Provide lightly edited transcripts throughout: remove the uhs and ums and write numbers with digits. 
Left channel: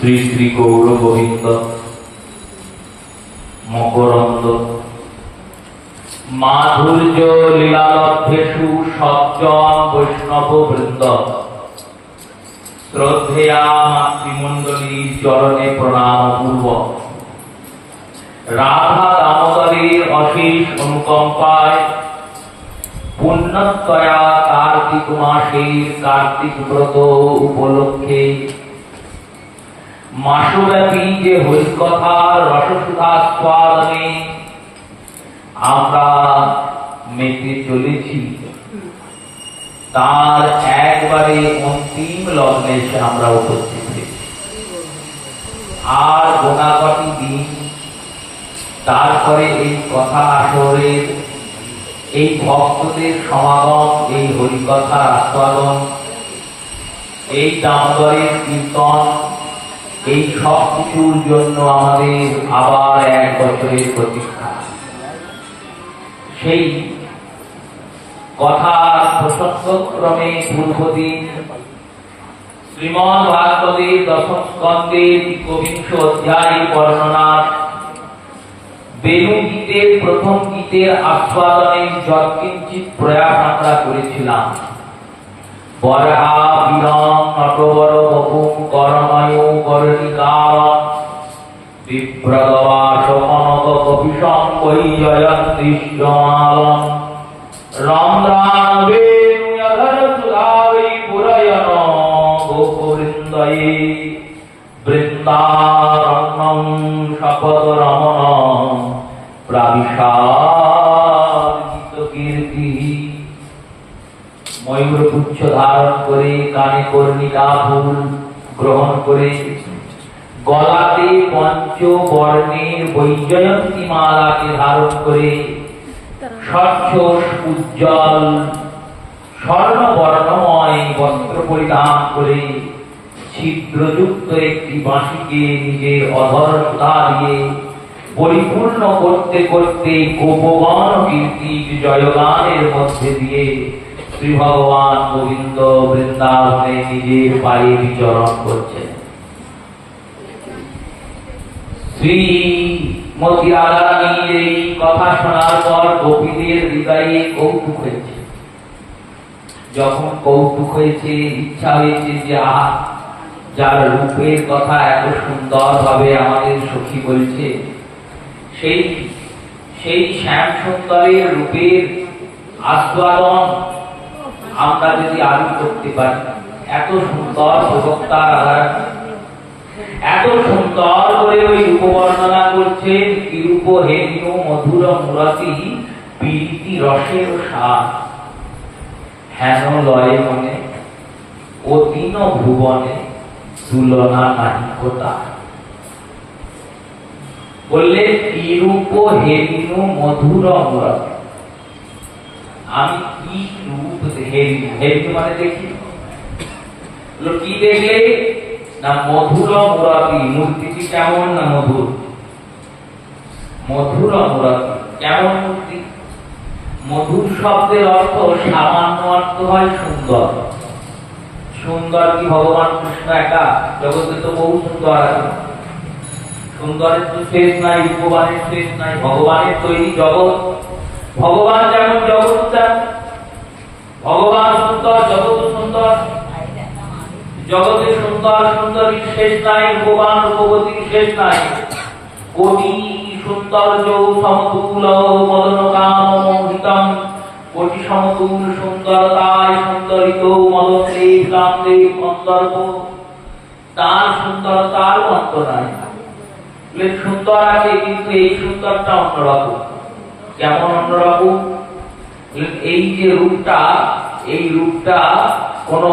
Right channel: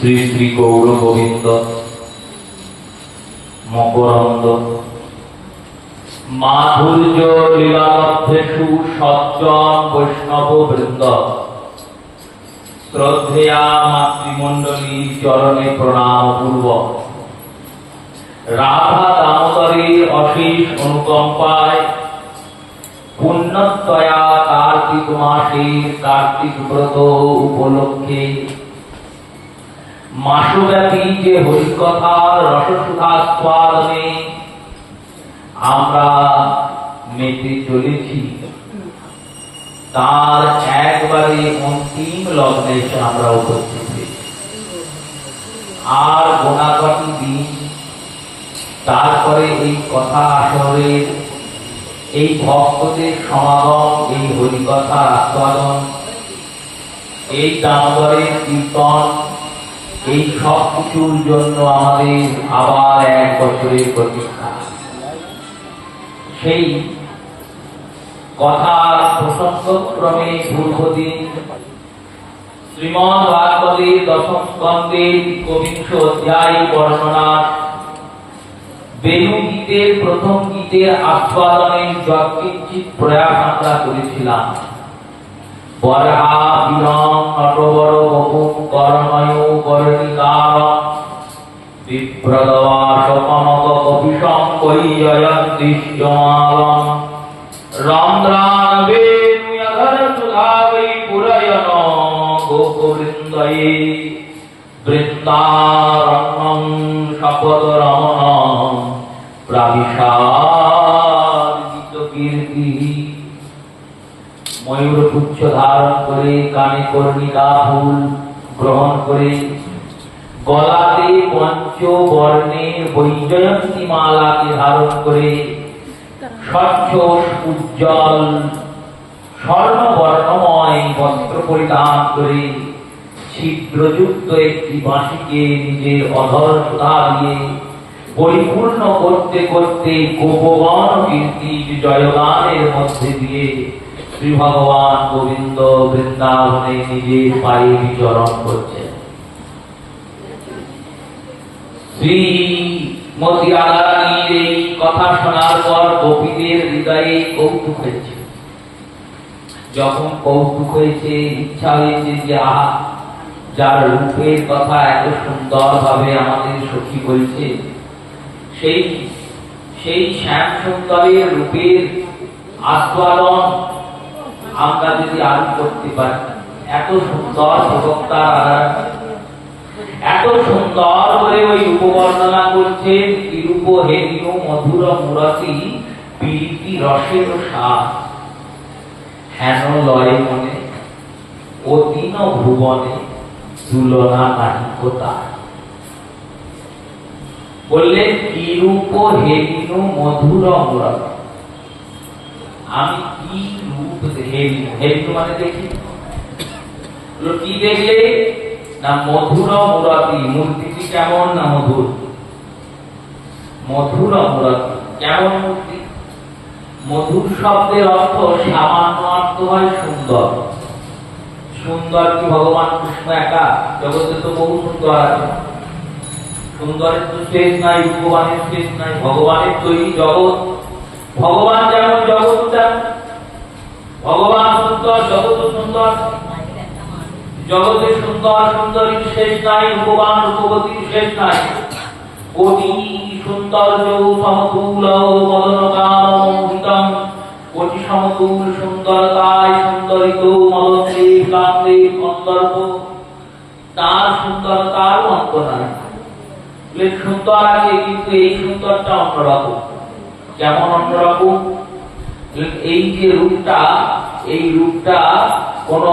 শ্রী শ্রী গৌর গোবিন্দ মকরন্দ মাধুর্য লীলামধ্যেষু সজ্জন বৈষ্ণব বৃন্দ শ্রদ্ধেয়া মাতৃমণ্ডলীর চরণে প্রণাম পূর্বক রাধা দামোদরের অশেষ অনুকম্পায় পুণ্যতয়া কার্তিক মাসের কার্তিক ব্রত উপলক্ষে মাসব্যাপী যে হরিকথার রসসুধাস্বাদনে আমরা মেতে চলেছি তার একবারে অন্তিম লগ্নে এসে আমরা উপস্থিত হয়েছি। আর গোনাগটি দিন তারপরে এই কথা আসরের এই ভক্তদের সমাগম, এই হরিকথার আস্বাদন, এই দামোদরের কীর্তন, এই সব কিছুর জন্য আমাদের আবার এক বছরের প্রতীক্ষা। সেই কথার প্রসঙ্গক্রমে পূর্বদিন শ্রীমদ্ ভাগবতের দশম স্কন্ধের একবিংশ অধ্যায় বর্ণনার বেণু গীতের প্রথম গীতের আস্বাদনের যৎকিঞ্চিৎ প্রয়াস আমরা করেছিলাম। বরহা বিরং নটবর বপুং করময় করণিকারং বিপ্রদবাস কনক কপিশং কৈজয়ং দৃশ্যমালং রন্ধ্রাবেণুয়ধর সুধাবৈ পুরয়ন গোপবৃন্দয়ে বৃন্দারণ্যং শপথ রমণ প্রাবিশাদিত কীর্তি। ময়ূর পুচ্ছ ধারণ করে, কানে কর্ণিকা ফুল গ্রহণ করে, গলাতে পঞ্চবর্ণের বৈজয়ন্তী মালাকে ধারণ করে, স্বচ্ছ উজ্জ্বল স্বর্ণবর্ণময় বস্ত্র পরিধান করে, ছিদ্রযুক্ত একটি বাঁশিকে নিজের অধর সুধা দিয়ে পরিপূর্ণ করতে করতে গোপগণ কীর্তির জয়গানের মধ্যে দিয়ে শ্রী ভগবান গোবিন্দ বৃন্দাবনে নিজের পায়ে বিচরণ করছেন। শ্রীমতী রাধারানীর এই কথা শোনার পর গোপীদের হৃদয়ে কৌতুক হয়েছে। যখন কৌতুক হয়েছে, ইচ্ছা হয়েছে যে আহা, যার রূপের কথা এত সুন্দর ভাবে আমাদের সখী বলছে, সেই শ্যাম সুন্দরের রূপের আস্বাদন আমরা যদি আরো করতে পারি। এত সুন্দর প্রবক্তার আধার, এত সুন্দর করে ওই রূপ বর্ণনা করছেন। কি রূপ হেরিও মধুর মুরতি প্রীতি রসের সার, হেন লয় মনে অতীন ভুবনে তুলনা নাহি কোথা। বললে কি রূপ হেরিনো মধুর মুরতি, আমি কি রূপ হেরিনো, হেরিনো মানে দেখি, কি দেখলে না মধুর মুরতি, মূর্তিটি কেমন না মধুর, মধুর মুরতি কেমন মূর্তি। মধুর শব্দের অর্থ সামান্য অর্থ হয় সুন্দর। সুন্দর কি ভগবান কৃষ্ণ একা? জগতে তো বহু সুন্দর আছে, সুন্দরের তো শেষ নাই, ভগবানের শেষ নাই। ভগবানের তৈরি জগৎ, ভগবান যেমন জগৎ চান, ভগবান সুন্দর, জগৎ সুন্দর। জগতের সুন্দর সুন্দরীর শেষ নাই, ভগবান রূপবতীর শেষ নাই। কোটি সৌন্দর্য সমতুল মদন কাম মোহিতম, কোটি সমতুল সুন্দরতায় সুন্দরিত মদনদেব কামদেব কন্দর্প। তার সুন্দরতার অন্ত নাই। সুন্দর আছে, কিন্তু এই সুন্দরটা অন্যরকম। কেমন অন্যরকম? এই যে রূপটা, এই রূপটা কোন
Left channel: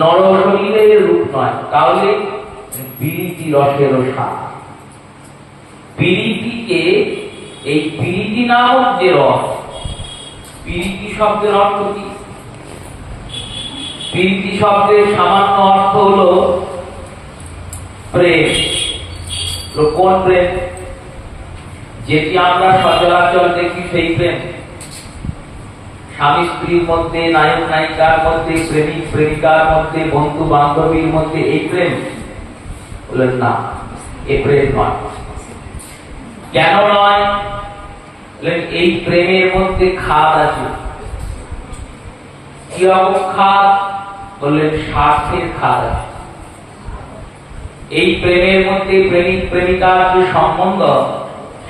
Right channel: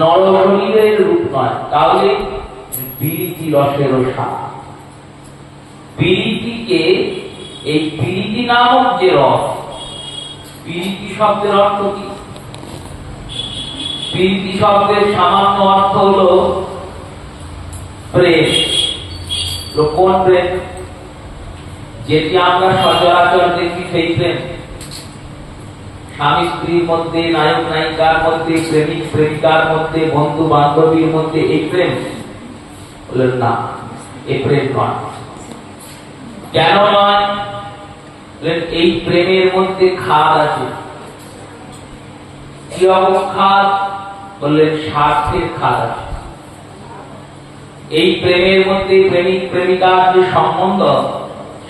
নর শরীরের রূপ নয়। তাহলে বিরিতি রসের সার, বিরিতিকে, এই বিরিতি নামক যে রস, বিরিতি শব্দের অর্থ কি? বিরিতি শব্দের সামান্য অর্থ হলো প্রেম। কোন প্রেম? যেটি আমরা সচরাচর দেখি সেই প্রেম। স্বামী স্ত্রীর মধ্যে, নায়ক নায়িকার মধ্যে, প্রেমিক প্রেমিকার মধ্যে, বন্ধু বান্ধবীর মধ্যে এই প্রেম। বললেন না, এ প্রেম নয়। কেন নয়? এই প্রেমের মধ্যে খাদ আছে। কি খাদ? বললেন স্বার্থের খাদ আছে। এই প্রেমের মধ্যে প্রেমিক প্রেমিকার যে সম্বন্ধ,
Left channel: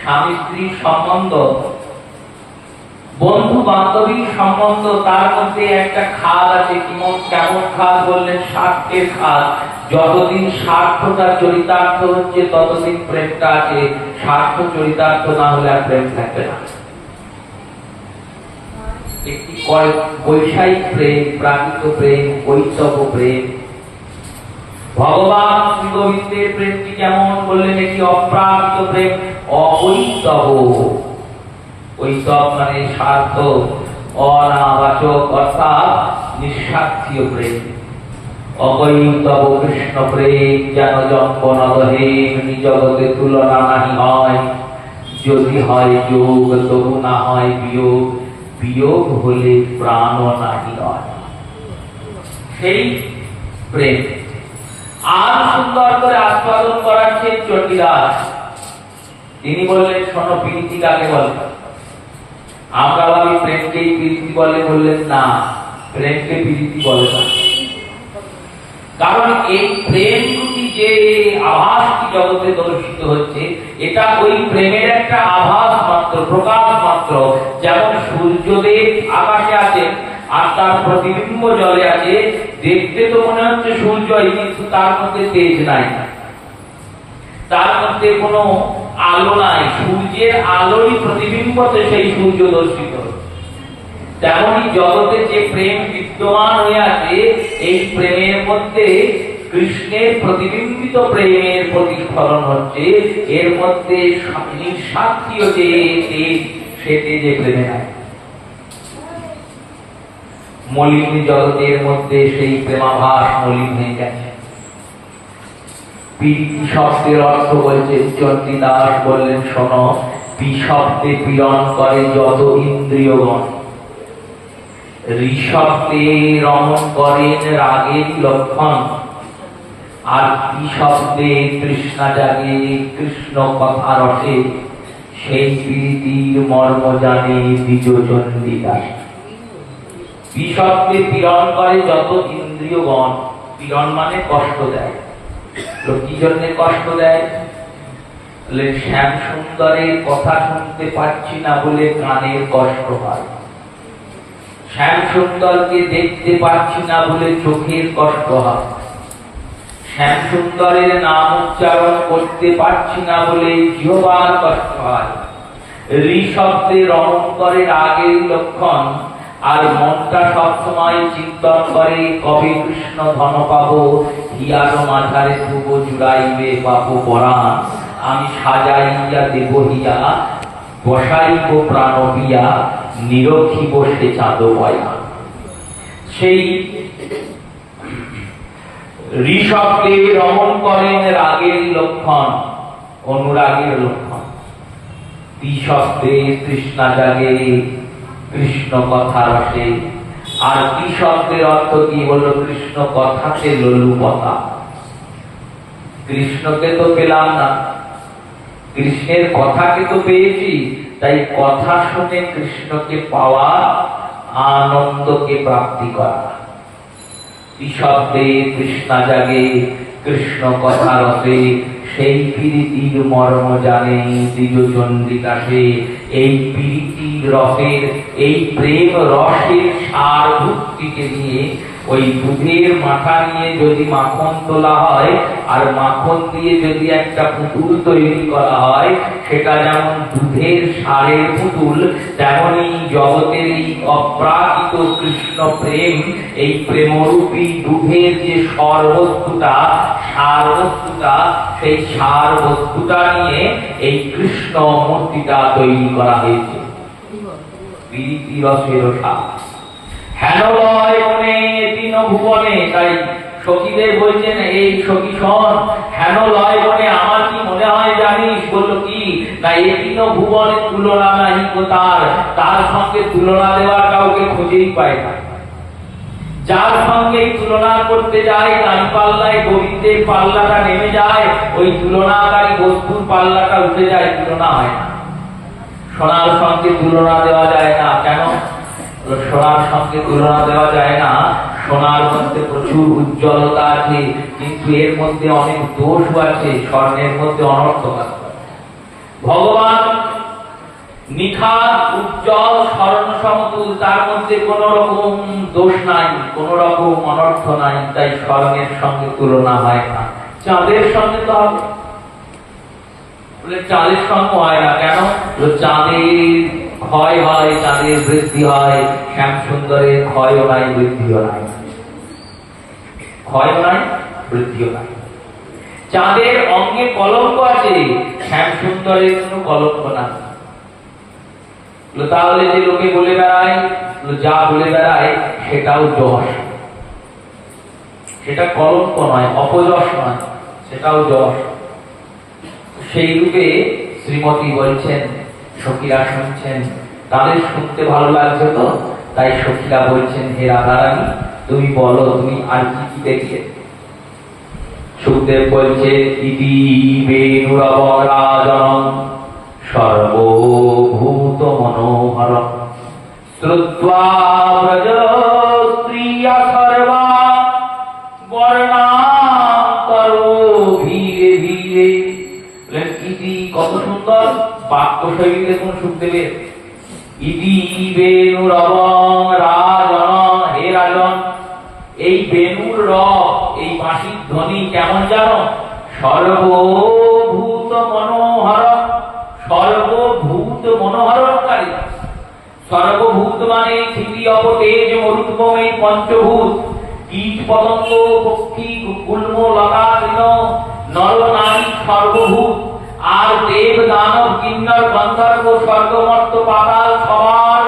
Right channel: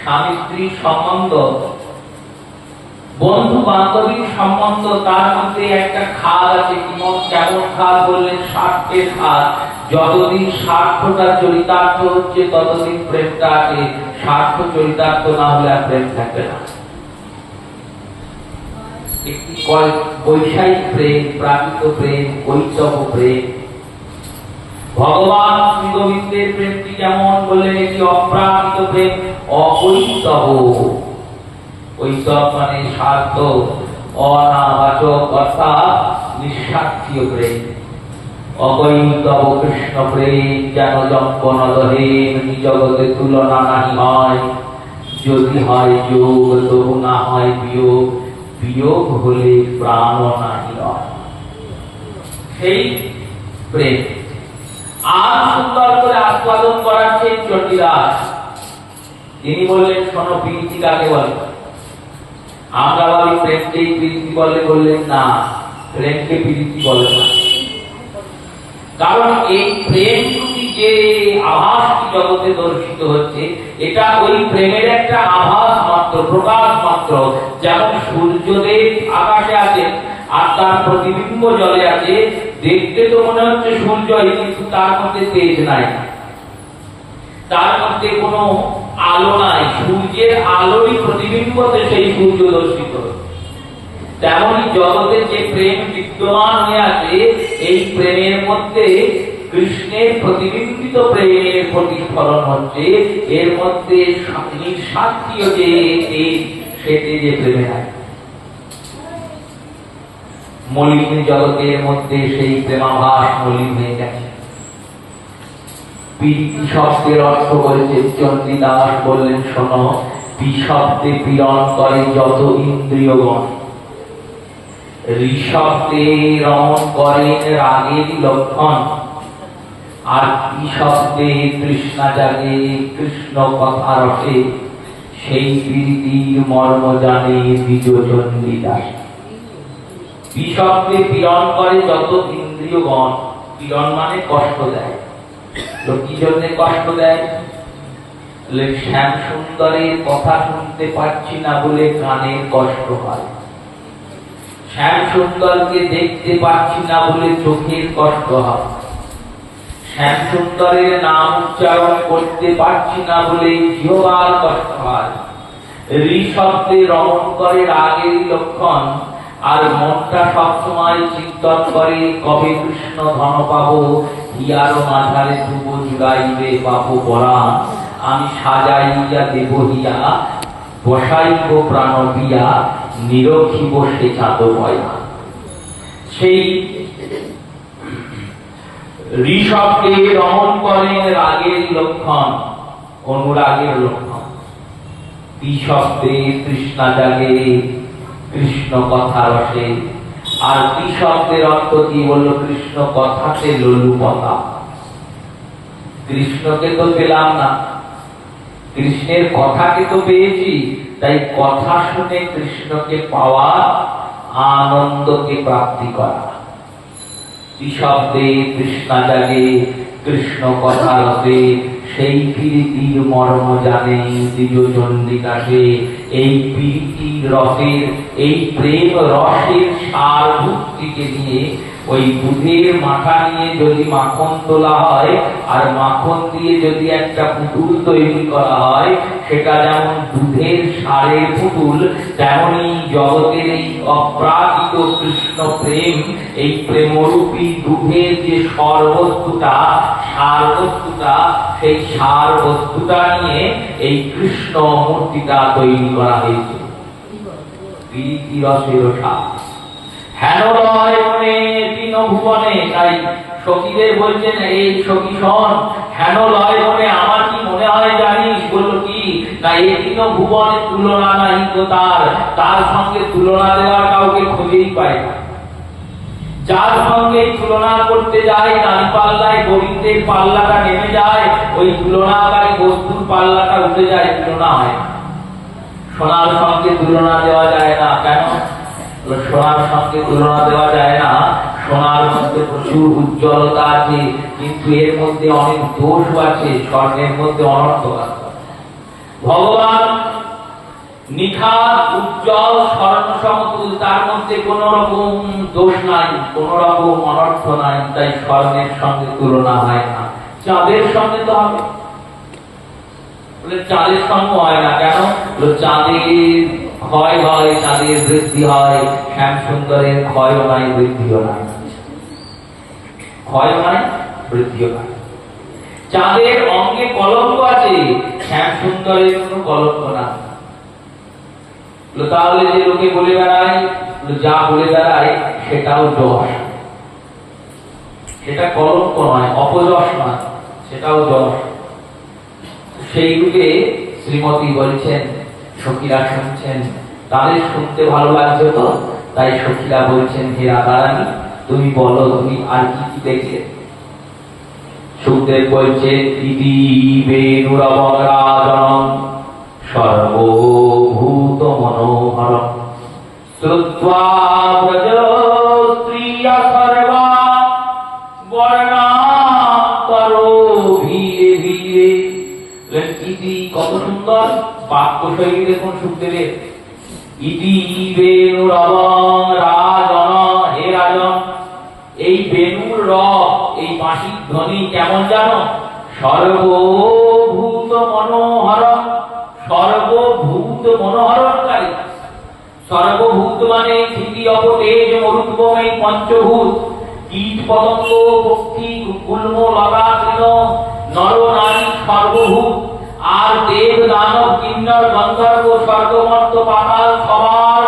স্বামী স্ত্রীর সম্বন্ধ, বন্ধু বান্ধবীর সম্বন্ধ, তার মধ্যে একটা খাদ আছে। কেমন খাদ? বললেন স্বার্থের খাদ। যতদিন স্বার্থটা চরিতার্থ হচ্ছে ততদিন প্রেমটা আছে। স্বার্থ চরিতার্থ না হলে আর প্রেম থাকবে না। একটি বৈষয়িক প্রেম, প্রাকৃত প্রেম, কৈতব প্রেম। ভগবান শ্রী গোবিন্দের প্রেমটি কেমন? বললেন একটি অপ্রাকৃত প্রেম, অকৈতব। কৈতব মানে স্বার্থ অনাবাচক অর্থাৎ নিঃস্বার্থীয় প্রেম। অকৈতব কৃষ্ণ প্রেম যেন যম্পনদহেন, জগতে তুলনা নাহি হয়। যদি হয় যোগ তবু না হয় বিয়োগ, বিয়োগ হলে প্রাণ নাহি হয়। সেই প্রেম আর সুন্দর করে আস্বাদন করাচ্ছেন চণ্ডীদাস। তিনি বললেন, শোনো, প্রীতি কাকে বলে? আমরা ভাবি প্রেমকেই প্রীতি বলে। বললেন না, প্রেমকে প্রীতি বলে না। কারণ এই প্রেম দুটি যে আভাসটি জগতে দর্শিত হচ্ছে, এটা ওই প্রেমের একটা আভাস মাত্র, প্রকাশ মাত্র। যেমন সূর্যদেব আকাশে আছে আর তার প্রতিবিম্ব জলে আছে। দেখতে তো মনে হচ্ছে সূর্যই, কিন্তু তার মধ্যে তেজ নাই, তার মধ্যে কোনো আলো নাই। সূর্যের আলোই প্রতিবিম্বতে সেই সূর্য দর্শিত। তেমনই জগতে যে প্রেম বিদ্যমান হয়ে আছে, এই প্রেমের মধ্যে কৃষ্ণের প্রতিবিম্বিত প্রেমের প্রতিফলন হচ্ছে। এর মধ্যে নিঃস্বার্থীয় যে তেজ, সে তেজে প্রেমে নাই। মলিন জগতের মধ্যে সেই প্রেমাভাস মলিন হয়ে গেছে। প্রীতি শব্দের অর্থ বলছেন চণ্ডীদাস। বললেন, শোনো, বিষব্দে পীড়ন করে যত ইন্দ্রিয়গণ, ঋষব্দে রমণ করেন রাগের লক্ষণ, আর বিষব্দে তৃষ্ণা জাগে কৃষ্ণ কথা রসে, সেই প্রীতির মর্ম জানে দ্বিজ চণ্ডীদাস। বিষব্দে পীড়ন করে যত ইন্দ্রিয়গণ, পীড়ন মানে কষ্ট দেয়। তো কি জন্য কষ্ট দেয়? শ্যাম সুন্দরের কথা শুনতে পাচ্ছি না বলে কানের কষ্ট হয়। শ্যাম সুন্দরকে দেখতে পাচ্ছি না বলে চোখের কষ্ট হয়। শ্যাম সুন্দরের নাম উচ্চারণ করতে পারছি না বলে জিহ্বার কষ্ট হয়। ঋষব্দে রমণ করে রাগের লক্ষণ, আর মনটা সবসময় চিন্তন করে কবে কৃষ্ণ ধন পাবো, হিয়ার মাঝারে ধ্রুব জুড়াইবে পাবো পরাণ, আমি সাজাইয়া দেব হিয়া, বসাইব প্রাণ বিয়া, নিরখিব সে চাঁদ পয়মা। সেই ঋষভকে রমণ করেন রাগের লক্ষণ, অনুরাগের লক্ষণ। ঋষভে তৃষ্ণা জাগে কৃষ্ণ কথা রসে। আর ঋষভের অর্থ কি? বলল কৃষ্ণ কথাতে লোলুপতা। কৃষ্ণকে তো পেলাম না, কৃষ্ণের কথাকে তো পেয়েছি, তাই কথা শুনে কৃষ্ণকে পাওয়া, আনন্দকে প্রাপ্তি করা। ঋষভে তৃষ্ণা জাগে কৃষ্ণ কথা রসে, সেই প্রীতির মর্ম জানে দ্বিজ চণ্ডীদাসে। এই প্রীতির রসের, এই প্রেম রসের সার ভক্তিকে নিয়ে, ওই দুধের মাথা নিয়ে যদি মাখন তোলা হয় আর মাখন দিয়ে যদি একটা পুতুল তৈরি করা হয়, সেটা যেমন দুধের সারের পুতুল, তেমনি জগতের এই অপ্রাকৃত কৃষ্ণ প্রেম, এই প্রেমরূপী দুধের যে সর্বস্তুটা, সার বস্তুটা, সেই সার বস্তুটা নিয়ে এই কৃষ্ণ মূর্তিটা তৈরি করা হয়েছে। প্রীতি রসের সার হেন রয় মনে তিন ভুবনে। তাই সখীদের বলছেন, এই সখী শোন, হেন লয় মনে আমার কি মনে হয় জানিস? বলল কি? না, এই তিন ভুবনে তুলনা নাই তার, তার সঙ্গে তুলনা দেওয়ার কাউকে খুঁজেই পায় না। যার সঙ্গে তুলনা করতে যায় নারী পাল্লায় গোবিন্দের পাল্লাটা নেমে যায়, ওই তুলনাকারী বস্তুর পাল্লাটা উঠে যায়, তুলনা হয় না। সোনার সঙ্গে তুলনা দেওয়া যায় না। কেন সোনার সঙ্গে তুলনা দেওয়া যায় না? সোনার মধ্যে প্রচুর উজ্জ্বলতা আছে, কিন্তু এর মধ্যে অনেক দোষ আছে। স্বর্ণের মধ্যে অনর্থ আছে। ভগবান নিখাদ উজ্জ্বল স্বর্ণ সমতুল, তার মধ্যে কোন রকম দোষ নাই, কোন রকম অনর্থ নাই। তাই স্বর্ণের সঙ্গে তুলনা হয় না। চাঁদের সঙ্গে তো হবে, চাঁদের সঙ্গে হয় না। কেন? চাঁদের ক্ষয় হয়, চাঁদের বৃদ্ধি হয়। শ্যাম সুন্দরের ক্ষয়ও নাই, বৃদ্ধিও নাই। ক্ষয় নাই, বৃদ্ধিও নাই। চাঁদের অঙ্গে কলঙ্ক আছে, শ্যাম সুন্দরের কোন কলঙ্ক নাই। তাহলে যে লোকে বলে বেড়ায়, যা বলে বেড়ায় সেটাও যশ, সেটা কলঙ্ক নয়, অপযশ নয়, সেটাও যশ। সেই রূপে শ্রীমতী বলছেন, সখীরা শুনছেন, তাদের শুনতে ভালো লাগছে তো, তাই সখীরা বলছেন, হে রাধারানী তুমি বলো, তুমি আর কি কি দেখলে? সুখদেব বলছে, ইতি বেণুরবরাজনং সর্বভূত মনোহর শ্রুত্বা ব্রজ স্ত্রিয়া সর্বা বর্ণান্তরো ধীরে ধীরে। ইতি কত সুন্দর বাক্য শৈলী দেখুন সুখদেবের। ইতি বেণুরবরাজনং, হে রাজন, এই বেণুর রব, এই বাঁশির ধ্বনি কেমন জানো? সর্বভূত মনোহর, সর্বভূত মনোহরকারী। সর্বভূত মানে পৃথিবী, অপ, তেজ, মরুদ্গম, এই পঞ্চভূত। কীট পতঙ্গ, পক্ষী, গুল্ম, লতা, তৃণ, নর নারী সর্বভূত। আর দেব, দানব, কিন্নর, গন্ধর্ব, স্বর্গমর্ত, পাতাল সবার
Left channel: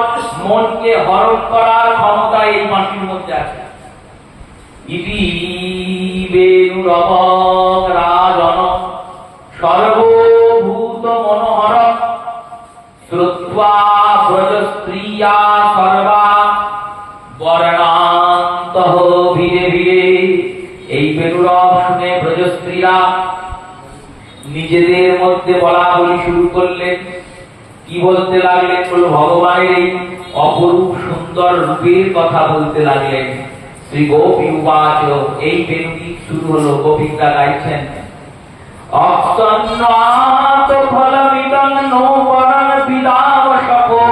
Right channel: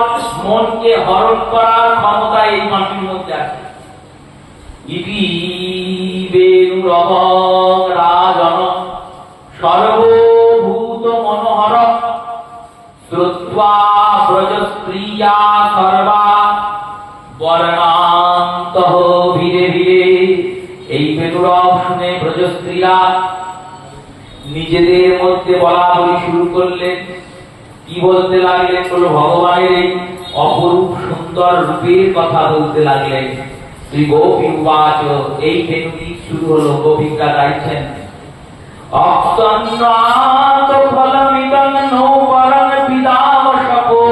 মনকে হরণ করার ক্ষমতা এই মাটির মধ্যে আছে। ইতি বেণুরবরাজনং সর্বভূত মনোহর শ্রুত্বা ব্রজ স্ত্রিয়া সর্বা বর্ণান্তঃ ধীরে ধীরে। এই বেণুরব শুনে ব্রজ স্ত্রীরা নিজেদের মধ্যে বলা বলি শুরু করলেন। কি বলতে লাগলেন? ভগবানের এই অপরূপ সুন্দর রূপের কথা বলতে লাগলেন। শ্রী গোপী উবাচ, এই বেণুটি শুরু হলো, গোপীরা গাইছেন, অক্তন্নাত ফলমিদং নো বরং বিদাবশকো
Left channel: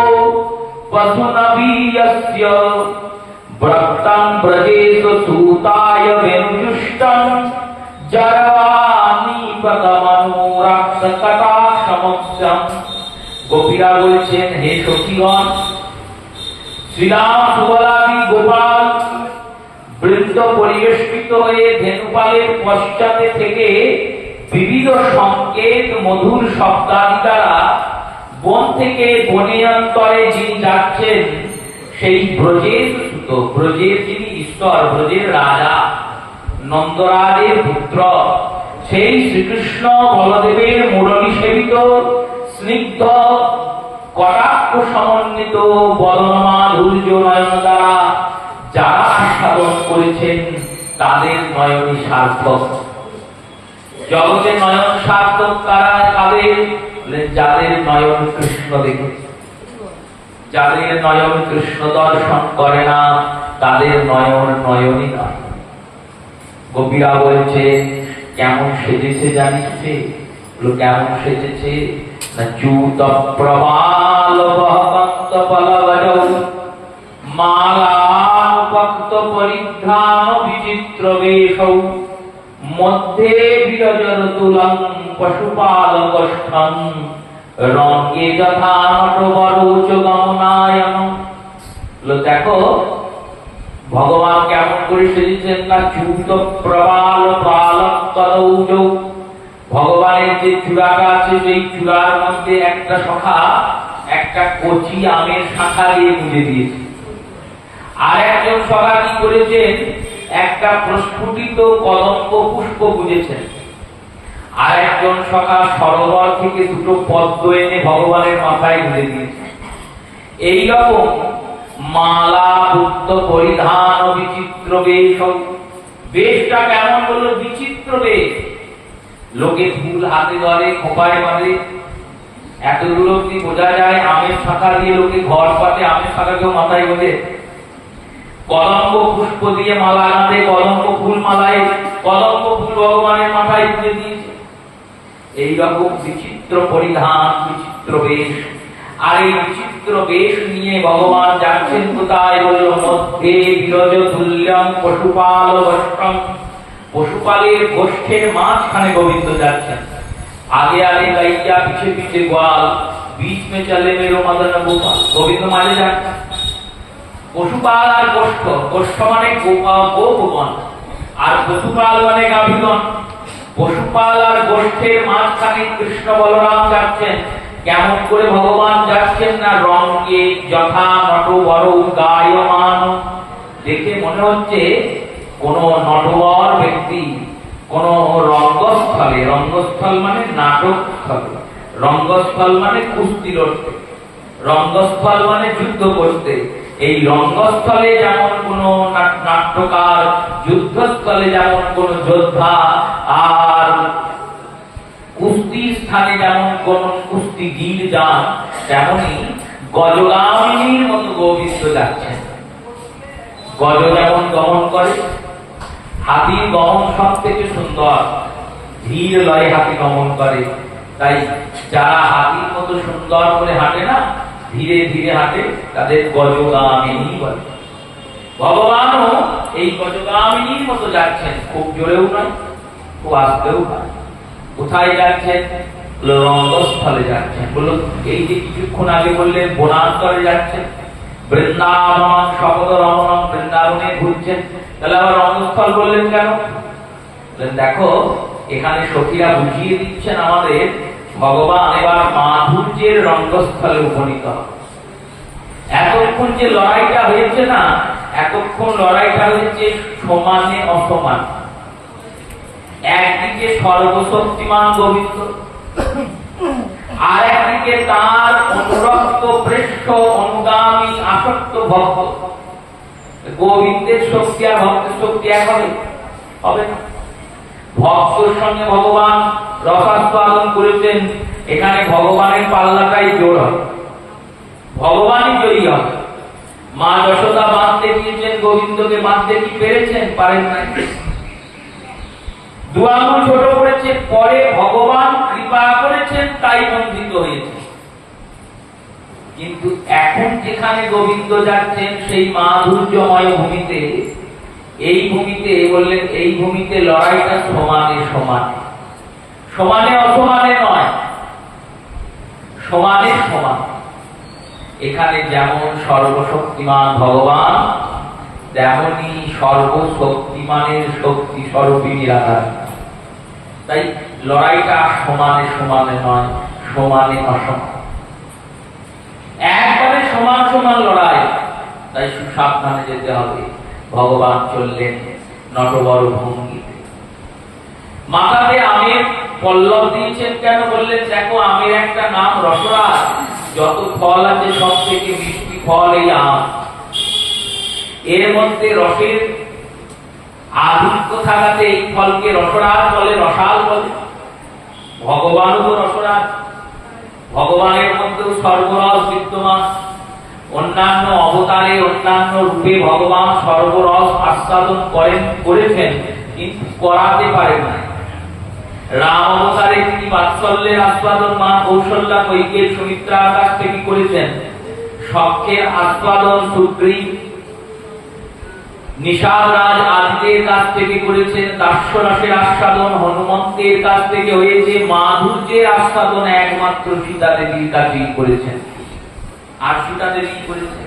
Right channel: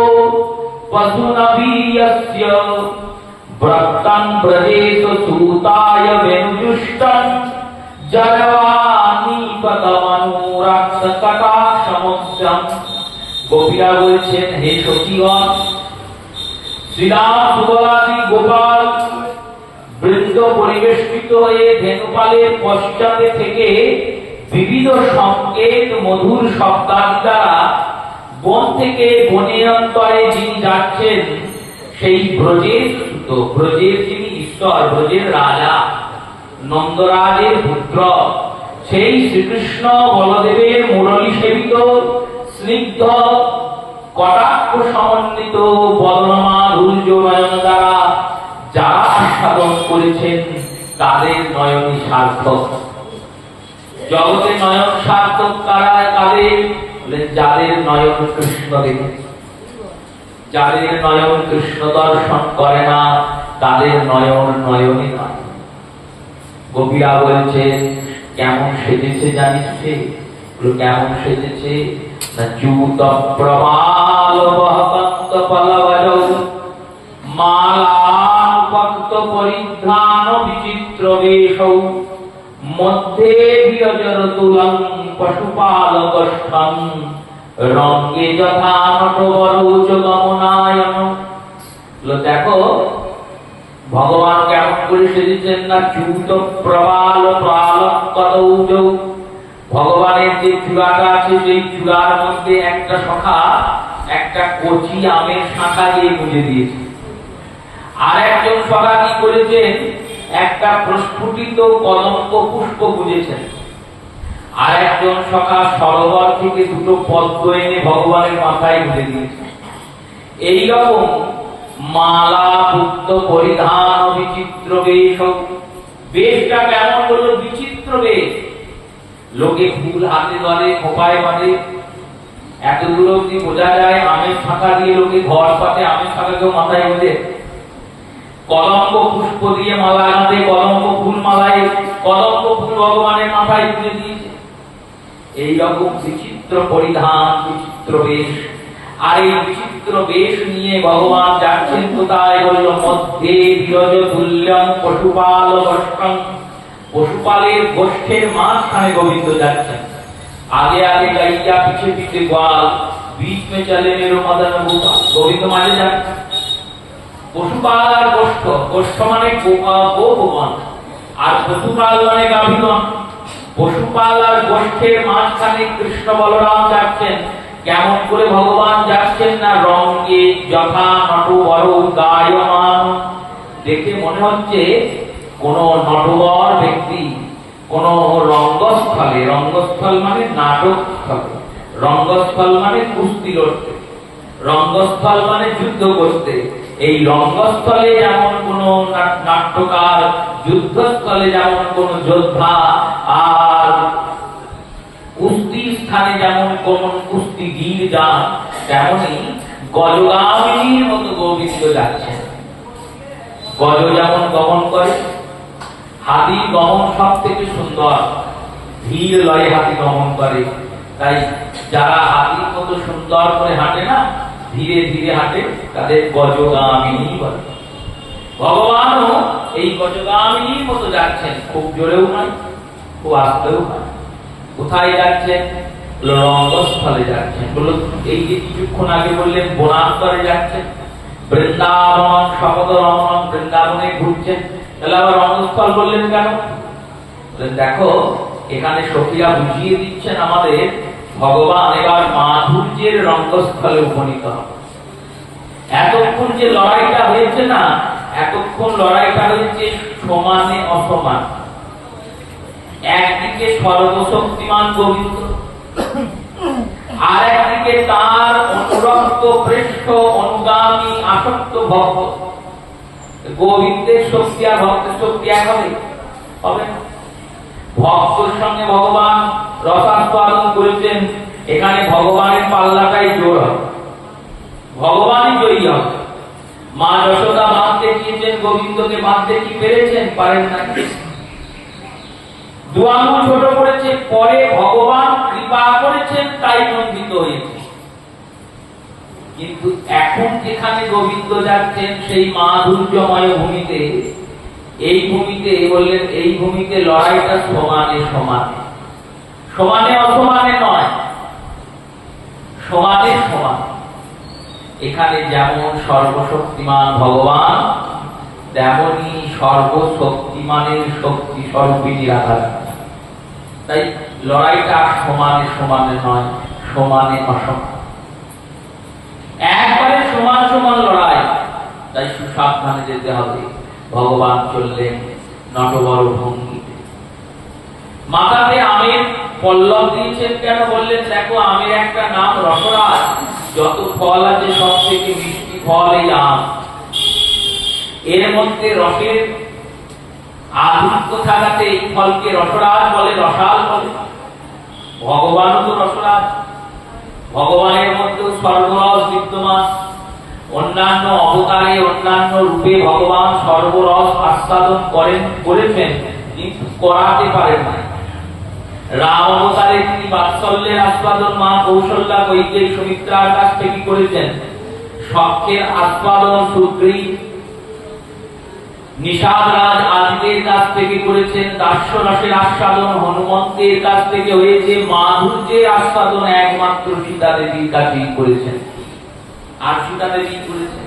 পশুনবীয়স্য ব্রক্তং ব্রজেষু সূতায় বেণুজুষ্টং জরবানি পদমনুরাক্ষকটাক্ষমুচ্চম। গোপীরা বলছেন, হে সখীগণ, শ্রীরাম সুবলাদি গোপাল বৃন্দ পরিবেষ্টিত হয়ে ধেনুপালের পশ্চাতে থেকে বিবিধ সংকেত মধুর শব্দাদি দ্বারা বন থেকে বনিয়ন্তরে যিনি যাচ্ছেন, সেই ব্রজের সুত, ব্রজের যিনি ঈশ্বর, ব্রজের রাজা, নন্দরাজের পুত্র, সেই শ্রীকৃষ্ণ বলদেবের মুরলী সেবিত স্নিগ্ধ কটাক্ষ সমন্বিত বদনমাধুর্য নয়ন দ্বারা যারা আস্বাদন করেছেন, তাদের নয়নই সার্থক। জগতে নয়ন সার্থক কারা? কাদের? যাদের নয়ন কৃষ্ণ দেখেছে। যাদের নয়ন কৃষ্ণ দর্শন করে না, তাদের নয়ন নয়নই নয়। গোপীরা বলছে, কেমন সেজেছে জানিস? কেমন সেজেছে? চ্যুত প্রবাল বহকন্ত পলবজৌ মালানুপক্ত পরিধান বিচিত্র বেশৌ মধ্যে বিরজর তুলং পশুপালকষ্ঠং রঙ্গে যথা নটবরৌচ গমনায়ন। দেখো ভগবান কেমন করে সেজেছেন না, চ্যুত প্রবাল পালকদৌজৌ। ভগবানের যে চূড়াটা আছে, সেই চূড়ার মধ্যে একটা শাখা, একটা কচি আমের শাখা দিয়ে মুড়ে দিয়েছে। আর একজন শাখা কি করেছেন? একটা প্রস্ফুটিত কদম্ব পুষ্প গুঁজেছেন। আর একজন শাখা সরোবর থেকে দুটো পদ্ম এনে ভগবানের মাথায় গুঁজে দিয়েছে। এইরকম মালা পুত্র পরিধান বিচিত্র বেশ, বেশটা কেমন বললো? বিচিত্র বেশ। লোকে ফুল হাতে ধরে, খোপায় বাঁধে, এতগুলো কি বোঝা যায়? আমের শাখা দিয়ে লোকে ঘর পাতে, আমের শাখাকেও মাথায় বেঁধে, কদম্ব পুষ্প দিয়ে মালা আনাতে, কদম্ব ফুল মালায় কদম্ব ফুল ভগবানের মাথায় তুলে দিয়েছে। এইরকম বিচিত্র পরিধান, বিচিত্র বেশ। আর এই বিচিত্র বেশ নিয়ে ভগবান যাচ্ছেন কোথায়? বলল মধ্যে বিরজ তুল্যম পশুপাল গোষ্ঠম, পশুপালের গোষ্ঠের মাঝখানে গোবিন্দ যাচ্ছেন। आगे आगे गैया, पीछे पीछे ग्वाल, बीच में चले मेरो मदन गोपाल। गोविंद माने जाते पशुपाल और गोष्ठ, गोष्ठ माने गोपगण और पशुपाल माने गाभीगण। पशुपाल और गोष्ठेर माঝখানে কৃষ্ণ বলরাম যাচ্ছেন। কেমন করে ভগবান যাচ্ছেন? না রঙ্গে যথা নটবর গায়মান। দেখে মনে হচ্ছে কোন নটবর ব্যক্তি কোন রঙ্গস্থলে, রঙ্গস্থল মানে নাটকস্থলে, রঙ্গস্থল মানে কুস্তি লড়তে, রঙ্গস্থল মানে যুদ্ধ করতে। এই রঙ্গস্থলে যেমন কোন নাট্যকার, যুদ্ধস্থলে যেমন কোন যোদ্ধা, আর কুস্তি স্থানে যেমন কোন কুস্তিগীর যান, তেমনি গজগামিনীর মতো গোবিন্দ যাচ্ছেন। গজ যেমন গমন করে, হাতির গমন সব থেকে সুন্দর, ধীর লয়ে হাতি গমন করে। তাই যারা হাতির মতো সুন্দর করে হাঁটে না, ধীরে ধীরে হাঁটে, তাদের গজগামিনী বলে। ভগবানও এই গজগামিনীর মতো যাচ্ছেন, খুব জোরেও নয়, খুব আস্তেও নয়। কোথায় যাচ্ছেন? রঙ্গস্থলে যাচ্ছেন। বলল এই যে কিছুক্ষণ আগে বললেন বনান্তরে যাচ্ছেন, বৃন্দাবন শপথ রমণ, বৃন্দাবনে ঘুরছেন, তাহলে আবার রঙ্গস্থল বললেন কেন? দেখো এখানে সখীরা বুঝিয়ে দিচ্ছেন আমাদের, ভগবান এবার মাধুর্যের রঙ্গস্থলে উপনীত। এতক্ষণ যে লড়াইটা হয়েছে না, এতক্ষণ লড়াইটা হয়েছে সমানে অসমান। একদিকে সর্বশক্তিমান গোবিন্দ, আর একদিকে তার অনুরক্ত পৃষ্ঠ অনুগামী আসক্ত ভক্ত। গোবিন্দের শক্তি আর ভক্তের শক্তি এক হবে? হবে না। ভক্তের সঙ্গে ভগবান রসাস্বাদন করেছেন, এখানে ভগবানের পাল্লাটাই জোর হবে, ভগবানই জয়ী হবে। মা যশোদা বাঁধতে গিয়েছেন, গোবিন্দকে বাঁধতে কি পেরেছেন? পারেন নাই। দু আঙুল ছোট করেছে, পরে ভগবান কৃপা করেছেন, তাই বন্ধিত হয়েছে। কিন্তু এখন যেখানে গোবিন্দ যাচ্ছেন সেই মাধুর্যময় ভূমিতে, এই ভূমিতে বললেন এই ভূমিতে লড়াইটা সমানে সমানে, সমানে অসমানে নয়, সমানে সমান। এখানে যেমন সর্বশক্তিমান ভগবান, তেমনি সর্বশক্তিমানের শক্তি স্বরূপিনী রাধা। তাই লড়াইটা সমানে সমানে নয়, সমানে অসমান। একবারে সমান সমান লড়াই, তাই সুসাবধানে যেতে হবে। ভগবান চললেন নটবর ভঙ্গিতে। মাথাতে আমের পল্লব দিয়েছেন কেন? বললেন দেখো আমের একটা নাম রসরাজ, যত ফল আছে সব থেকে মিষ্টি ফল এই আম। এর মধ্যে রসের আধিক্য থাকাতে এই ফলকে রসরাজ বলে, রসাল বলে। ভগবানও তো রসরাজ, ভগবানের মধ্যেও সর্বরস বিদ্যমান। অন্যান্য অবতারে অন্যান্য রূপে ভগবান সর্বরস আস্বাদন করেছেন, কিন্তু করাতে পারেন না। রাম অবতারে তিনি বাৎসল্যের আস্বাদন মা কৌশল্যা কৈকেয়ী সুমিত্রার কাছ থেকে করেছেন, সখ্যের আস্বাদন সুগ্রীব নিষাদরাজ আদিদের কাছ থেকে করেছেন, দাস্যরসের আস্বাদন হনুমন্তের কাছ থেকে হয়েছে, মাধুর্যের আস্বাদন একমাত্র সীতা দেবীর কাছেই করেছেন। আর সীতা দেবী করেছেন,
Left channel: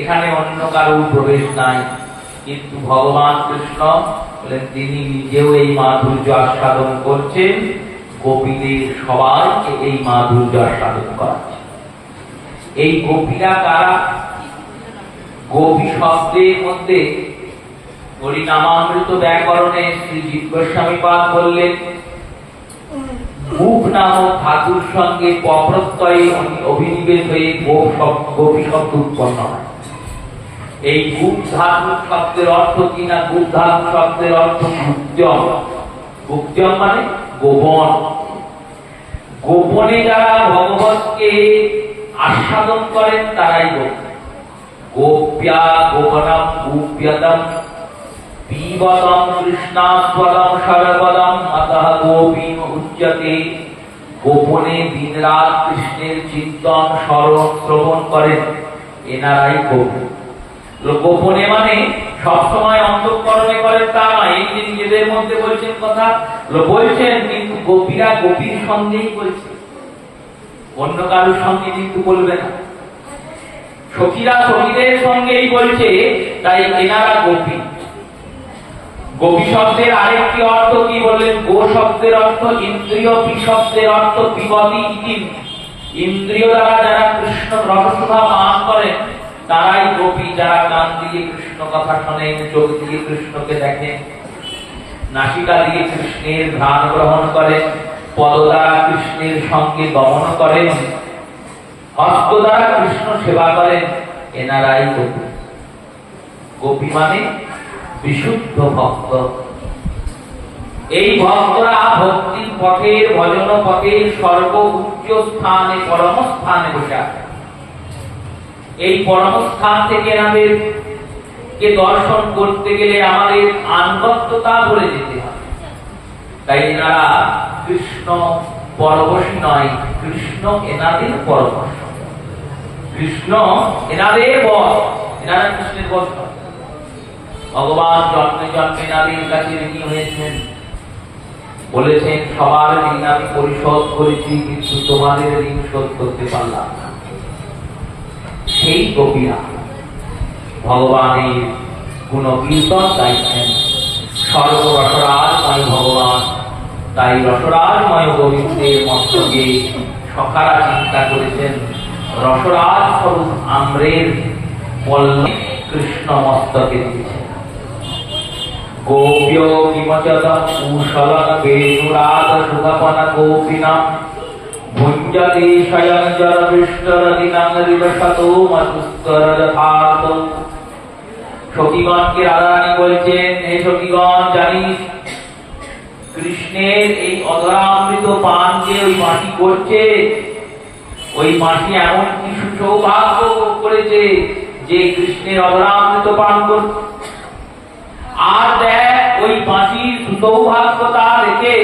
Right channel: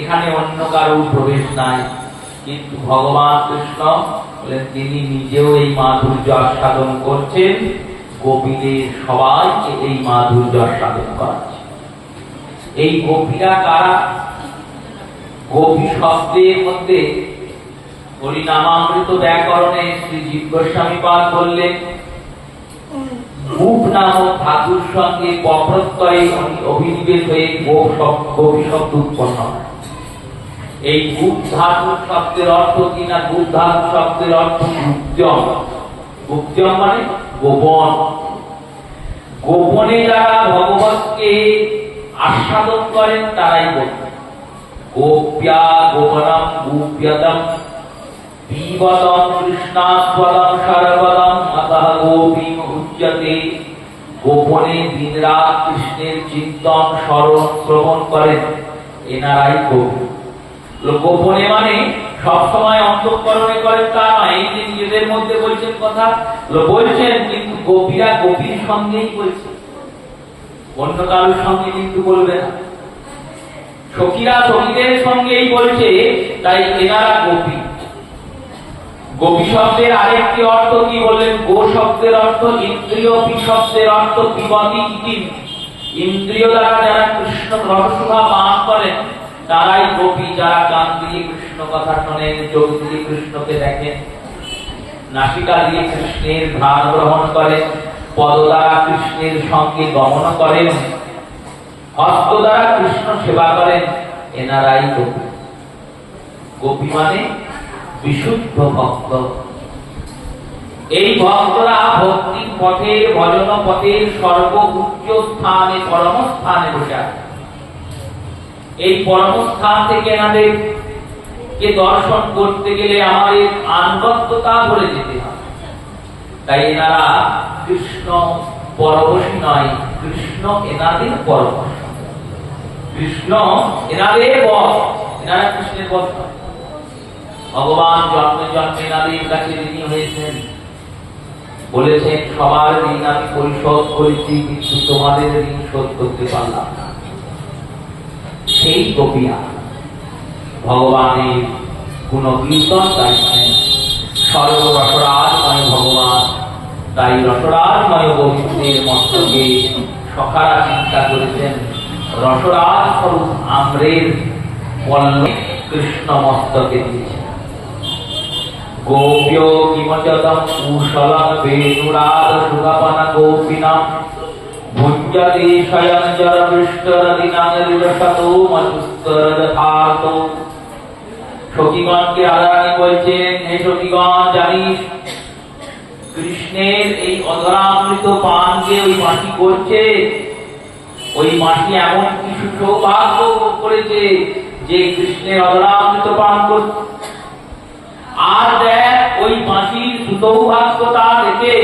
এখানে অন্য কারো প্রবেশ নাই। কিন্তু ভগবান কৃষ্ণ বলেন তিনি নিজেও এই মাধুর্য আস্বাদন করছেন, গোপীদের সবাইকে এই মাধুর্য আস্বাদন করাচ্ছেন। এই গোপীরা কারা? গোপী শব্দের মধ্যে হরিনামামৃত ব্যাকরণে শ্রী জীব গোস্বামী পাদ বললেন, গোপ নামক ধাতুর সঙ্গে প্রত্যয়ে অভিনিবেশ হয়ে গোপী শব্দ উৎপন্ন হয়। এই গুপ ধাতু শব্দের অর্থ কি না? গুপ ধাতু শব্দের অর্থ গুপ্তম। গুপ্তম মানে গোপন। গোপনে যারা ভগবতকে আস্বাদন করেন তারাই গোপ। গোপ্যা গোপনম গুপ্যতম পিবতম কৃষ্ণাস্বদম সর্বদম অতঃ গোপীম উচ্যতে। গোপনে দিনরাত কৃষ্ণের চিন্তন স্মরণ শ্রবণ করেন এনারাই গোপী। গোপনে মানে সবসময় অন্তঃকরণে করেন তা নয়। এই যে নিজেদের মধ্যে বলছেন কথা বলছেন, কিন্তু গোপীরা গোপীর সঙ্গেই বলছেন, অন্য কারোর সঙ্গে কিন্তু বলবে না। সখীরা সখীদের সঙ্গেই বলছে, তাই এনারা গোপী। গোপী শব্দের আরেকটি অর্থ কি বললেন? গো শব্দের অর্থ ইন্দ্রিয়, পি শব্দের অর্থ পিবতি ইতি। ইন্দ্রিয় দ্বারা যারা কৃষ্ণ রসসুধা পান করেন তারাই গোপী। যারা কান দিয়ে কৃষ্ণ কথা শোনেন, চোখ দিয়ে কৃষ্ণকে দেখেন, নাসিকা দিয়ে কৃষ্ণের ঘ্রাণ গ্রহণ করেন, পদ দ্বারা কৃষ্ণের সঙ্গে গমন করেন, হস্ত দ্বারা কৃষ্ণ সেবা করেন, এনারাই গোপী। গোপী মানে বিশুদ্ধ ভক্ত। এই ভক্তরা ভক্তির পথের, ভজন পথের সর্বোচ্চ স্থানে, পরম স্থানে বসে আছে। এই পরম স্থান থেকে এনাদের কে দর্শন করতে গেলে আমাদের আনুগত্যতা ধরে যেতে হয়। তাই এনারা কৃষ্ণ পরবশী নয়, কৃষ্ণ এনাদের পরবশ। কৃষ্ণ এনাদের বশ, এনারা কৃষ্ণের বশ। ভগবান জন্মে জন্মে এনাদের কাছে ঋণী হয়েছেন, বলেছেন সবার ঋণ আমি পরিশোধ করেছি, কিন্তু তোমাদের ঋণ শোধ করতে পারলাম না। সেই গোপীরা ভগবানের গুণকীর্তন গাইছেন। সর্বরসরাজময় ভগবান, তাই রসরাজময় গোবিন্দের মস্তকে সখারা চিন্তা করেছেন রসরাজ স্বরূপ আম্রের পল্লব কৃষ্ণ মস্তকে দিয়েছেন। গোপ্য কিমচদম কুশলং বেণুরাগ সুগপন গোপিনা ভুঞ্জতে স্বয়ং জলবিষ্টরদিনাং হৃদশতো মধুস্তর যথার্থ। সখীগণকে রাধারানী বলছেন, হে সখীগণ, জানিস কৃষ্ণের এই অধরামৃত পান যে ওই মাটি করছে, ওই মাটি এমন কিছু সৌভাগ্য করেছে যে কৃষ্ণের অধরামৃত পান করছে। আর দেখ ওই বাঁশির সুসৌভাগ্যতা দেখে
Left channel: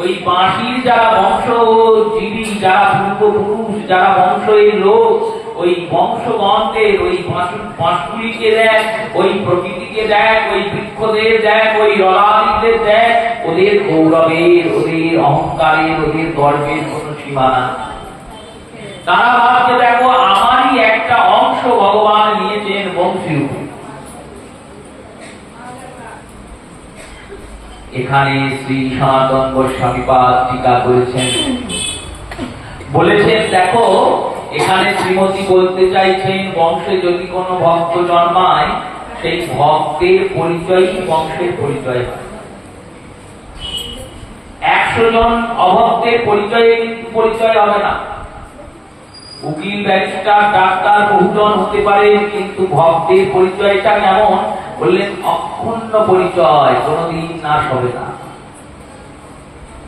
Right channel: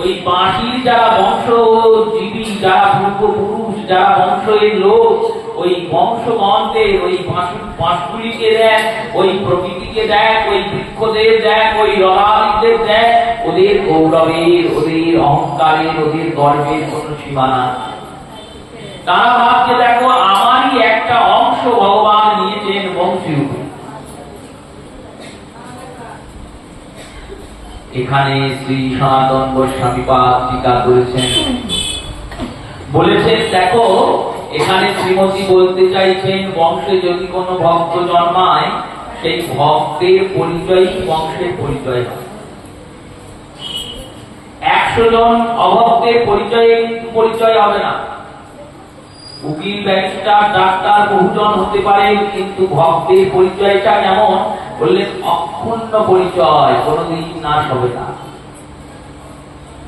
ওই বাঁশির যারা বংশজীবী, যারা পূর্বপুরুষ, যারা বংশের লোক, ওই বংশগণদের ওই বাঁশগুলিকে দেখ, ওই প্রকৃতিকে দেখ, ওই বৃক্ষদের দেখ, ওই ললাদিদের দেখ, ওদের গৌরবের, ওদের অহংকারের, ওদের গর্বের কোনো সীমানা। তারা ভাবছে দেখো আমারই একটা অংশ ভগবান নিয়েছেন বংশীরূপে। এখানে শ্রী সনাতন গোস্বামীপাদ টিকা করেছেন, বলেছেন দেখো এখানে শ্রীমতী বলতে চাইছেন বংশে যদি কোনো ভক্ত জন্মায়, সেই ভক্তের পরিচয়ই বংশের পরিচয় হয়। 100 জন অভক্তের পরিচয় হবে না। উকিল, ব্যারিস্টার, ডাক্তার বহুজন হতে পারে, কিন্তু ভক্তের পরিচয়টা কেমন বললেন? অক্ষুণ্ণ পরিচয়, কোনদিন নাশ হবে না।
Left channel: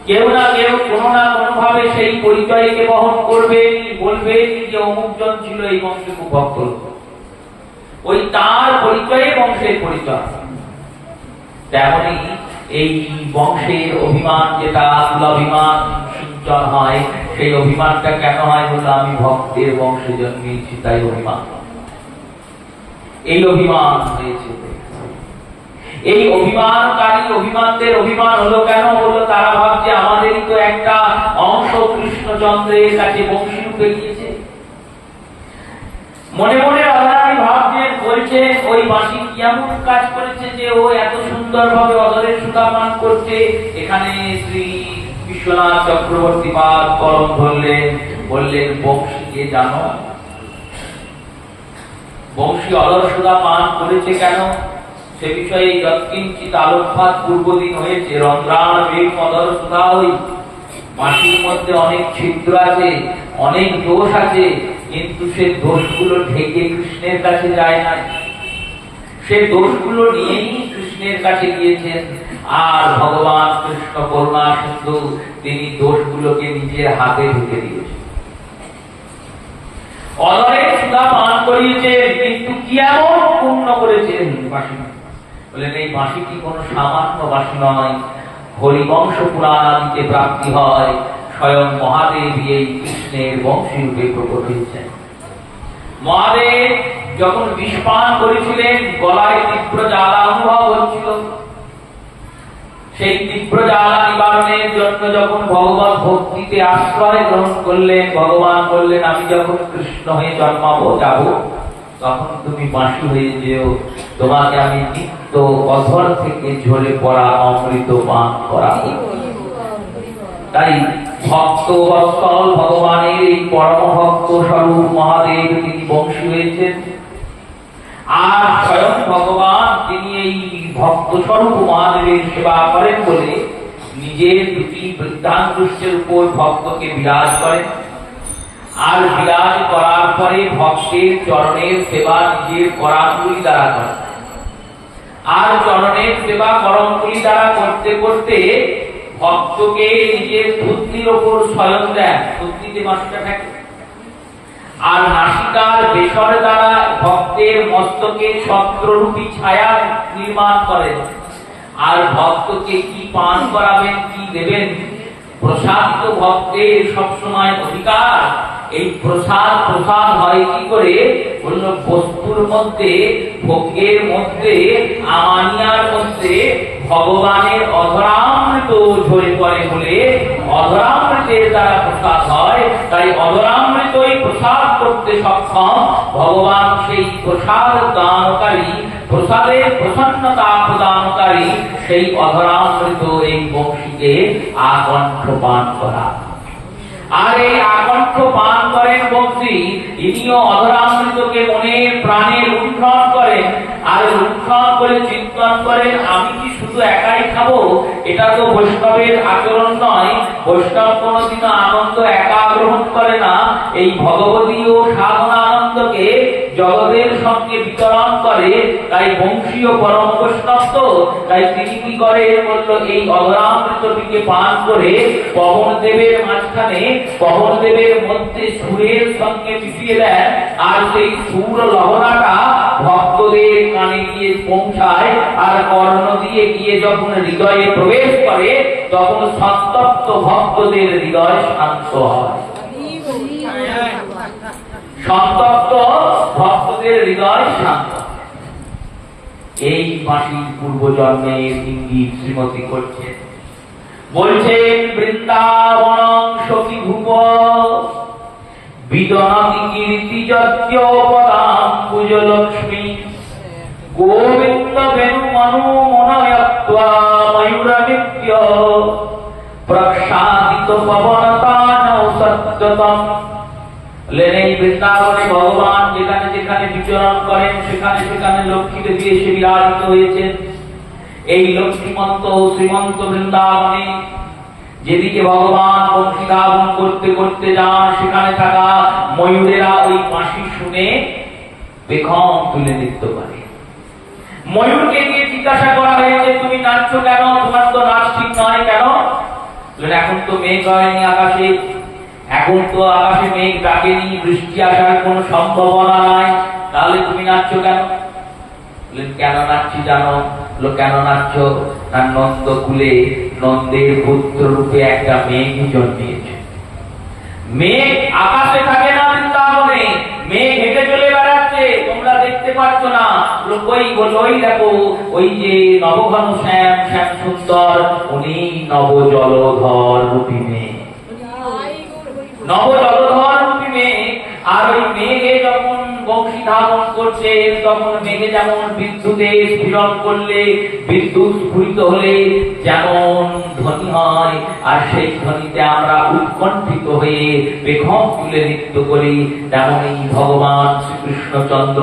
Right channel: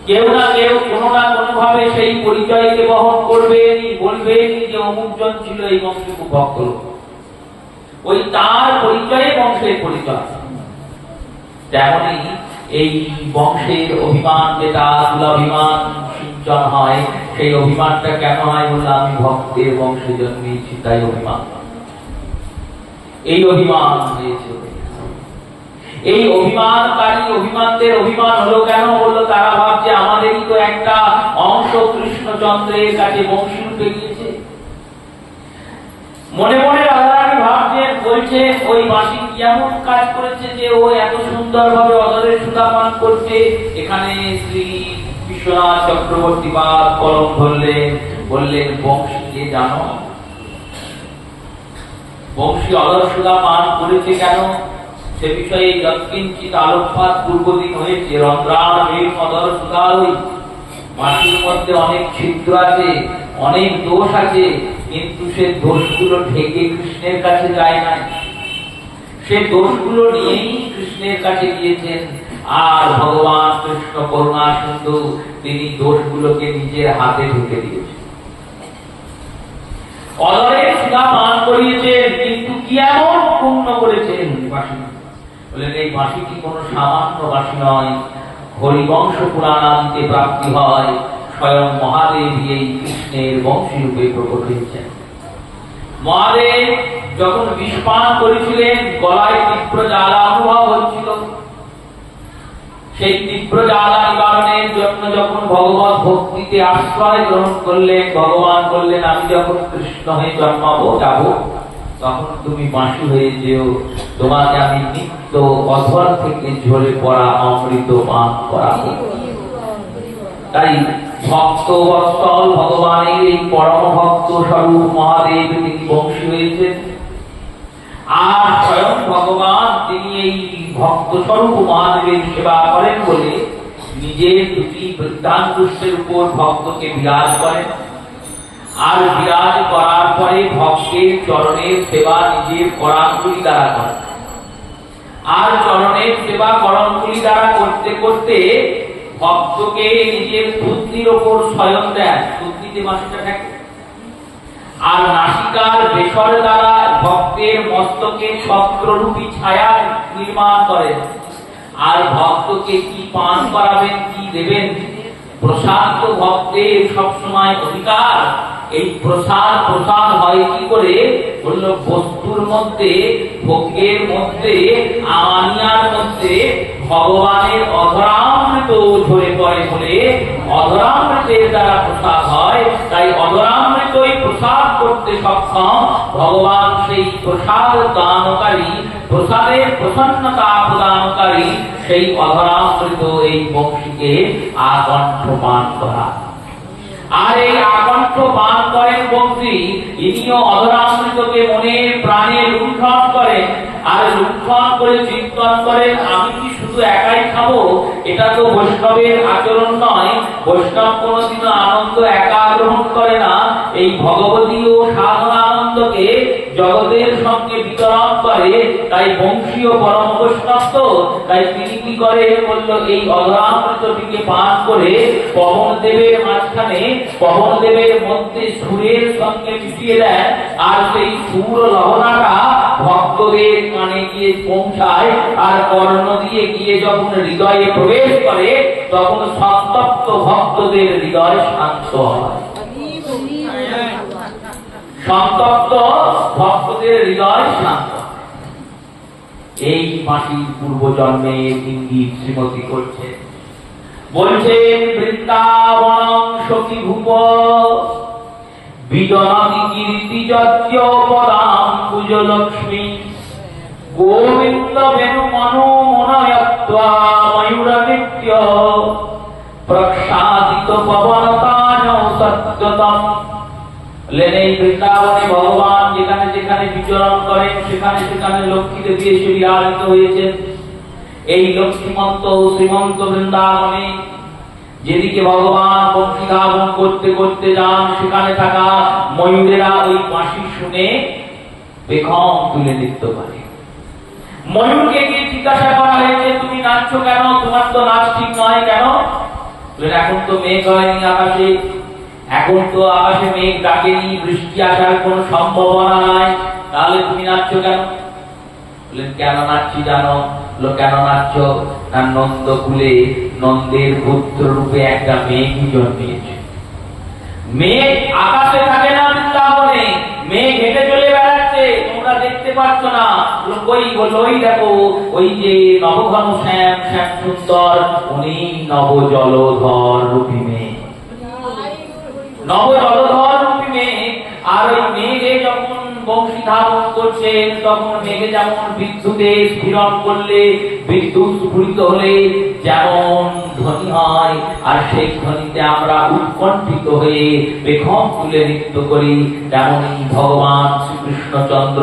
কেউ না কেউ কোনো না কোনো ভাবে সেই পরিচয়কে বহন করবেন, বলবেন যে অমুক জন ছিল এই বংশের খুব ভক্ত, ওই তার পরিচয়ে বংশের পরিচয়। তেমনি এই বংশের অভিমান, যেটা কুলাভিমান সিঞ্চন হয়, সেই অভিমানটা কেন হয়? বলে আমি ভক্তের বংশে জন্মেছি, তাই অভিমান। এই অভিমান হয়েছে। এই অভিমানকারী অভিমানদের অভিমান হলো কেন? হলো তারা ভাবছে আমাদেরই তো একটা অংশ কৃষ্ণচন্দ্রের কাছে বংশীরূপে গিয়েছে। মনে মনে রাধারানী ভাবছেন, বলছে ওই বাঁশি কি এমন কাজ করেছে যে ও এত সুন্দরভাবে অধরের সুধা পান করছে। এখানে শ্রী বিশ্বনাথ চক্রবর্তী পাদ কলম ধরলেন, বললেন বংশীকে জানো? বংশী অধর সুধা পান করেছে কেন? সে বিষয়ে যৎকিঞ্চিৎ আলোকপাত পূর্বদিন হয়েছে। রন্ধ্রাণবেগ অধর সুধা হই, মাটির মধ্যে অনেক ছিদ্র আছে, অনেক দোষ আছে, কিন্তু সে দোষগুলো ঢেকে কৃষ্ণের কাছে যায় না। সেই দোষগুলো নিয়েই কৃষ্ণের কাছে গিয়েছেন। আর ভগবান কৃষ্ণ করুণা সিন্ধু, তিনি দোষগুলোকে নিজের হাতে ঢুকে দিয়েছেন। অদরের সুধা পান করিয়েছেন, কিন্তু কি এমন পূর্ণ করেছেন বাঁশি? বলেন এই বাঁশিটি কোনো সামান্য বাঁশি নয়, হরিবংশ পুরাণ আদিতে প্রাপ্তি হয়। স্বয়ং মহাদেব এই কৃষ্ণের বংশী রূপে প্রকট হয়েছেন। মহাদেব যখন বিষ পান করেছিলেন, গলায় তীব্র জ্বালা অনুভব হচ্ছিল। সেই তীব্র জ্বালা নিবারণের জন্য যখন ভগবত ভক্তিতে আশ্রয় গ্রহণ করলেন, ভগবান বললেন আমি যখন কৃষ্ণ হয়ে জন্মাবো যাব, তখন তুমি বাঁশি হয়ে যেও, তোমাকে আমি নিত্য অধর থেকে ঝরে পড়া অমৃত পান করাবো। তাই ভক্ত বৎসল ভগবানের এই পরম ভক্ত স্বরূপ মহাদেব তিনি বংশী হয়েছেন। আর স্বয়ং ভগবান তিনি এই ভক্ত স্বরূপ মহাদেবের সেবা করেন বলে নিজের দুটি বৃদ্ধাঙ্গুষ্ঠের উপর ভক্তকে বিরাজ করেন। আর বিরাজ করার পরে ভক্তের চরণের সেবা নিজের করাঙ্গুলি দ্বারা করেন। আর চরণের সেবা করঙ্গুলি দ্বারা করতে করতে ভক্তকে নিজের বুদ্ধির ওপর স্বয়ং দেন। বুদ্ধিতে বাঁশিটা থাকে। আর নাসিকার বেসর দ্বারা ভক্তের মস্তকে ছত্ররূপী ছায়া নির্মাণ করেন। আর ভক্তকে কি পান করাবেন, কি দেবেন, প্রসাদ তো ভক্তের সবসময় অধিকার। এই প্রসাদ হয় কি করে? বলল বস্তুর মধ্যে, ভোগের মধ্যে, আমানিয়ার মধ্যে ভগবানের অধরামৃত ঝরে পড়ে বলে অধরামৃতের দ্বারা প্রসাদ হয়। তাই অধরামৃতই প্রসাদ করতে সক্ষম ভগবান। সেই প্রসাদ দানকারী, প্রসাদের প্রসন্নতা প্রদানকারী সেই অধরামৃত এই বংশীকে আকণ্ঠ পান করা। আর এই আকণ্ঠ পান করেন বংশী, ইনিও অধরামৃতকে মনে প্রাণে লুণ্ঠন করেন। আর লুণ্ঠন করে চিন্তন করেন আমি কি শুধু একাই খাবো? এটা তো বৈষ্ণবের আচরণ নয়। বৈষ্ণব কোনদিনও আনন্দ একা গ্রহণ করে না। এই ভগবতীয় সাধনা আনন্দকে জগতের সঙ্গে বিতরণ করে। তাই বংশীয় পরম বৈষ্ণব তো, তাই তিনি কি করে? বলল এই অধরামৃতটিকে পান করে পবন দেবের মাঝখানে, পবন দেবের মধ্যে সুরের সঙ্গে মিশিয়ে দেন। আর সেই সুর লহরাটা ভক্তদের কানে গিয়ে পৌঁছায়। আর কর্ণ দিয়ে গিয়ে যখন হৃদয়ে প্রবেশ করে, তখন সন্তপ্ত ভক্তদের হৃদয় শান্ত হয়। সন্তপ্ত ভক্তদের হৃদয় শান্ত। এই বাঁশির পূর্বজন্মের ইঙ্গিত শ্রীমতী করছেন। বলছেন বৃন্দাবন সখী ভূপ বিজনতি কীর্তি যজ্ঞ পদাম পূজো লক্ষ্মী গোবিন্দ বেণু মনু মনয়ত্বা ময়ূর নিত্য প্রক্ষাদিত পবনতান সত্যতম। এই বৃন্দাবনে ভগবান যেখানে যেখানে বিচরণ করেন, সেখানে সেখানে লক্ষ্মীকে দিয়ে সে বিরাজিত হয়েছেন। এই লক্ষ্মীমন্ত শ্রীমন্ত বৃন্দাবনে যেদিকে ভগবান বংশী ধাবন করতে করতে যান, সেখানে থাকা ময়ূরেরা ওই বাঁশি শুনে বেখম তুলে নৃত্য করে। ময়ূরকে গিয়ে জিজ্ঞাসা করা হয়েছে তুমি নাচছো কেন? তোমার তো নাচ ঠিক নয় কেন? এখন তো মেঘ হয়নি আকাশে, এখন তো আকাশে মেঘ ডাকেনি, বৃষ্টি আসার কোন সম্ভাবনা নাই, তাহলে তুমি নাচছো কেন? কেন নাচছি জানো? কেন নাচছো? না নন্দকুলে নন্দের পুত্র রূপে একটা মেঘ জন্মিয়েছে। মেঘ আকাশে থাকে না, বৃন্দাবনে মেঘ হেঁটে চলে বেড়াচ্ছে, তোমরা দেখতে পাচ্ছ না। ওই দেখো, ওই যে নবঘন শ্যাম শ্যাম সুন্দর, উনি নব জলধর রূপী মেঘ, নব জলধর রূপী মেঘ। আর ওই মেঘে যখন বংশী ধাবন করছে, তখন মেঘে যেমন বিদ্যুতে স্ফুরণ করলে, বিদ্যুৎ স্ফুরিত হলে যেমন ধ্বনি হয়, আর সেই ধ্বনিতে আমরা উৎকণ্ঠিত হয়ে বেখম তুলে নৃত্য করি, তেমনি ভগবান শ্রীকৃষ্ণচন্দ্র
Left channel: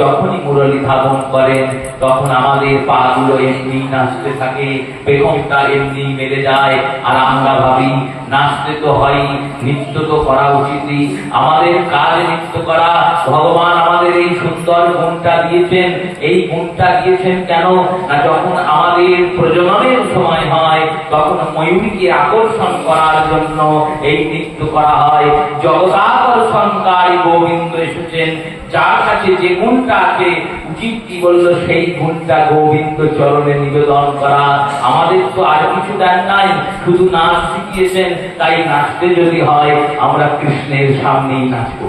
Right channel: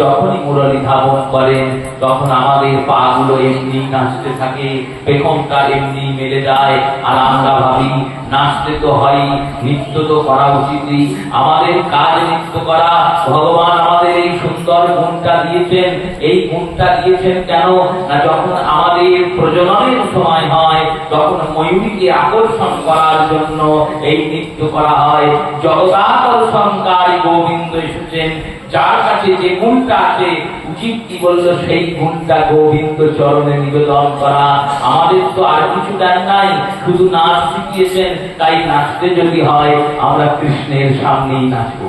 যখনই মুরলী ধাবন করেন, তখন আমাদের পা গুলো এমনি নাচতে থাকে, বেখমটা এমনি মেলে যায়। আর আমরা ভাবি নাচতে তো হয়, নৃত্য তো করা উচিতই, আমাদের কাজ নৃত্য করা। ভগবান আমাদের এই সুন্দর গুণটা দিয়েছেন। এই গুণটা দিয়েছেন কেন না, যখন আমাদের প্রজননের সময় হয় তখন ময়ূরীকে আকর্ষণ করার জন্য এই নৃত্য করা হয়। জগদাকর্ষণকারী গোবিন্দ এসেছেন, যার কাছে যে গুণটা আছে উচিত কি বললো, সেই গুণটা গোবিন্দ চরণে নিবেদন করা। আমাদের তো আর কিছু দেন নাই, শুধু নাচ শিখিয়েছেন। তাই নাচতে যদি হয় আমরা কৃষ্ণের সামনেই নাচবো।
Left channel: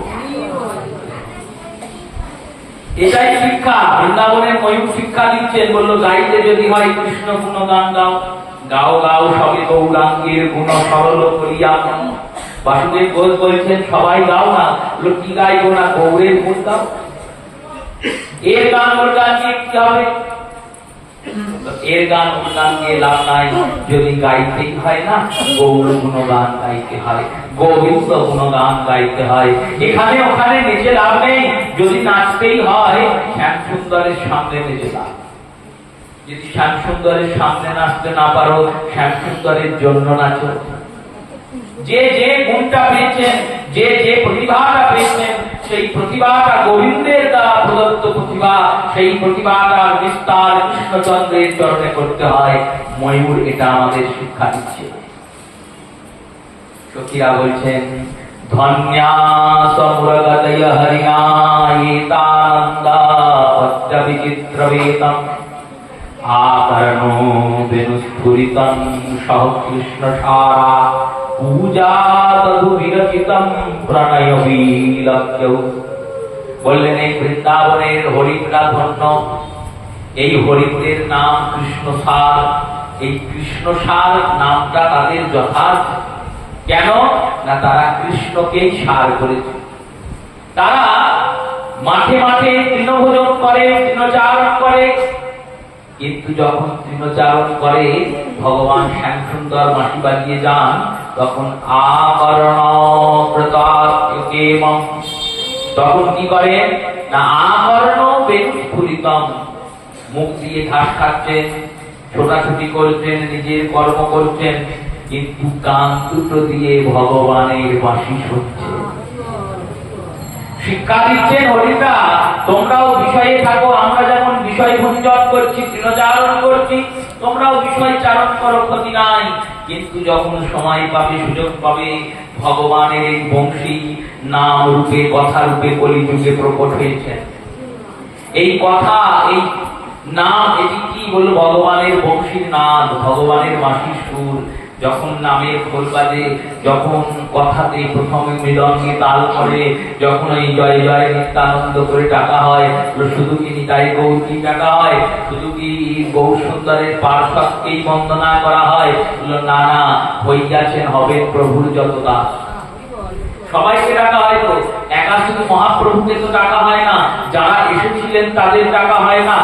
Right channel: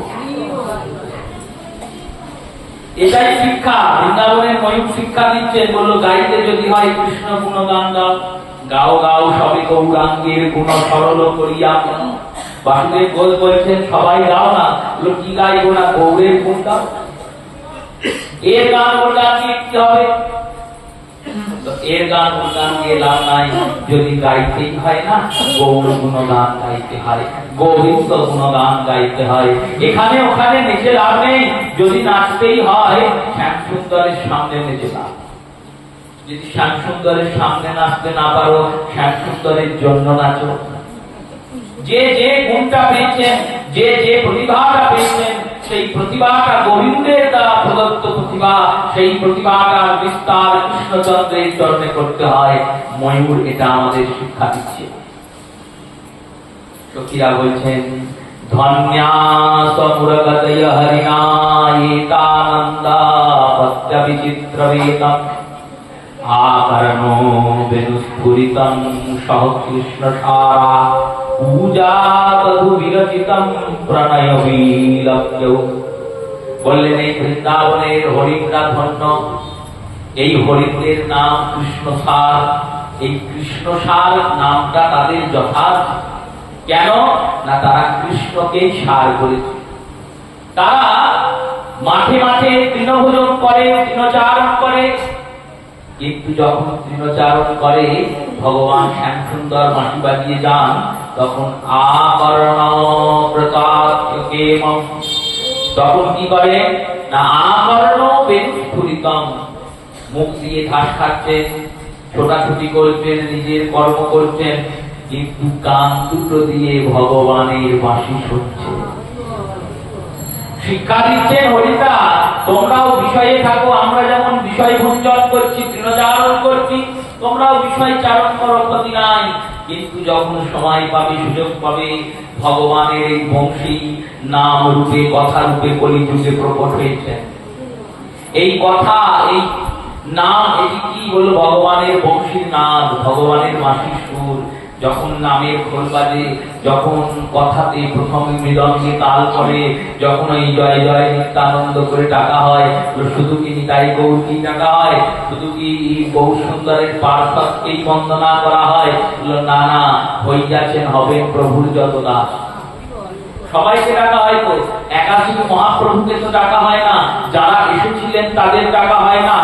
এটাই শিক্ষা। বৃন্দাবনের ময়ূর শিক্ষা দিচ্ছেন, বললো গাইতে যদি হয় কৃষ্ণ গুণগান গাও। গাও গাও সবে গৌরাঙ্গের গুণ সরল করিয়া। বাসুদেব ঘোষ বলেছেন সবাই গাও না, বললো কি গাইবো না, গৌরের গুণ গাও। এর গান ওর গান দিয়ে কি হবে? এর গান ওর গান দিয়ে লাভ নাই, যদি গাইতেই হয় না গৌর গুণগান গাইতে হয়, গোবিন্দ গুণগান গাইতে হয়। এখানে ওখানে নেচে লাভ নেই, যদি নাচতেই হয় শ্যাম সুন্দরের সামনে নেচে লাভ। যদি শ্যাম সুন্দরের সামনে নাচতে না পারো, শ্যাম সুন্দরের জন্য নাচো। যে যে গুণটা পেয়েছেন, যে যে প্রতিভাটা পেয়েছেন, সেই প্রতিভাটা গোবিন্দের দ্বারা প্রদত্ত প্রতিভা, সেই প্রতিভাটার বিস্তার কৃষ্ণচন্দ্রের চরণে করতে হয়। ময়ূর এটা আমাদের শিক্ষা দিচ্ছে। সখীরা বলছেন ধন্যা সমুরগতয় হরিণা এতানন্দা পত্র বিচিত্র বেদম আকর্ণো বেনুস্ফুরিতম সহ কৃষ্ণ সারা পূজা তদু বিরচিতম প্রণয় বিলক্ষ্য। বললেন এই বৃন্দাবনের হরিণরা ধন্য, এই হরিণদের নাম কৃষ্ণসার। এই কৃষ্ণসার নামটা তাদের যথার্থ। কেন না, তারা কৃষ্ণকেই সার করেছে। তারা মাঠে মাঠে তৃণভোজন করে, তৃণচারণ করে, কিন্তু যখন তৃণচারণ করে ভগবান শ্যাম সুন্দর বাঁশি বাজিয়ে যান, তখন আকর্ণ প্রতাপকেম, তখন কি করে না আকর্ণ বেনুস্ফুরিতম, মুখ দিয়ে ঘাস খাচ্ছেন, ছোটাছুটি করছেন, নিজের কর্ম করছেন, কিন্তু কান দুটো দিয়ে ভগবানের বাঁশি শুনছে। শিক্ষা দিচ্ছেন হরিটা, তোমরাও বিষয়ে থাকো। আমরা যেমন বিষয় ভঞ্জন করছি, তৃণচারণ করছি, তোমরাও বিষয় চারণ করো, ক্ষতি নাই। কিন্তু যখন সময় পাবে, সুযোগ পাবে, ভগবানের এই বংশী নাম রূপে, কথা রূপে কলিযুগে প্রকট হয়েছে। এই কথা, এই নাম, এটি কি বলবো, ভগবানের বংশীর নাদ, ভগবানের বাঁশির সুর। যখন নামের খোল বাজে, যখন কথাতে প্রথমে মৃদঙ্গে তাল করে, যখন ওই জয় জয় নিত্যানন্দ করে ডাকা হয়, শুধু কি নিতাই গৌর কি ডাকা হয়, শুধু কি গৌর সুন্দরের পার্শ্বকেই বন্দনা করা হয়? না না, হইয়াছেন হবেন প্রভুর যত দাস। সবাইকে ডাকা হয় তো, একা শুধু মহাপ্রভুকে তো ডাকা হয় না, যারা এসেছিলেন তাদের ডাকা হয় না,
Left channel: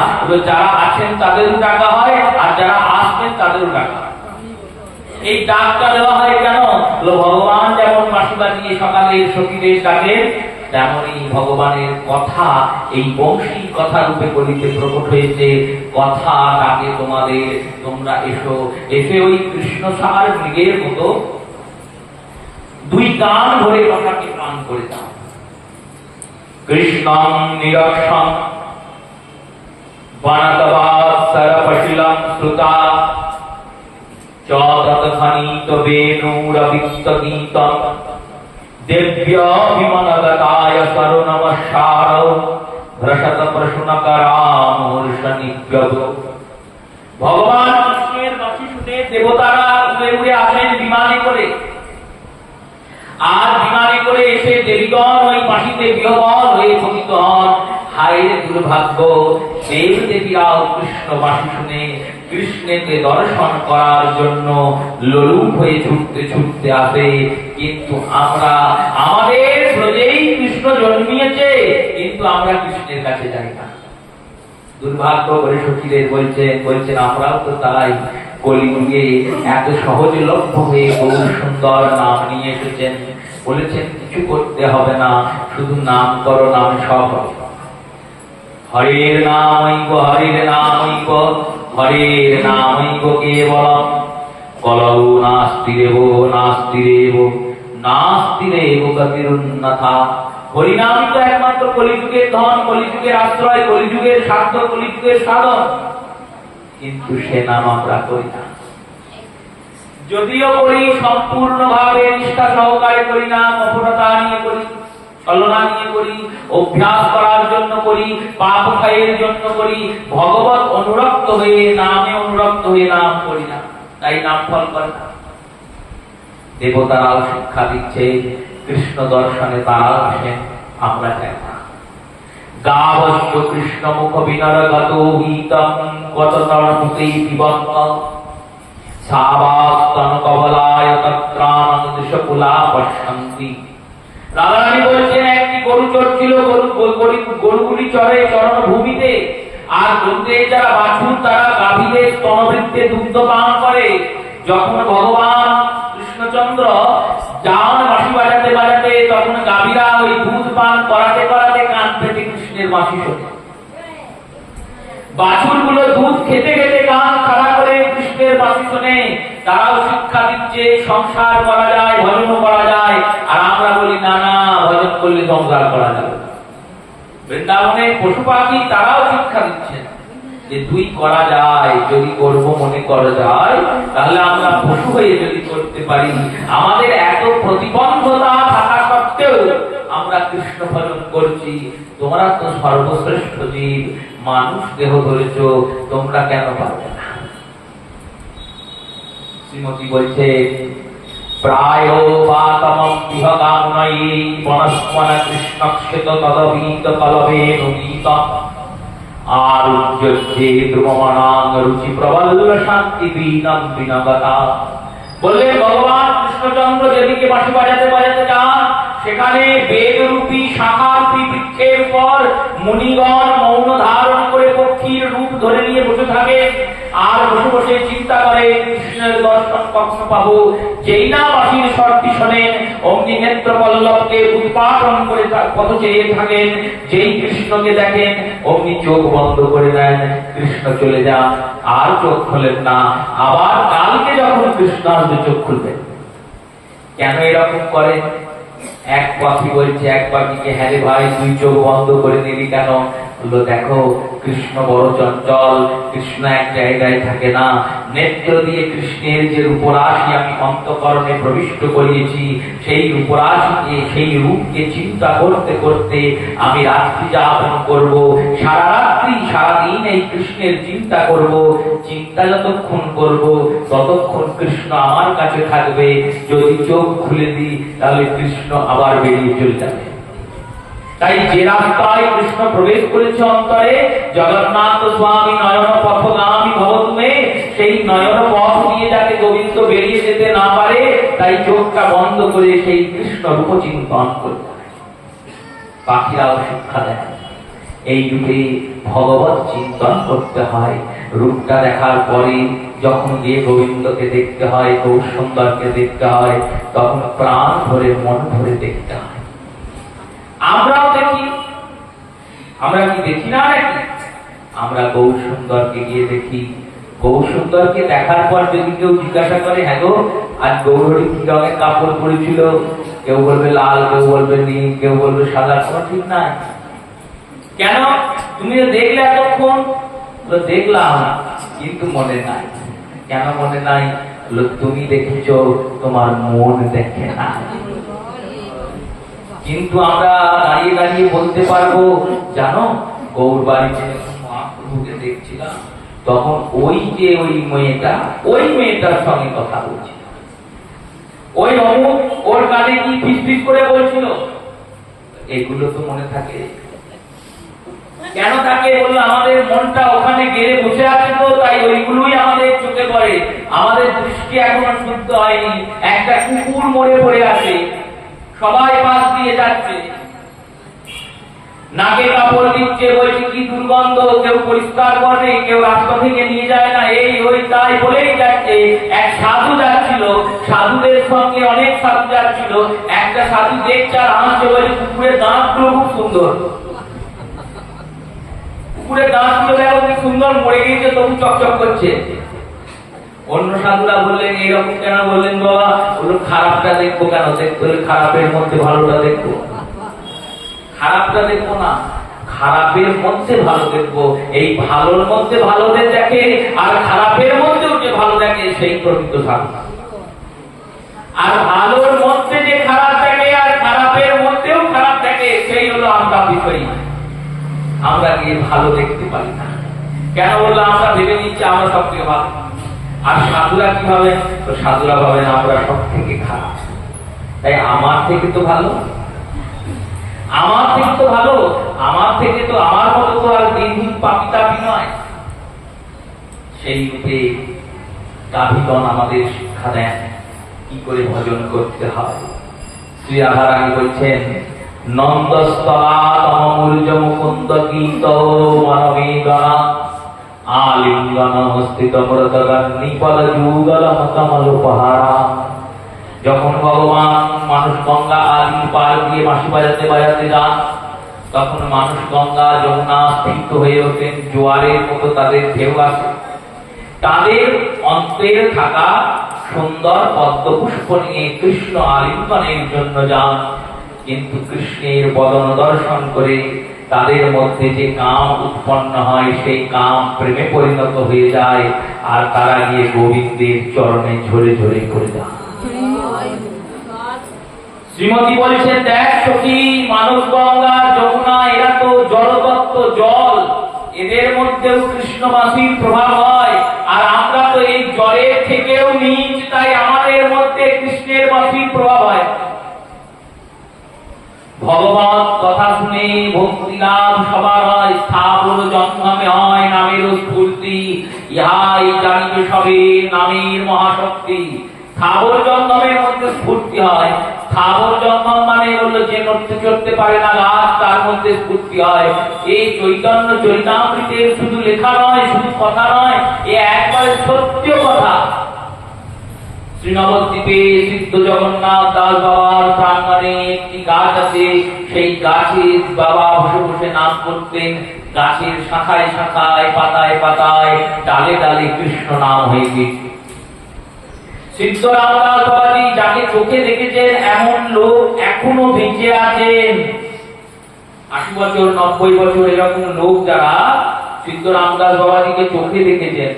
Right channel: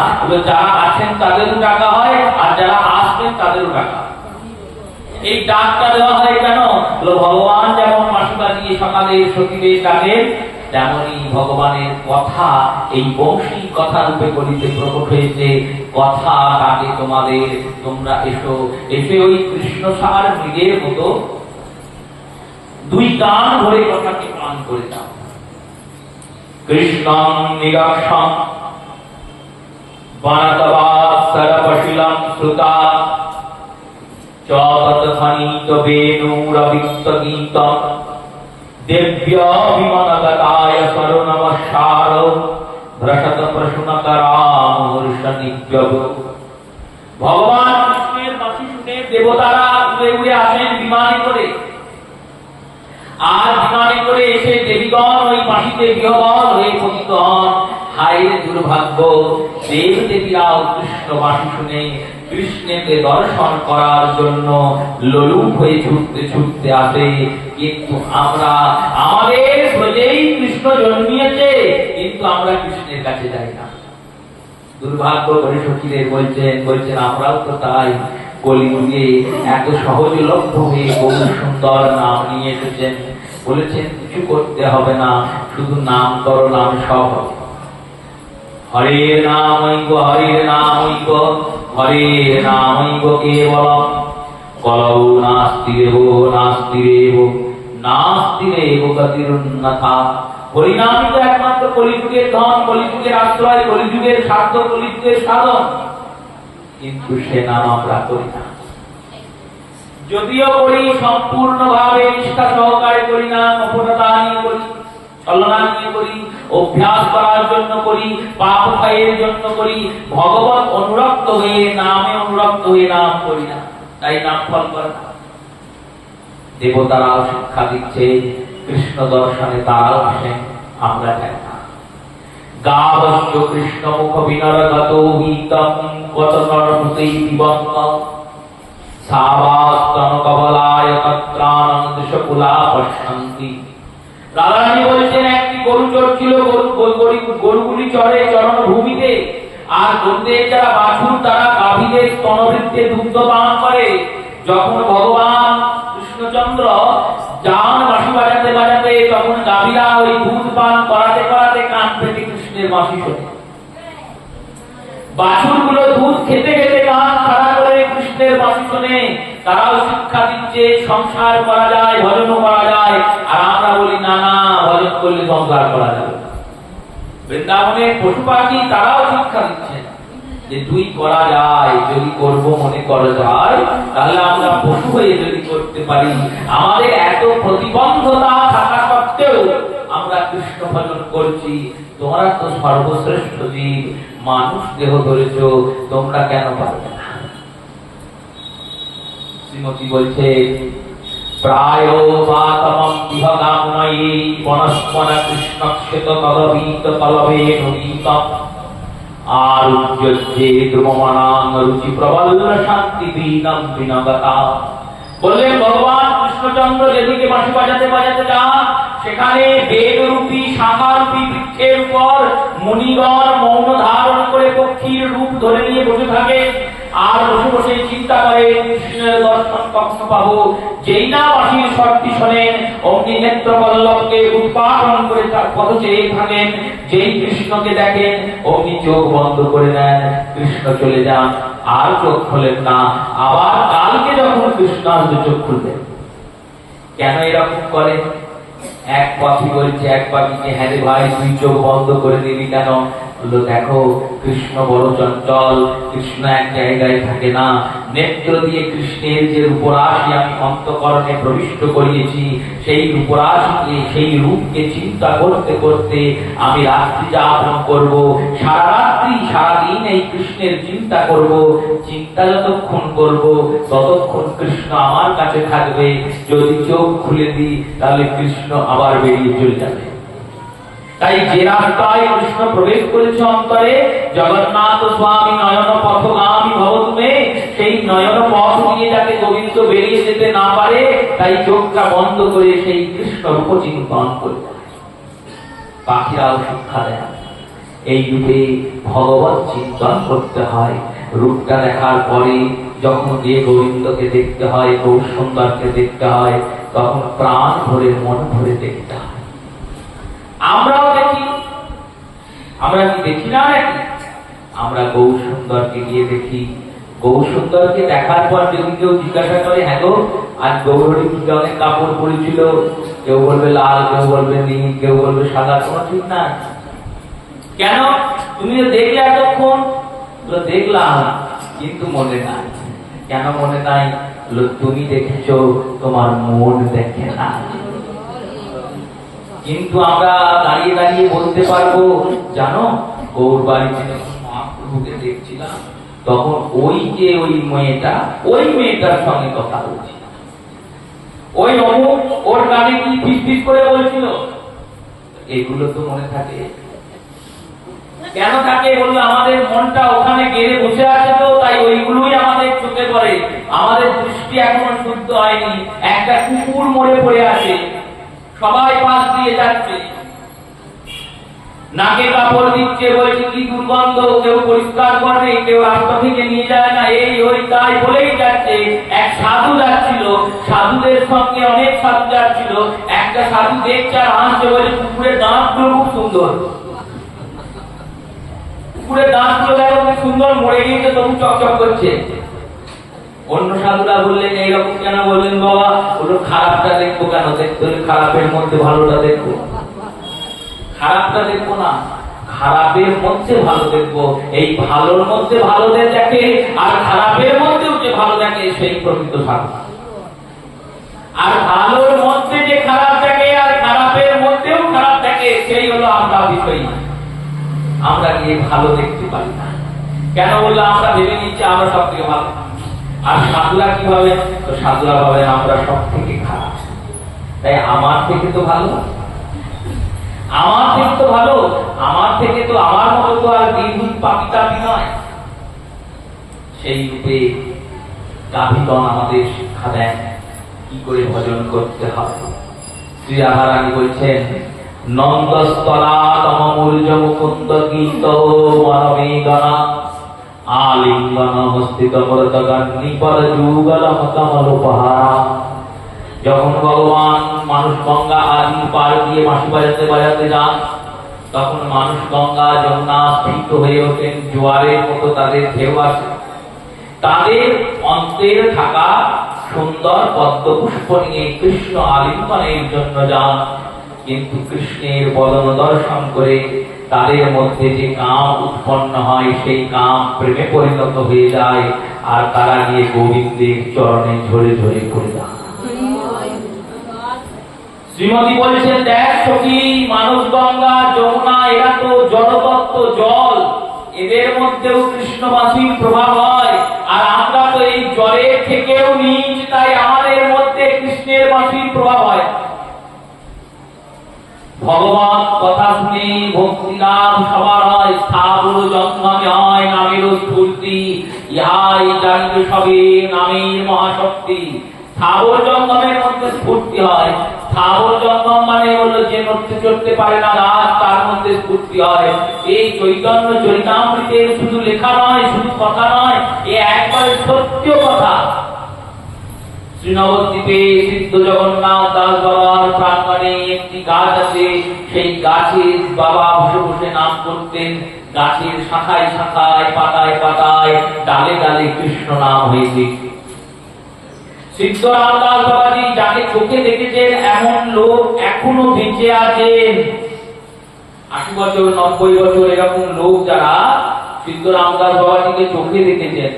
যারা আছেন তাদেরও ডাকা হয়, আর যারা আসবেন তাদেরও ডাকা হয়। এই ডাকটা দেওয়া হয় কেন? ভগবান যেমন বাঁশি বাজিয়ে সকালে সখীদের ডাকেন, তেমনি ভগবানের কথা এই বংশী কথা রূপে কলিতে প্রকট হয়েছে। কথা ডাকে তোমাদের, তোমরা এসো, এসে ওই কৃষ্ণ সার মৃগের মতো দুই গান ধরে কথাকে গান করে দাও। কৃষ্ণং নিরক্ষং বাণাতবাৎসরপশিলং শ্রুতা চতৎফণিত বেণুরবিক্ত গীতম দেব্যাভিমানগতায় সরোনমস্কার ভ্রসত প্রশ্নকরামূর্ষনিগ্রহ। ভগবান কৃষ্ণের বাঁশি শুনে দেবতারা উড়ে উড়ে আসেন বিমানে করে, আর বিমানে করে এসে দেবীগণ ওই বাঁশিতে বিহবল হয়ে পতিত হন। হায় দুর্ভাগ্য, দেব দেবীরাও কৃষ্ণ বাঁশি শুনে কৃষ্ণকে দর্শন করার জন্য লোলুপ হয়ে ছুটতে ছুটতে আসে, কিন্তু আমরা আমাদের ব্রজেই কৃষ্ণ জন্মিয়েছে, কিন্তু আমরা কৃষ্ণের কাছে যাই না। দুর্ভাগ্য করে সখীদের বলছেন আমরাও তো তাই। কলিযুগে এত সহজলভ্য হয়ে বহু সুন্দর নাম নিয়ে এসেছেন, বলেছেন কিছু করতে হবে না, শুধু নাম করো, নাম সব হবে। হরের নামৈব, হরের নামৈব, হরের নামৈব কেবলম, কলৌ নাস্তি দেব নাস্তি দেব নাস্তি দেব গতিরুন্নথা। হরিনামই তো একমাত্র কলিযুগের ধন, কলিযুগের আশ্রয়, কলিযুগের সাধ্য, কলিযুগের সাধন। কিন্তু সে নাম আমরা করি না। যদিও করি সম্পূর্ণভাবে নিষ্ঠা সহকারে করি না, অপরতা নিয়ে করি, ছলনা নিয়ে করি, অভ্যাস করার জন্য করি, পাপ ক্ষয়ের জন্য করি, ভগবত অনুরক্ত হয়ে নামে অনুরক্ত হয়ে নাম করি না, তাই নাম ফল করে না। দেবতারাও শিক্ষা দিচ্ছে, কৃষ্ণ দর্শনে তারাও আসেন, আমরা যাই না। গাবশ্চ কৃষ্ণ মুখ বিনরগত হিতম কততরতুতেই দিবন্ত সাবাস্তন কমলায় তত্রানং দিশকুলা পশ্যন্তি। রাধারানী বলছেন, একটি গরু চড়ছিল, গরুগুলি চড়ে চরণ ভূমিতে, আর গরুদের যারা বাছুর তারা গাভীদের স্তনবৃত্তে দুগ্ধ পান করে। যখন ভগবান কৃষ্ণচন্দ্র যান বাঁশি বাজাতে বাজাতে, তখন গাভীরা ওই দুধ পান করাতে করাতে কান পেতে কৃষ্ণের বাঁশি শোনে। বাছুরগুলো দুধ খেতে খেতে কান খাড়া করে কৃষ্ণের বাঁশি শোনে। তারাও শিক্ষা দিচ্ছে সংসার করা যায়, ভজনও করা যায়। আর আমরা বলি না না, ভজন করলে সংসার করা যাবে। বৃন্দাবনের পশু পাখি তারাও শিক্ষা দিচ্ছে যে তুই করা যায়, যদি করব মনে করা যায়, তাহলে আমরা পশু হয়ে যদি করতে পারি। আমাদের এত প্রতিবন্ধতা থাকা সত্ত্বেও আমরা কৃষ্ণ ভজন করছি। তোমরা তো সর্বশ্রেষ্ঠ জীব, মানুষ দেহ ধরেছ, তোমরা কেন পারবে না? শ্রীমতী বলছে, প্রায় পাতমম বিহগামনৈ বনস্পন কৃষ্ণক্ষেত তদবীত তলবে নদীতম আরুজ্যে দ্রুমমানাং রুচি প্রবল শান্তি বীনম বিনগতা। বললেন ভগবান কৃষ্ণচন্দ্র যেদিকে বাঁশি বাজাতে বাজাতে যান, সেখানে বেদরূপী শাখারূপী বৃক্ষের উপর মুনিগণ মৌন ধারণ করে পক্ষীর রূপ ধরে নিয়ে বসে থাকে। আর বসে বসে চিন্তা করে কৃষ্ণের দর্শন কখন পাবো। যেই না বাঁশির স্বরটি শোনেন, অগ্নি নেত্র পল্লবকে উৎপাদন করে তার পথ চেয়ে থাকেন। যেই কৃষ্ণকে দেখেন, অগ্নি চোখ বন্ধ করে দেন, কৃষ্ণ চলে যান, আর চোখ খোলেন না। আবার কালকে যখন কৃষ্ণ আসবে চোখ খুলবেন। কেন এরকম করে? এক পাখি বলছে এক পাখিকে, হ্যাঁ রে ভাই, তুই চোখ বন্ধ করে নিলি কেন? বললো, দেখো কৃষ্ণ বড় চঞ্চল, কৃষ্ণ এক জায়গায় থাকে না। নেত্র দিয়ে কৃষ্ণের যে রূপরাশি আমি অন্তঃকরণে প্রবিষ্ট করিয়েছি, সেই রূপরাশিকে, সেই রূপকে চিন্তা করতে করতে আমি রাত্রি যাপন করব। সারা রাত্রি সারাদিন এই কৃষ্ণের চিন্তা করব। চিন্তা যতক্ষণ করব, ততক্ষণ কৃষ্ণ আমার কাছে থাকবে। যদি চোখ খুলে দিই, তাহলে কৃষ্ণ আবার বেরিয়ে চলে যাবে। তাই যে রাস্তায় কৃষ্ণ প্রবেশ করেছে অন্তরে, জগন্নাথ স্বামী নয়ন পথগামী ভবতুমে, সেই নয়ন পথ দিয়ে যাতে গোবিন্দ বেরিয়ে যেতে না পারে, তাই চোখটা বন্ধ করে সেই কৃষ্ণ রূপ চিন্তন করতে হয়। পাখিরাও শিক্ষা দেয়, এই রূপে ভগবত চিন্তন করতে হয়। রূপটা দেখার পরে যখন গিয়ে গোবিন্দকে দেখতে হয়, গৌর সুন্দরকে দেখতে হয়, তখন প্রাণ ভরে মন ভরে দেখতে হয়। আমরাও দেখি, আমরা কি দেখি না নাকি? আমরা গৌর সুন্দরকে গিয়ে দেখি। গৌর সুন্দরকে দেখার পর যদি কেউ জিজ্ঞাসা করে, হ্যাঁ গো আজ গৌরী কি রঙের কাপড় পরেছিল, কেউ বলবে লাল, কেউ বলবে নীল, কেউ বলবে সাদা, কোনো ঠিক নাই। কেন? তুমি দেখলে এতক্ষণ? দেখলাম, কিন্তু মনে নাই। কেন মনে নাই? তুমি দেখেছ, তোমার মন দেখে না। কিন্তু আমরা দাঁড়িয়ে দাঁড়িয়ে বলতে পারবো, জানো গৌর বাড়িতে যখন মহাপ্রভুকে দেখছিলাম, তখন ওই যে ওই মেয়েটার সঙ্গে কথা বলছিল, ওই অমুক ওর কানে কি ফিস ফিস করে বলছিল। এগুলো তো মনে থাকে। কেন থাকে? বললো আমাদের মনটা ওখানে গেলে বসে আছে, তো তাই ওইগুলোই আমাদের চোখে পড়ে। আমাদের দৃষ্টি এখনো শুদ্ধ হয়নি। একটা কুকুর মরে পড়ে আছে, সবাই পাশ দিয়ে যাচ্ছে, নাকে কাপড় দিচ্ছে, বলছে কি দুর্গন্ধ, কেউ পরিষ্কার করে, কেউ রাস্তা থেকে নিয়ে যায় না, এই ওই তাই বলেই যাচ্ছে। এক সাধু যাচ্ছিল, সাধুদের সঙ্গে অনেক সাধু যাচ্ছিল। একটা সাধু দেখছে আর হাসছে, বলে কুকুরের দাঁতগুলো খুব সুন্দর, কুকুরের দাঁতগুলো দেখো কি সুন্দর, মরে গিয়েছে তবু চকচক করছে। অন্য সাধুরা বললেন এইরকম কেন বললেন বাবা? বললো খারাপটা দেখবো কেন? দেখতে হলে খারাপের মধ্যে ভালোটা দেখবো। খারাপটা দেখবো না, খারাপের মধ্যে ভালো দেখবো। এই ভালোর মধ্যে ভালো দেখে আর খারাপের মধ্যেও যে ভালো দেখে সেই প্রকৃত সাধু। আর ভালোর মধ্যে যে খারাপ দেখে আর খারাপের মধ্যেও খারাপ দেখে সেই হলো আমরা বিষয়ী। আমরা গিয়ে ভালো দেখতে পারি না কেন? বললো আমরা ভেবে নিচ্ছি আমরা সব থেকে ভালো। আর সাধুরা কি ভাবে? তো সাধুরা ভাবেন আমরা সব থেকে খারাপ, তাই আমার থেকে তো ভালো, আমার থেকে তো ভালো, আমার থেকে তো আমার মতো তো আর দিনহীন পাপী তাপী নয়। সেই রূপে গাভীগণ আমাদের শিক্ষা দেন কি করে ভজন করতে হয়। শ্রী রাধারানী বলছেন নন্দস্তলা তমূর্জ মুকুন্দ গীত মানবেদনা আলিঙ্গন হস্তিত মৃতগণ নিপদ যুগল মতমল উপহারা। যখন ভগবান মানুষ গঙ্গা আদি পার দিয়ে বাঁশি বাজাতে বাজাতে যান, তখন মানুষ গঙ্গা যমুনা স্ফীত হয়ে ওঠেন, জোয়ারের মতো তাদের ঢেউ আসে। তাদের অন্তের থাকা সুন্দর পদ্ম পুষ্প নিয়ে কৃষ্ণ আলিঙ্গনের জন্য যান, কিন্তু কৃষ্ণের বদন দর্শন করে তাদের মধ্যে যে কাম উৎপন্ন হয় সেই কাম প্রেমে পরিণত হয়ে যায়, আর তারা গিয়ে গোবিন্দের চরণে ঝরে ঝরে পড়ে যায়। শ্রীমতী বলছেন দেখ সখী, মানব গঙ্গা যমুনা এরা তো জড়তত্ত্ব জল, এদের মধ্যেও কৃষ্ণ মাসির প্রভাব হয়, আর আমরা তো এই জলের থেকেও নিচ, তাই আমাদের মধ্যে কৃষ্ণের মাসির প্রভাব হয়। ভগবান কথা শুনে ভক্তি লাভ সবার হয়, স্থাবর জন্মে হয় নামের স্ফূর্তি, ইহাই জানিবে সবে নামের মহাশক্তি। স্থাবর জন্মের মধ্যে স্ফূর্তি হয়। স্থাবর জন্ম মানে হলো যে নড়তে চড়তে পারে না গাছ, তার মধ্যে স্ফূর্তি হয়। এই চৈতন্য চরিতামৃতের শুধু লেখা নয়, শুধু কথা নয়, এ একবারে সত্য কথা। শ্রীনবদ্বীপে সিদ্ধ জগন্নাথ দাস বাবার প্রাঙ্গণে একটি গাছ আছে, সেই গাছে বাবা বসে বসে নাম করতেন। গাছের শাখায় শাখায় পাতায় পাতায় ডালে ডালে কৃষ্ণ নাম হয়ে গেছে। সিদ্ধ রামদাস বাবাজি যাকে চোখে দেখেছেন এমন লোক এখনো বেঁচে আছেন। ৮০ বছর ৯০ বছর এরকম লোক যারা সিদ্ধ রামদাস বাবাজিকে চোখে দেখেছেন,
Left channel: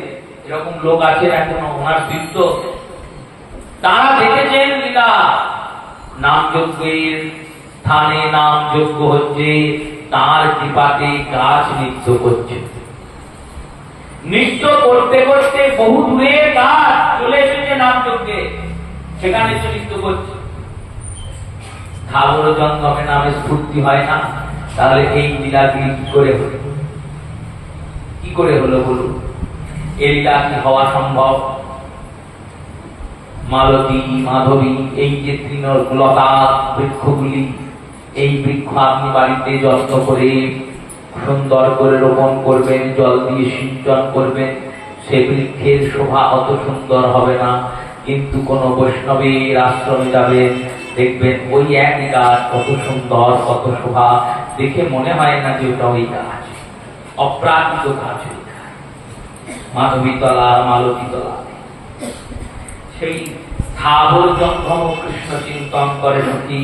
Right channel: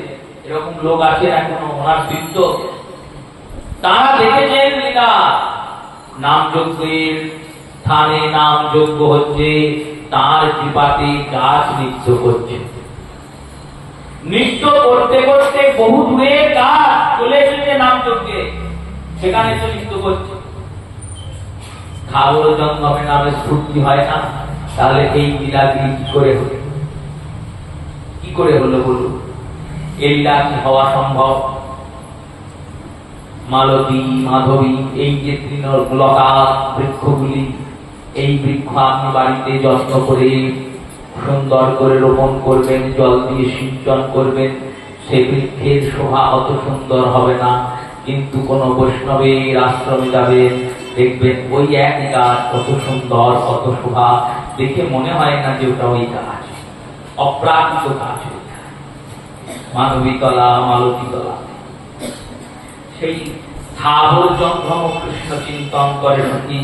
এরকম লোক আছেন এখনো। ওনার সিদ্ধ তারা দেখেছেন লীলা। নাম যজ্ঞের স্থানে নাম যজ্ঞ হচ্ছে, তার কৃপাতে গাছ নৃত্য করছে। নৃত্য করতে করতে বহু দূরে গাছ চলে এসেছে নাম যজ্ঞে, সেখানে এসে নৃত্য করছে। স্থাবর জঙ্গমে নামে স্ফূর্তি হয় না, তাহলে এই লীলাগিরি কি করে হলো? কি করে হলো বলুন? এই লীলা কি হওয়া সম্ভব? মালতী মাধবী এই যে তৃণলতা বৃক্ষগুলি, এই বৃক্ষ আপনি বাড়িতে যত্ন করে সুন্দর করে রোপণ করবেন, জল দিয়ে সিঞ্চন করবেন, সে বৃক্ষের শোভা অত সুন্দর হবে না। কিন্তু কোন বৈষ্ণবের আশ্রমে যাবেন, দেখবেন ওই একই গাছ কত সুন্দর, কত শোভা, দেখে মনে হয় না যে ওটা ওই গাছ, অপ্রাকৃত গাছ। মাধবীতলা মালতীতলা সেই স্থাবর জঙ্গম কৃষ্ণ চিন্তন করে সত্যি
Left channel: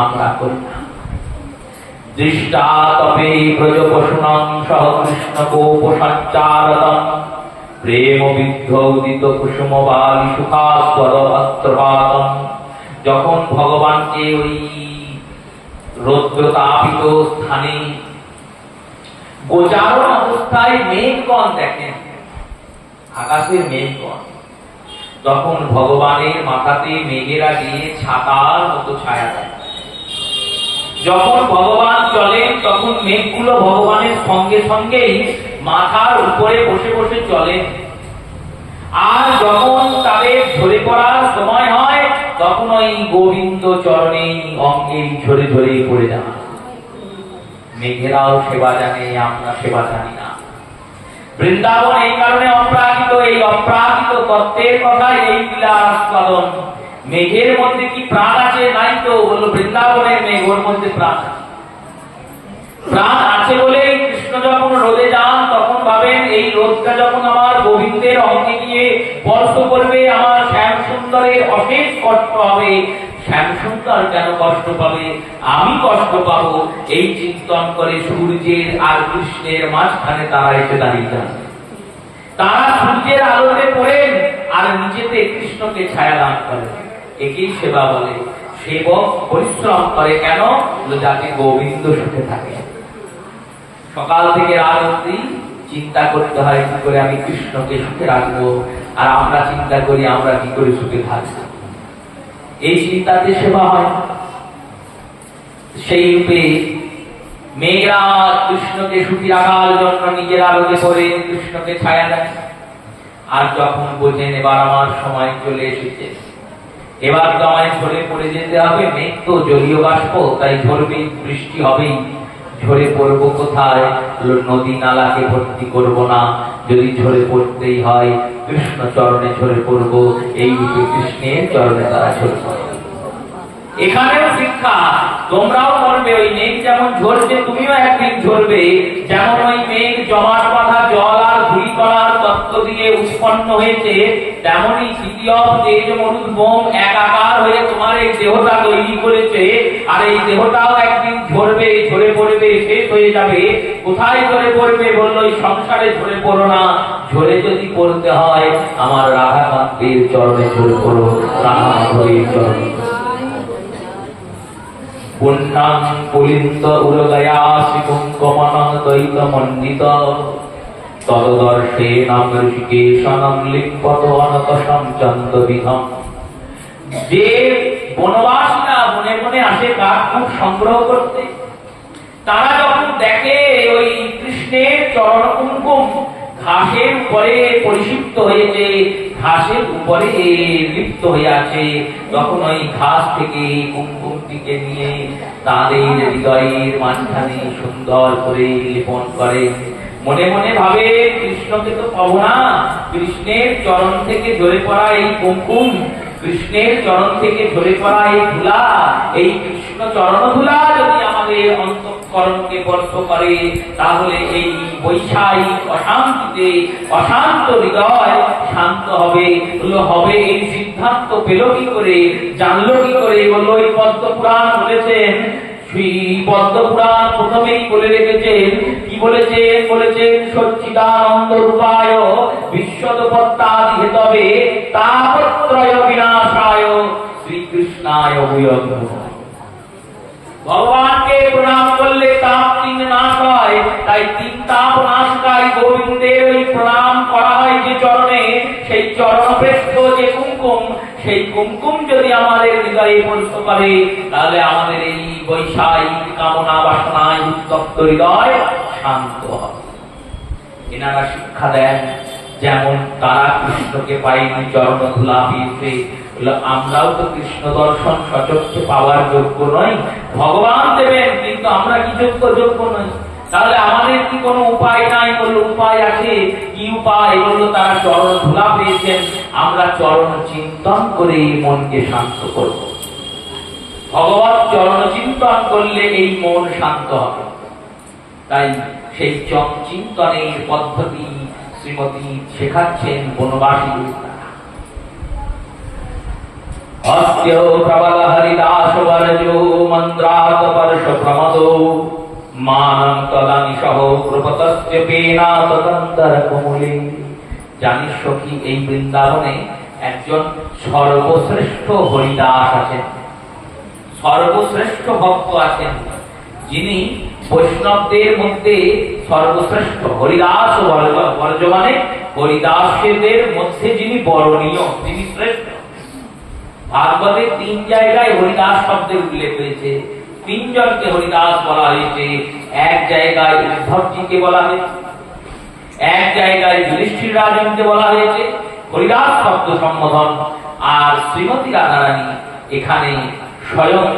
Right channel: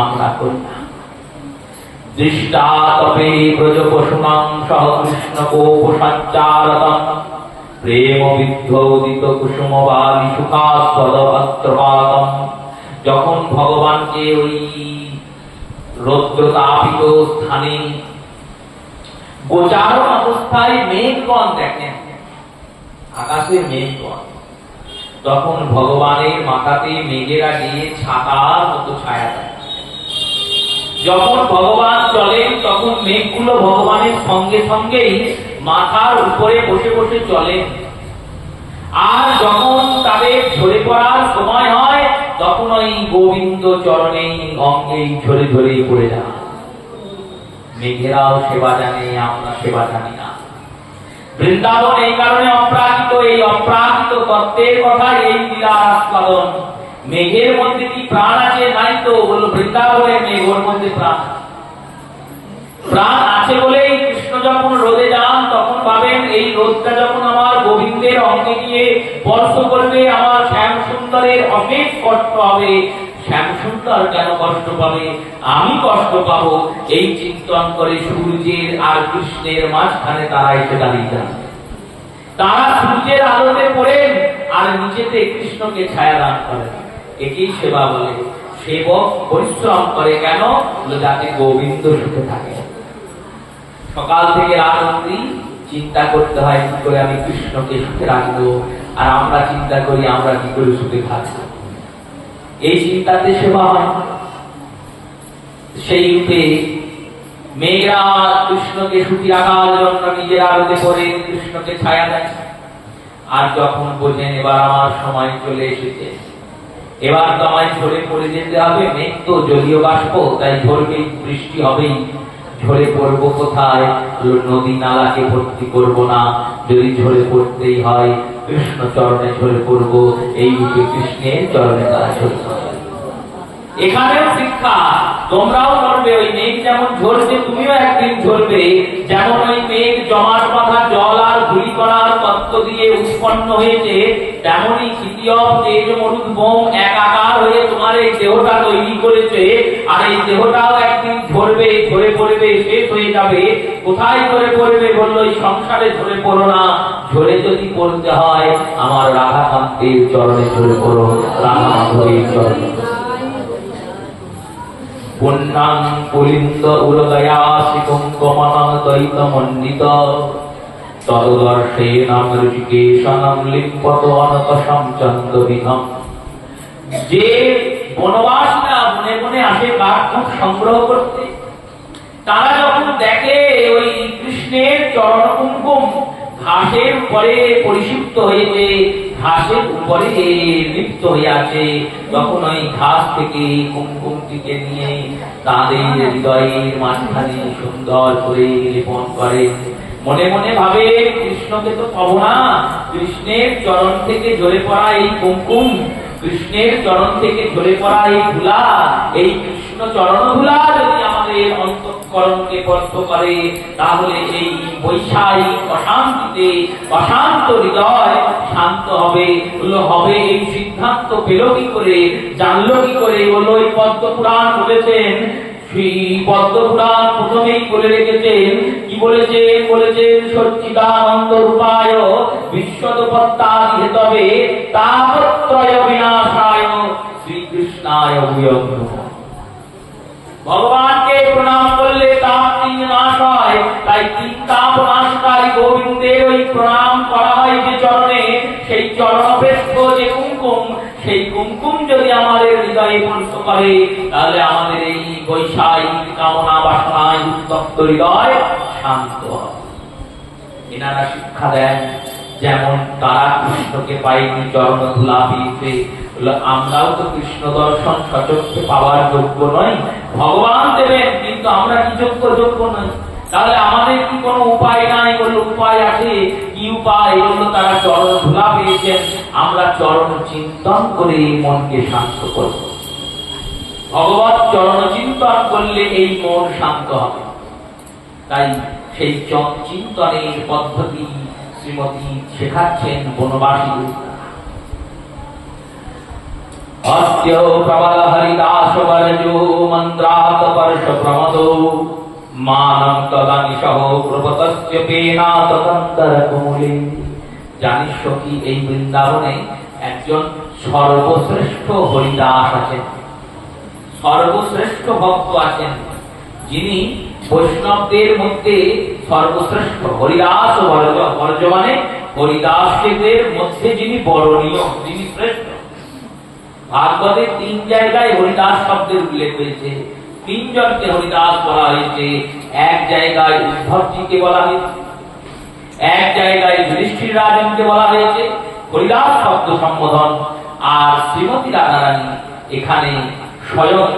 আমরা করি না। দৃষ্টা তবে ব্রজ পশুনাং সহ কৃষ্ণ কোপ সঞ্চারতম প্রেম বিদ্ধ উদিত কুসুম বালি সুখাস্পদপাতম। যখন ভগবানকে ওই রৌদ্রতাপিত স্থানে গোচারণ অবস্থায় মেঘগণ দেখেন, আকাশের মেঘগণ, তখন ভগবানের মাথাতে মেঘেরা গিয়ে ছাতার মতো ছায়া দেয়। যখন ভগবান চলেন তখন মেঘগুলো ভগবানের সঙ্গে সঙ্গেই মাথার উপরে বসে বসে চলেন। আর যখন তাদের ঝরে পড়ার সময় হয় তখন ওই গোবিন্দ চরণে অঙ্গে ঝরে ঝরে পড়ে যান। মেঘেরাও সেবা জানে, আমরা সেবা জানি না। বৃন্দাবন এই কারণে অপ্রাকৃত, এই অপ্রাকৃত তত্ত্বের কথা এই লীলা আস্বাদন। মেঘের মধ্যে কি প্রাণ আছে? নাই তো। বলল বৃন্দাবনের মেঘ, ওর মধ্যে প্রাণ প্রাণ আছে বলেই কৃষ্ণ যখন রোদে যান তখন ভাবে ভাবেন এই রোদটা যখন আমার গোবিন্দের অঙ্গে গিয়ে স্পর্শ করবে, আমার শ্যাম সুন্দরের অশেষ কষ্ট হবে। শ্যাম সুন্দর কেন কষ্ট পাবে, আমি কষ্ট পাবো, এই চিন্তন করে সূর্যের আর কৃষ্ণের মাঝখানে তারা এসে দাঁড়িয়ে যান। তারা সূর্যের আলোতে পড়েন আর নিজেতে কৃষ্ণকে ছায়া দান করেন। একেই সেবা বলে। সেবক পরিশ্রম করে কেন, যাতে গোবিন্দ সুখে থাকে। সকাল থেকে রাত অবধি চিন্তা করতে হয় কি করে আমি কৃষ্ণকে সুখে রাখবো, আর আমরা চিন্তা করি আমরা কি করে সুখে থাকবো। এই চিন্তাতে সেবা হয়। সেই রূপে মেয়েরা কৃষ্ণকে সুখী রাখার জন্য নিজের আলোতে করে কৃষ্ণকে ছায়া দেয়। আর যখন বোঝেন এবার আমার সময় চলে এসেছে, এবার তো আমায় ঝরে পড়ে যেতে হবে, মেঘ তো জলীয় বাষ্প, তাই ঝরবেই, বৃষ্টি হবেই, ঝরে পড়বো কোথায়, নদী নালাকে ভর্তি করব না, যদি ঝরে পড়তেই হয় কৃষ্ণ চরণে ঝরে পড়বো। এই রূপে কৃষ্ণের চরণে তারা ঝরে পড়ে। এখানেও শিক্ষা, তোমরাও করবে। ওই মেঘ যেমন ঝরছে তুমিও একদিন ঝরবে। যেমন ওই মেঘ জমার কথা জল আর ধূলি করার তত্ত্ব দিয়ে উৎপন্ন হয়েছে, তেমনই তৃতীয় তেজ মরুদ বোম একাকার হয়ে তোমার এই দেহটা তৈরি করেছে। আর এই দেহটাও একদিন ঝরবে, ঝরে পড়বে, শেষ হয়ে যাবে। কোথায় ঝরে পড়বে বললো, এই সংসারে ঝরে পড়ো না, ঝরে যদি পড়তে হয় আমার রাধাকান্তের চরণে ঝরে পড়ো, রাধা হয়ে চরণে। পুণ্যাং পুলিন্দ উরদয়া শিকুঙ্কমনং দৈতমণ্ডিত তদদর্শেনাম ঋষিকেশানং লিঙ্গত অনতসং চন্দবিধম। যে বনবাসীরা বনে বনে আসে কাঠকুট সংগ্রহ করতে, তারা যখন দেখে ওই কৃষ্ণের চরণ কুঙ্কুম ঘাসের উপরে পরিষিপ্ত হয়েছে, ঘাসের উপরে লিপ্ত হয়ে আছে, তখন ওই ঘাস থেকে কুঙ্কুমটিকে নিয়ে তাদের হৃদয়ের মাঝখানে সুন্দর করে লেপন করে। মনে মনে ভাবে কৃষ্ণকে তো পাবো না, কৃষ্ণের চরণ থেকে ঝরে পড়া এই কুঙ্কুম, কৃষ্ণের চরণ থেকে ঝরে পড়া এই ধুলা, এই কৃষ্ণ চরণ ধুলা যদি আমাদের অন্তঃকরণকে স্পর্শ করে, তাহলে এই বৈষয়িক অশান্তিতে অশান্ত হৃদয় শান্ত হবে। হবে এই সিদ্ধান্ত পেল কি করে, জানলো কি করে? বললো ওই পদ্মপুরাণ বলেছেন, শ্রী পদ্মপুরাণ প্রথমেই বলে রেখেছেন। কি বলেছেন? বলেছেন সচ্চিদানন্দ রূপায় বিশ্বদপত্তাদি হেতবে তাপত্রয় বিনাশায় শ্রীকৃষ্ণায় ভূয়ঃ। ভগবানকে প্রণাম করলে তাপ তিন নাশ হয়, তাই তিন তাপ নাশকারী গোবিন্দের ওই প্রণাম করা হয় যে চরণে, সেই চরণপৃষ্ঠ যে কুঙ্কুম, সেই কুঙ্কুম যদি আমাদের হৃদয়ে স্পর্শ করে, তাহলে আমাদের এই বৈষয়িক কামনা বাসনায় উত্তপ্ত হৃদয় শান্ত হবে। এনারা শিক্ষা দেন, যেমন তারা কৃষ্ণকে পাইনি চরণ ধুলা পেয়েছে, আমরাও তো কৃষ্ণ দর্শন সচক্ষে পাওয়ার যোগ্য নই। ভগবান দেবেন, কিন্তু আমরা কি যোগ্য নই। তাহলে আমাদের কি কোনো উপায় নাই? বললো উপায় আছে। কি উপায়? বললো তারা চরণ ধুলা পেয়েছেন, আমরা চরণ চিন্তন করে মনকে শান্ত করব। ভগবত চরণ চিন্তন করলে এই মন শান্ত হবে। তাই সেই চিন্তনের পদ্ধতি শ্রীমতী শেখাচ্ছেন বনবাসী। অস্ত্য প্রবল হরিদাস বরজো মন্ত্রাত বর্ষ প্রমদো মানং তদানি সহ প্রপতস্য পেনাত তন্তর কোমলে। জানিস সখী, এই বৃন্দাবনে একজন সর্বশ্রেষ্ঠ হরিদাস আছেন, সর্বশ্রেষ্ঠ ভক্ত আছেন, যিনি বৈষ্ণবদের মধ্যে সর্বশ্রেষ্ঠ। হরিদাস বর্জ মানে হরিদাসদের মধ্যে যিনি বরণীয়, যিনি শ্রেষ্ঠ। ভাগবতের 3 জায়গায় হরিদাস শব্দের উল্লেখ হয়েছে, 3 জনকে হরিদাস বলা হয়েছে। এক জায়গায় উদ্ধবজিকে বলা হয়েছে, এক জায়গায় যুধিষ্ঠির রাজনকে বলা হয়েছে হরিদাস শব্দ সম্বোধন। আর শ্রীমতী রাধারানী এখানে স্বয়ং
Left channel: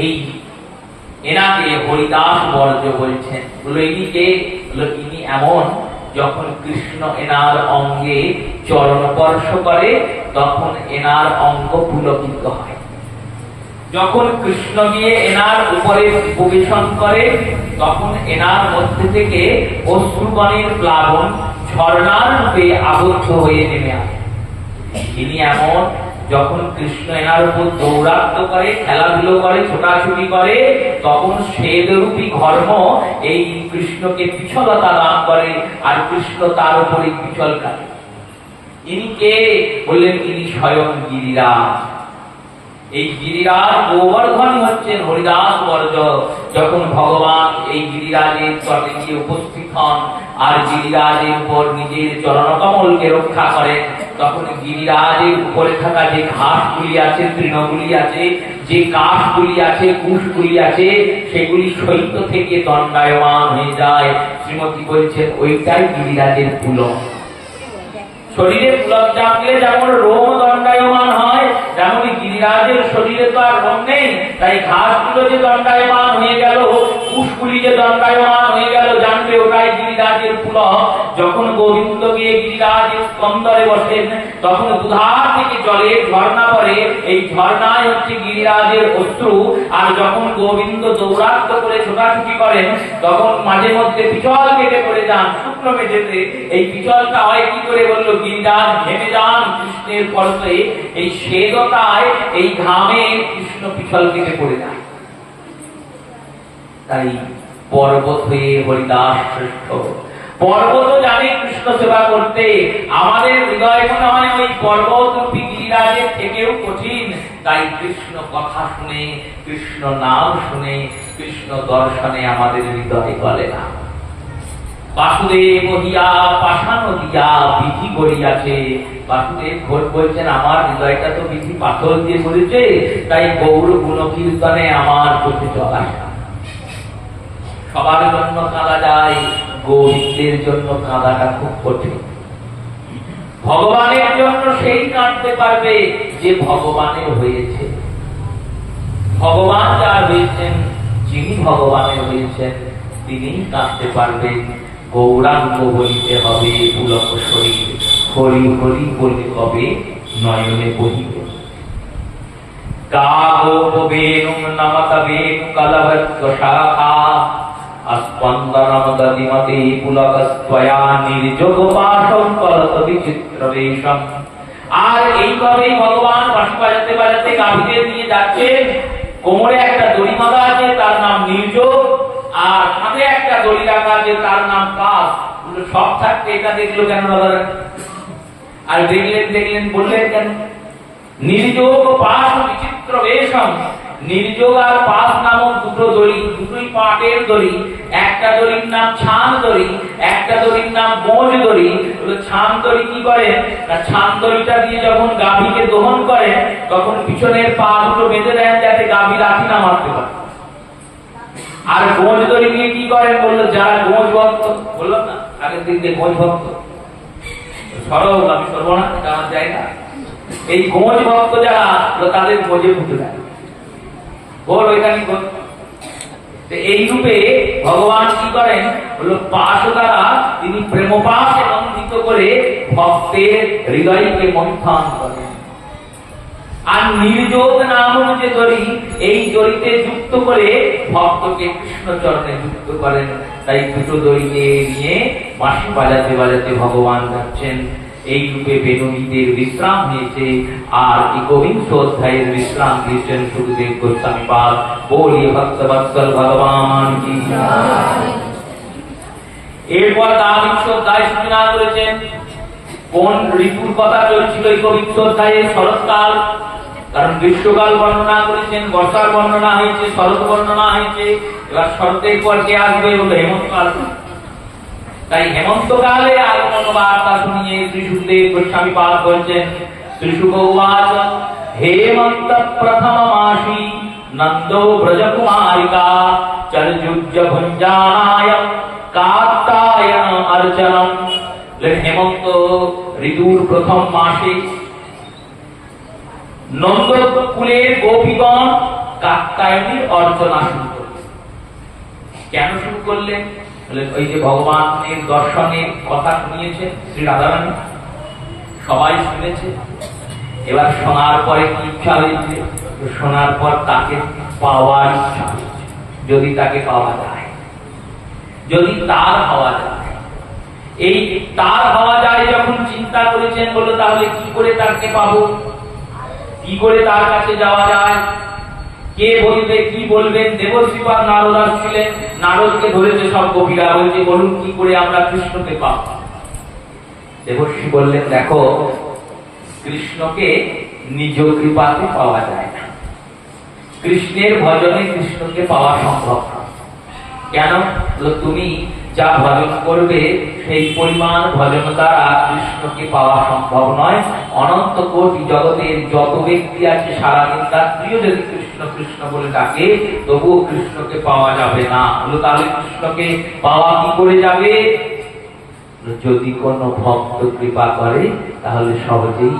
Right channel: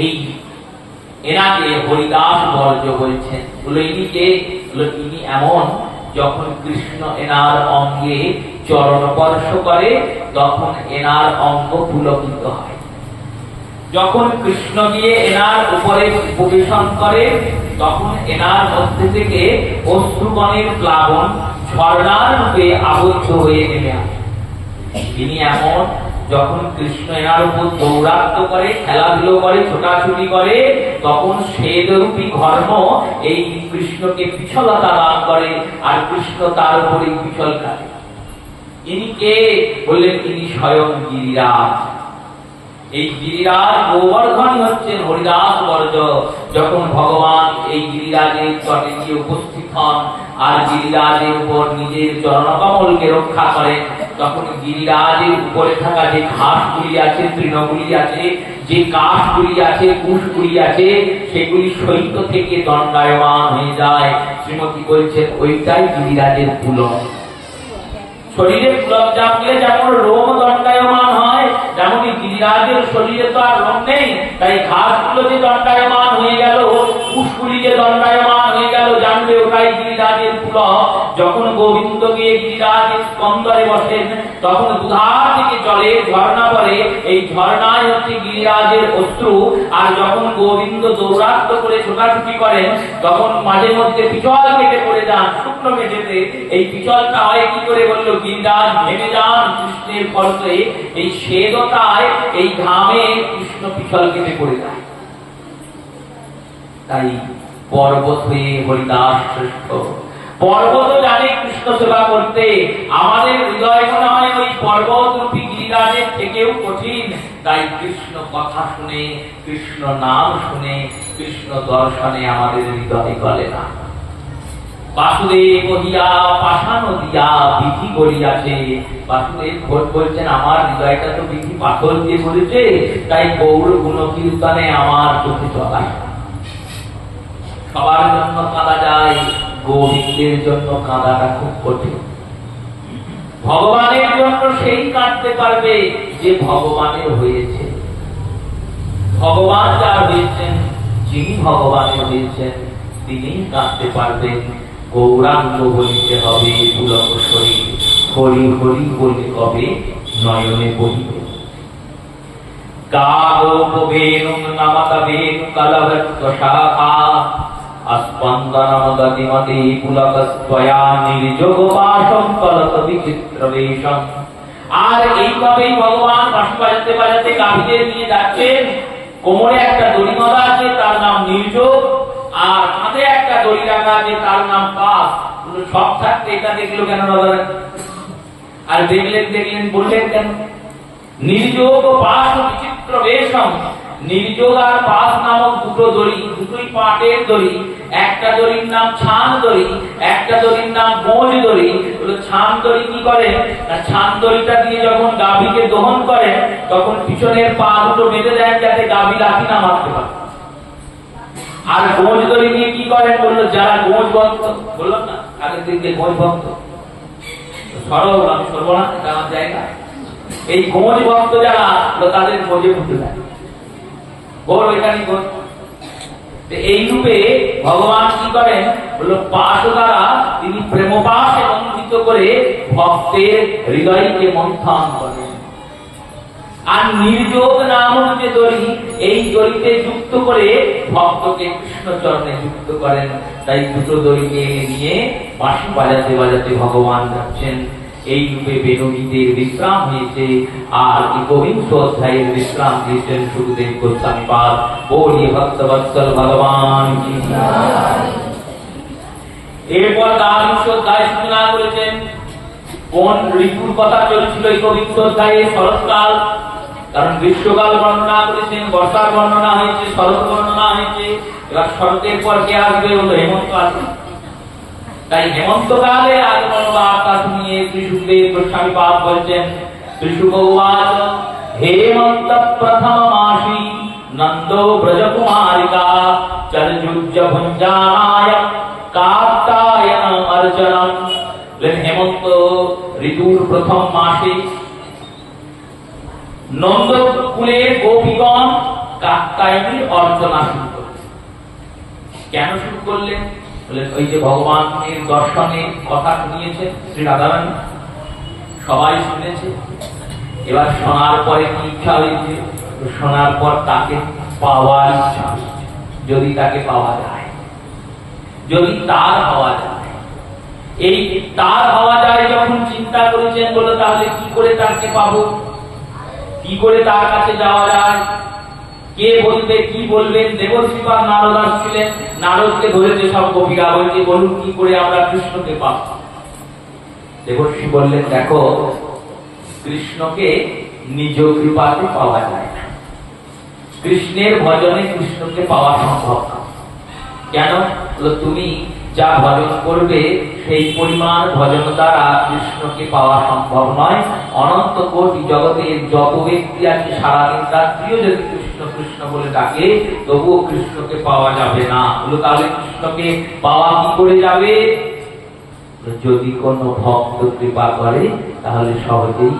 এই এনাকে হরিদাস বর্জ বলছেন। ইনি এমন, যখন কৃষ্ণ এনার অঙ্গে চরণ স্পর্শ করে তখন এনার অঙ্গ পুলকিত হয়। যখন কৃষ্ণ গিয়ে এনার উপরে প্রবেশন করে তখন এনার মধ্যে থেকে অশ্রুগণের প্লাবন ঝর্ণার রূপে আবদ্ধ হয়ে নেমে আসে। তিনি এমন, যখন কৃষ্ণ এনার উপর দৌরাত্ম্য করে, খেলাধুলো করে, ছোটাছুটি করে, তখন শ্বেতরূপী ঘর্ম এই কৃষ্ণকে পিছলতা দান করে, আর কৃষ্ণ তার উপরে পিছল কাটে। ইনি কে বললেন? তিনি স্বয়ং গিরিরাজ। এই গিরিরাজ গোবর্ধন হচ্ছেন হরিদাস বর্জ। যখন ভগবান এই গিরিরাজের তটে গিয়ে উপস্থিত হন আর গিরিরাজের উপর নিজের চরণকমলকে রক্ষা করেন, তখন গিরিরাজের উপরে থাকা যে ঘাসগুলি আছে, তৃণগুলি আছে, যে কাশগুলি আছে, কুশগুলি আছে, সেগুলি শৈত্য থেকে দণ্ডায়মান হয়ে যায়। শ্রীমতী বলছেন ওইটাই গিরিরাজের পুলক। শরীরে পুলক চাপলে যেমন রোম দণ্ডায়মান হয়, তেমনি গিরিরাজের শরীরে তো আর রোম নেই, তাই ঘাসগুলো যে দণ্ডায়মান হয়ে গেল, কুশগুলি যে দণ্ডায়মান হয়ে গেল, জানবে ওটাই গিরিরাজের পুলক। যখন গোবিন্দ গিয়ে গিরিরাজের স্কন্দরে বসেন, তখন দুধার থেকে জলের ঝর্ণা পড়ে, এই ঝর্ণায় হচ্ছে গিরিরাজের অশ্রু। আর যখন গোবিন্দ দৌরাত্ম্য করে ছোটাছুটি করেন, তখন মাঝে মধ্যে পিছল কেটে পড়ে যান শুকনো মেঝেতে। এই পিছলটা হয় কি করে বললো? গিরিরাজ ঘেমে যান কৃষ্ণের ফলতে, এই শ্বেততায়, এই ঘামে কৃষ্ণ পিছল কেটে পড়ে যায়। তাই পর্বত হয়ে হরিদাস শ্রেষ্ঠ। পর্বত জানে কৃষ্ণ সেবা করতে, আমাদের হৃদয় মনে হয় ওই পর্বত রূপী গিরিরাজের থেকেও কঠিন। তাই কৃষ্ণ কথা শুনে, কৃষ্ণ নাম শুনে, কৃষ্ণ দর্শনে আমাদের হৃদয় গলে না। বাসুদেব হিয়া পাষাণ দিয়া বিধি করিয়াছে। বাসুদেব ঘোষ বলছেন আমার হৃদয়টা তো বিধি পাথর দিয়ে করেছে, তাই গৌর গুণ কীর্তনে আমার চোখে চলায়। সবার জন্য কাঁদা যায়, গোবিন্দের জন্য কাঁদাটা খুব কঠিন। ভগবানের জন্য সেই কাঁদতে পারবে যে ভগবানের হয়েছে। ভগবান যার হয়েছেন, যিনি ভগবানের হয়েছেন, তিনি কাঁদতে পারবেন। গৌরাঙ্গ বলিতে হবে পুলক শরীর, হরি হরি বলে কবে নয়নে বহিবে। কাগোপবেনুং নমকবেনু কলভত্ব শাখা अस्पन्दनमदतिमति पुलकस्त्वया निर्जोगपाशं कलत विचित्रवेशम्। আর এইভাবেই ভগবান বাঁশি বাজাতে বাজাতে গাভীদের নিয়ে যাচ্ছেন। কোমরে একটা দড়ি বাঁধা আছে, তার নাম নির্যোগ, আর কাঁধে একটা দড়ি রাখা আছে, তার নাম পাশ। সব থাকতে এটা দেখলো কেন দাদা? আর দেখলেন বললেন কেন? নির্যোগ পাশ বিচিত্র বেশম। নির্যোগ আর পাশ নামক দুটো দড়ি, দুটোই পাটের দড়ি। একটা দড়ির নাম ছান দড়ি, একটা দড়ির নাম বোঝ দড়ি। ছান দড়ি কি করে? ছান দড়িটা দিয়ে যখন গাভীকে দহন করে, তখন পিছনের পা দুটো বেঁধে দেন যাতে গাভী লাথি না মারতে পারে। আর বোঝ দড়ি দিয়ে কি করেন বললো? যারা বোঝ ভক্ত, বললাম না আগের দিন যে বোঝ ভক্ত, সরব আমি সরব না, এটা আমার জায়গা। এই বোঝ ভক্ত যারা, তাদের বোঝে ফুটে দেয়। বল এখানে এই রূপে ভগবান কি করেন বলল? পাশ দ্বারা তিনি প্রেমপাশে বন্ধিত করে ভক্তের হৃদয়কে মন্থন করেন। আর নির্যোগ নামক যে দড়ি, এই দড়িতে যুক্ত করে ভক্তকে কৃষ্ণ চরণে যুক্ত করেন। তাই দুটো দড়িকে নিয়ে বাঁশি বাজাতে বাজাতে ভগবান যাচ্ছেন। এই রূপে বেদগীতের বিশ্রাম হয়েছে। আর একবিংশ অধ্যায়ের বিশ্রাম দিয়েছেন সুখদেব গোস্বামী পাদ। বলিয়ে ভক্তবৎসল ভগবান কি জয়। এরপর দ্বাবিংশ অধ্যায় সূচনা করেছেন। কোন ঋতুর কথা চলছিল একবিংশ অধ্যায়ে? শরৎকাল। কারণ গ্রীষ্মকাল বর্ণনা করেছেন, বর্ষার বর্ণনা হয়েছে, শরৎ বর্ণনা হয়েছে। এবার শরতের পর কে আসবে? হলো হেমন্তকাল। তাই হেমন্তকালে আগমন বার্তা শুনিয়ে শ্রী সুখদেব গোস্বামী পাদ বলছেন, শ্রী শুক উবাচ হেমন্ত প্রথম মাসি নন্দো ব্রজকুমারিকা চলযুজ্য ভুঞ্জানায় কাত্যায়ন অর্চনম। হেমন্ত ঋতুর প্রথম মাসে নন্দকুলের গোপীগণ কাত্যায়নীর অর্চনা শুরু করলেন। কেন শুরু করলেন? ওই যে ভগবানের দর্শনের কথা শুনিয়েছেন শ্রী রাধারানী, সবাই শুনেছে। এবার শোনার পরে কি ইচ্ছা হয়েছে? শোনার পর তাকে পাওয়ার ইচ্ছা হয়েছে, যদি তাকে পাওয়া যায়। যদি তার হওয়া যায়। এই তার হওয়া যায় যখন চিন্তা করেছেন, বলে তাহলে কি করে তাকে পাবো, কি করে তার কাছে যাওয়া যায়, কে বলবে, কি বলবেন। দেবর্ষি বা নারদ আসছিলেন, নারদকে ধরেছে সব গোপীরা, বলছে বলুন কি করে আমরা কৃষ্ণকে পাবো। দেবর্ষি বললেন, দেখো কৃষ্ণকে নিজ কৃপাতে পাওয়া যায় না, কৃষ্ণের ভজনে কৃষ্ণকে পাওয়া সম্ভব না। কেন? তুমি যা ভজন করবে সেই পরিমাণ ভজন দ্বারা কৃষ্ণকে পাওয়া সম্ভব নয়। অনন্ত কোটি জগতের যত ব্যক্তি আছে সারাদিন তার প্রিয় যদি কৃষ্ণ কৃষ্ণ বলে ডাকে, তবুও কৃষ্ণকে পাওয়া যাবে না। তাহলে কৃষ্ণকে পাওয়া কি করে যাবে? যদি কোন ভক্ত কৃপা করে তাহলে সহজেই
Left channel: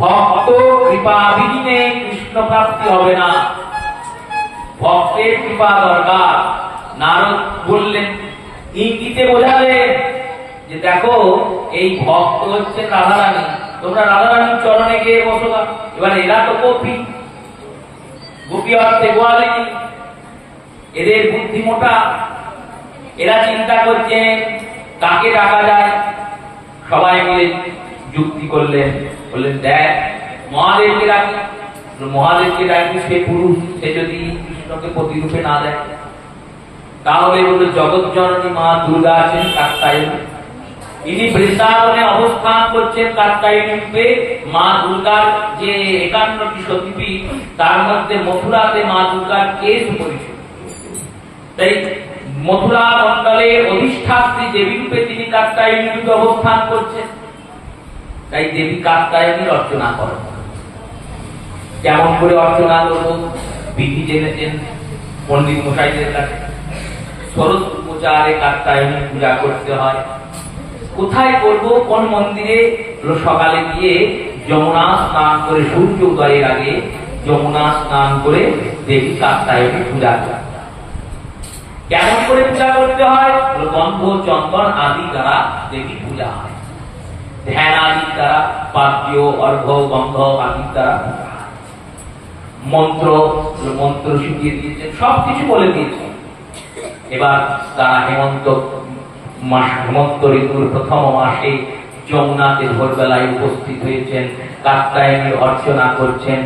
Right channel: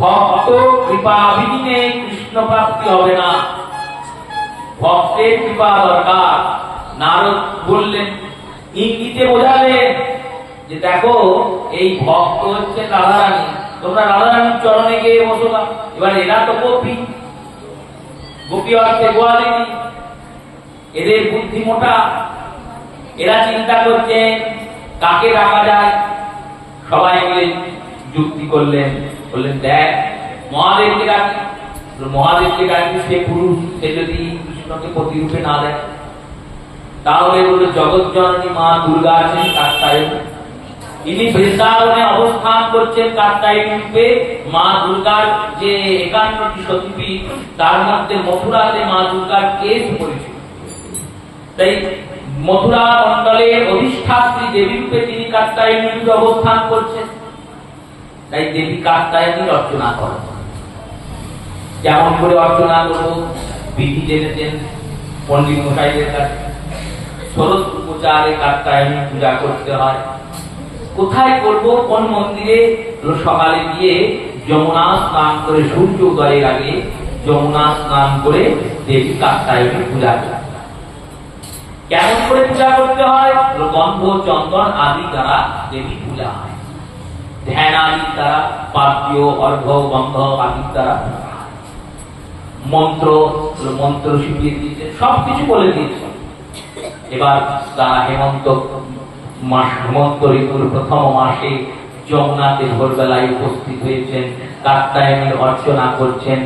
ভক্ত কৃপা বিহীনে কৃষ্ণ প্রাপ্তি হবে না, ভক্তের কৃপা দরকার। নারদ বললেন, ইঙ্গিতে বোঝালেন যে দেখো এই ভক্ত হচ্ছে রাধারানী, তোমরা রাধারানীর চরণে গিয়ে বসো। এবার এরা তো গোপী, গোপী অর্থে গোয়ালিনী, এদের বুদ্ধি মোটা, এরা চিন্তা করছেন কাকে ডাকা যায়। সবাই মিলে যুক্তি করলেন, বললেন দেখ মহাদেবকে ডাকি, মহাদেবকে ডাকি, সে পুরুষ, সে যদি কৃষ্ণকে প্রতিরূপে না দেয় তাহলে বলে জগৎ জননী মা দুর্গা আছেন কাত্যায়নী, ইনি বৃন্দাবনে অবস্থান করছেন কাত্যায়নী রূপে। মা দুর্গার যে 51টি সতীপীঠ তার মধ্যে মথুরাতে মা দুর্গার কেশ পরিচিত, তাই মথুরা মন্ডলের অধিষ্ঠাত্রী দেবী রূপে তিনি কাত্যায়নী রূপে অবস্থান করছেন। তাই দেবী কাত্যায়নীর অর্চনা করেন। কেমন করে অর্চনা করবো? বিধি জেনেছেন পণ্ডিত মশাইদের কাছে। শরৎ উপচারে কাত্যায়নী পূজা করতে হয়। কোথায় করব? কোন মন্দিরে? সকালে গিয়ে যমুনা স্নান করে, সূর্য উদয়ের আগে যমুনা স্নান করে দেবী কাত্যায়নী পূজা করে। কেমন করে পূজা করতে হয়? গন্ধ চন্দন আদি দ্বারা দেবী পূজা হয়, ধ্যান আদি দ্বারা, পাদ্য অর্ঘ্য গন্ধ আদি দ্বারা, মন্ত্র মন্ত্র শিখিয়ে দিয়েছেন, সবকিছু বলে দিয়েছেন। এবার তারা হেমন্ত ঋতুর প্রথম মাসে যমুনাতে ভোরবেলায় উপস্থিত হয়েছেন, কাত্যায়নীর অর্চনা করছেন,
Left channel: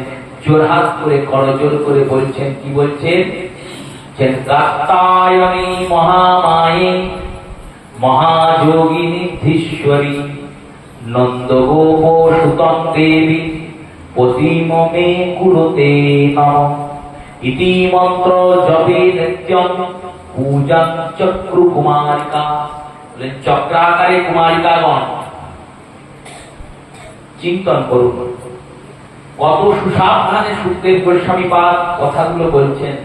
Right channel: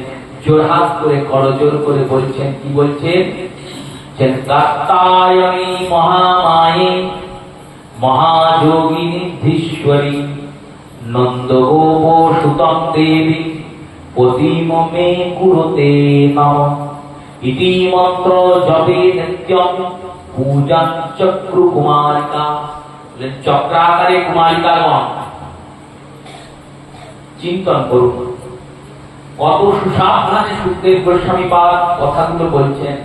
জোরহাত করে করজোর করে বলছেন, কি বলছেন? কাত্যায়নী মহামায়ে মহাযোগিনী ধীশ্বরী নন্দগোপ সুতং দেবী পতিম মে কুরুতে নম ইতি মন্ত্র জপে নিত্যং পূজাং চক্রু কুমারিকা। চক্রাকারে কুমারিকাগণ চিন্তন করুন, কত সুসাবধানে সুখদেব গোস্বামী পাদ কথাগুলো বলছেন।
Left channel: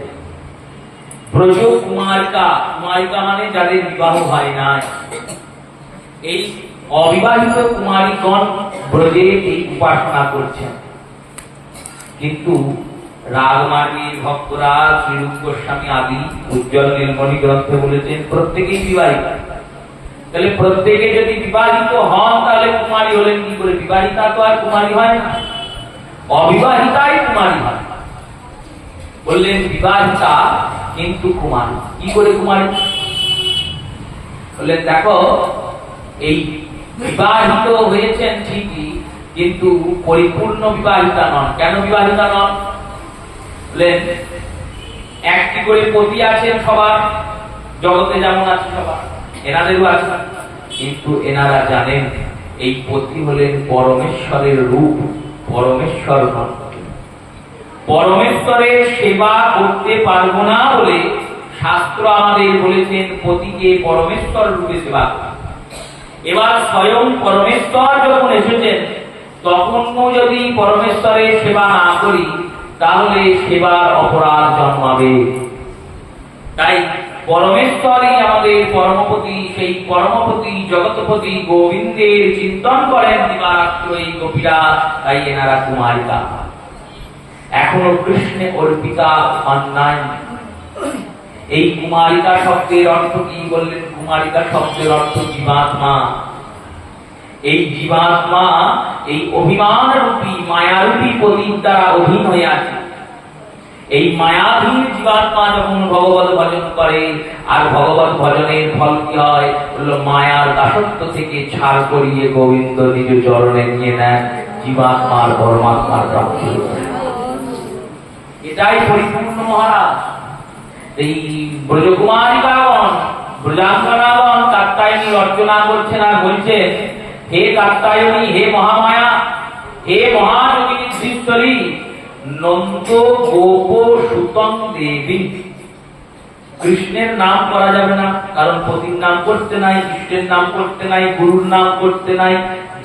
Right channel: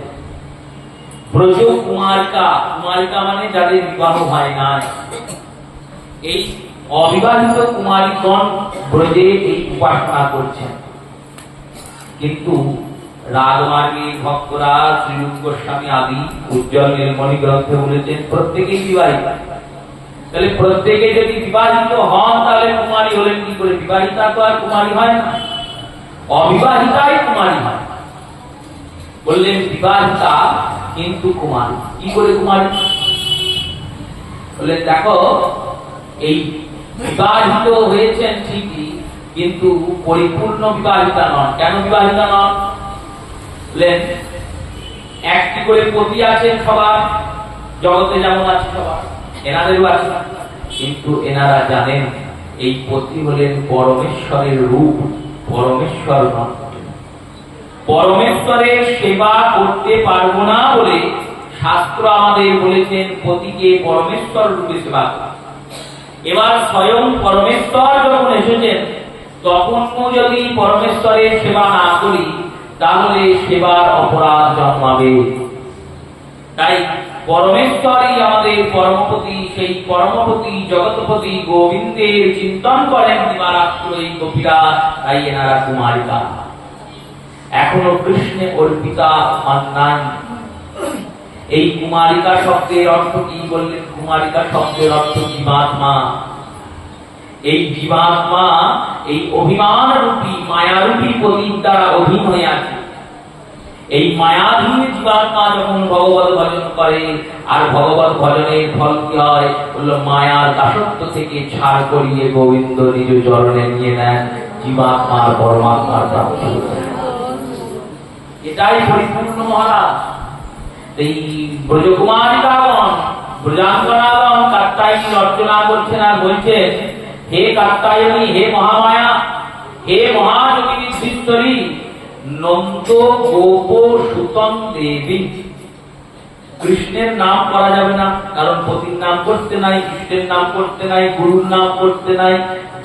ব্রজ কুমারিকা, কুমারিকা মানে যাদের বিবাহ হয় নাই, এই অবিবাহিত কুমারীগণ ব্রজে এই উপাসনা করছেন। কিন্তু রাজমার্গের ভক্তরা শ্রীরূপ গোস্বামী আদি উজ্জ্বল নীলমণি গ্রন্থে বলেছেন প্রত্যেকেই বিবাহিতা। তাহলে প্রত্যেকে যদি বিবাহিত হন তাহলে কুমারী হলেন কি করে? বিবাহিতা তো আর কুমারী হয় না, অবিবাহিতাই কুমারী হয়। বললেন বিবাহিতা কিন্তু কুমারী। কি করে কুমারী? বললেন দেখো এই বিবাহিত হয়েছেন ঠিকই, কিন্তু পরিপূর্ণ বিবাহিতা নন। কেন বিবাহিতা নন? একটি করে পতি আছেন সবার, জগতে যেমন আছে সবার, এনাদেরও আছে, কিন্তু এনারা জানেন এই পতি হলেন পরমেশ্বরের রূপ, পরমেশ্বর ভক্ত। পরমেশ্বরের সেবা করতে পারবো না বলে শাস্ত্র আমাদের বলেছেন পতিকে পরমেশ্বর রূপে সেবা করতে। এবার স্বয়ং পরমেশ্বর যখন এসেছেন তখন যদি পরমেশ্বরের সেবা না করি তাহলে সেবার অপরাধ জন্মাবে। তাই পরমেশ্বরই আমাদের পরমপতি, সেই পরমপতি জগৎপতি গোবিন্দের চিন্তন করেন দিবারাত্র এই গোপীরা, তাই এনারা কুমারিকা। এখনো কৃষ্ণে অর্পিতা অন্যায়। এই কুমারিকা শব্দের অর্থ কি বললেন? কুমারিকা শব্দের অর্থ জীবাত্মা। এই জীবাত্মা এই অভিমান রূপী মায়ারূপী প্রদীপ দ্বারা অধীন হয়ে আছে। এই মায়াধীন জীবাত্মা যখন ভগবত ভজন করে, আর ভগবত ভজনের ফল কি হয়? বলল মায়ার দাসত্ব থেকে ছাড় করিয়ে গোবিন্দ নিজ চরণে নিয়ে নেন, জীবাত্মার পরমাত্মার প্রাপ্তি। এটাই পরিপূর্ণ মহারাজ। এই ব্রজকুমারিকাগণ, ব্রজাঙ্গনাগণ কাত্যায়নী অর্চনা করছেন আর বলছেন, হে কাত্যায়নী, হে মহামায়া, হে মহাযোগিনী শ্রীশ্বরী, নন্দ গোপ সুতং দেবী। কৃষ্ণের নাম করা যাবে না, কারণ পতির নাম করতে নাই, কৃষ্ণের নাম করতে নাই, গুরুর নাম করতে নাই,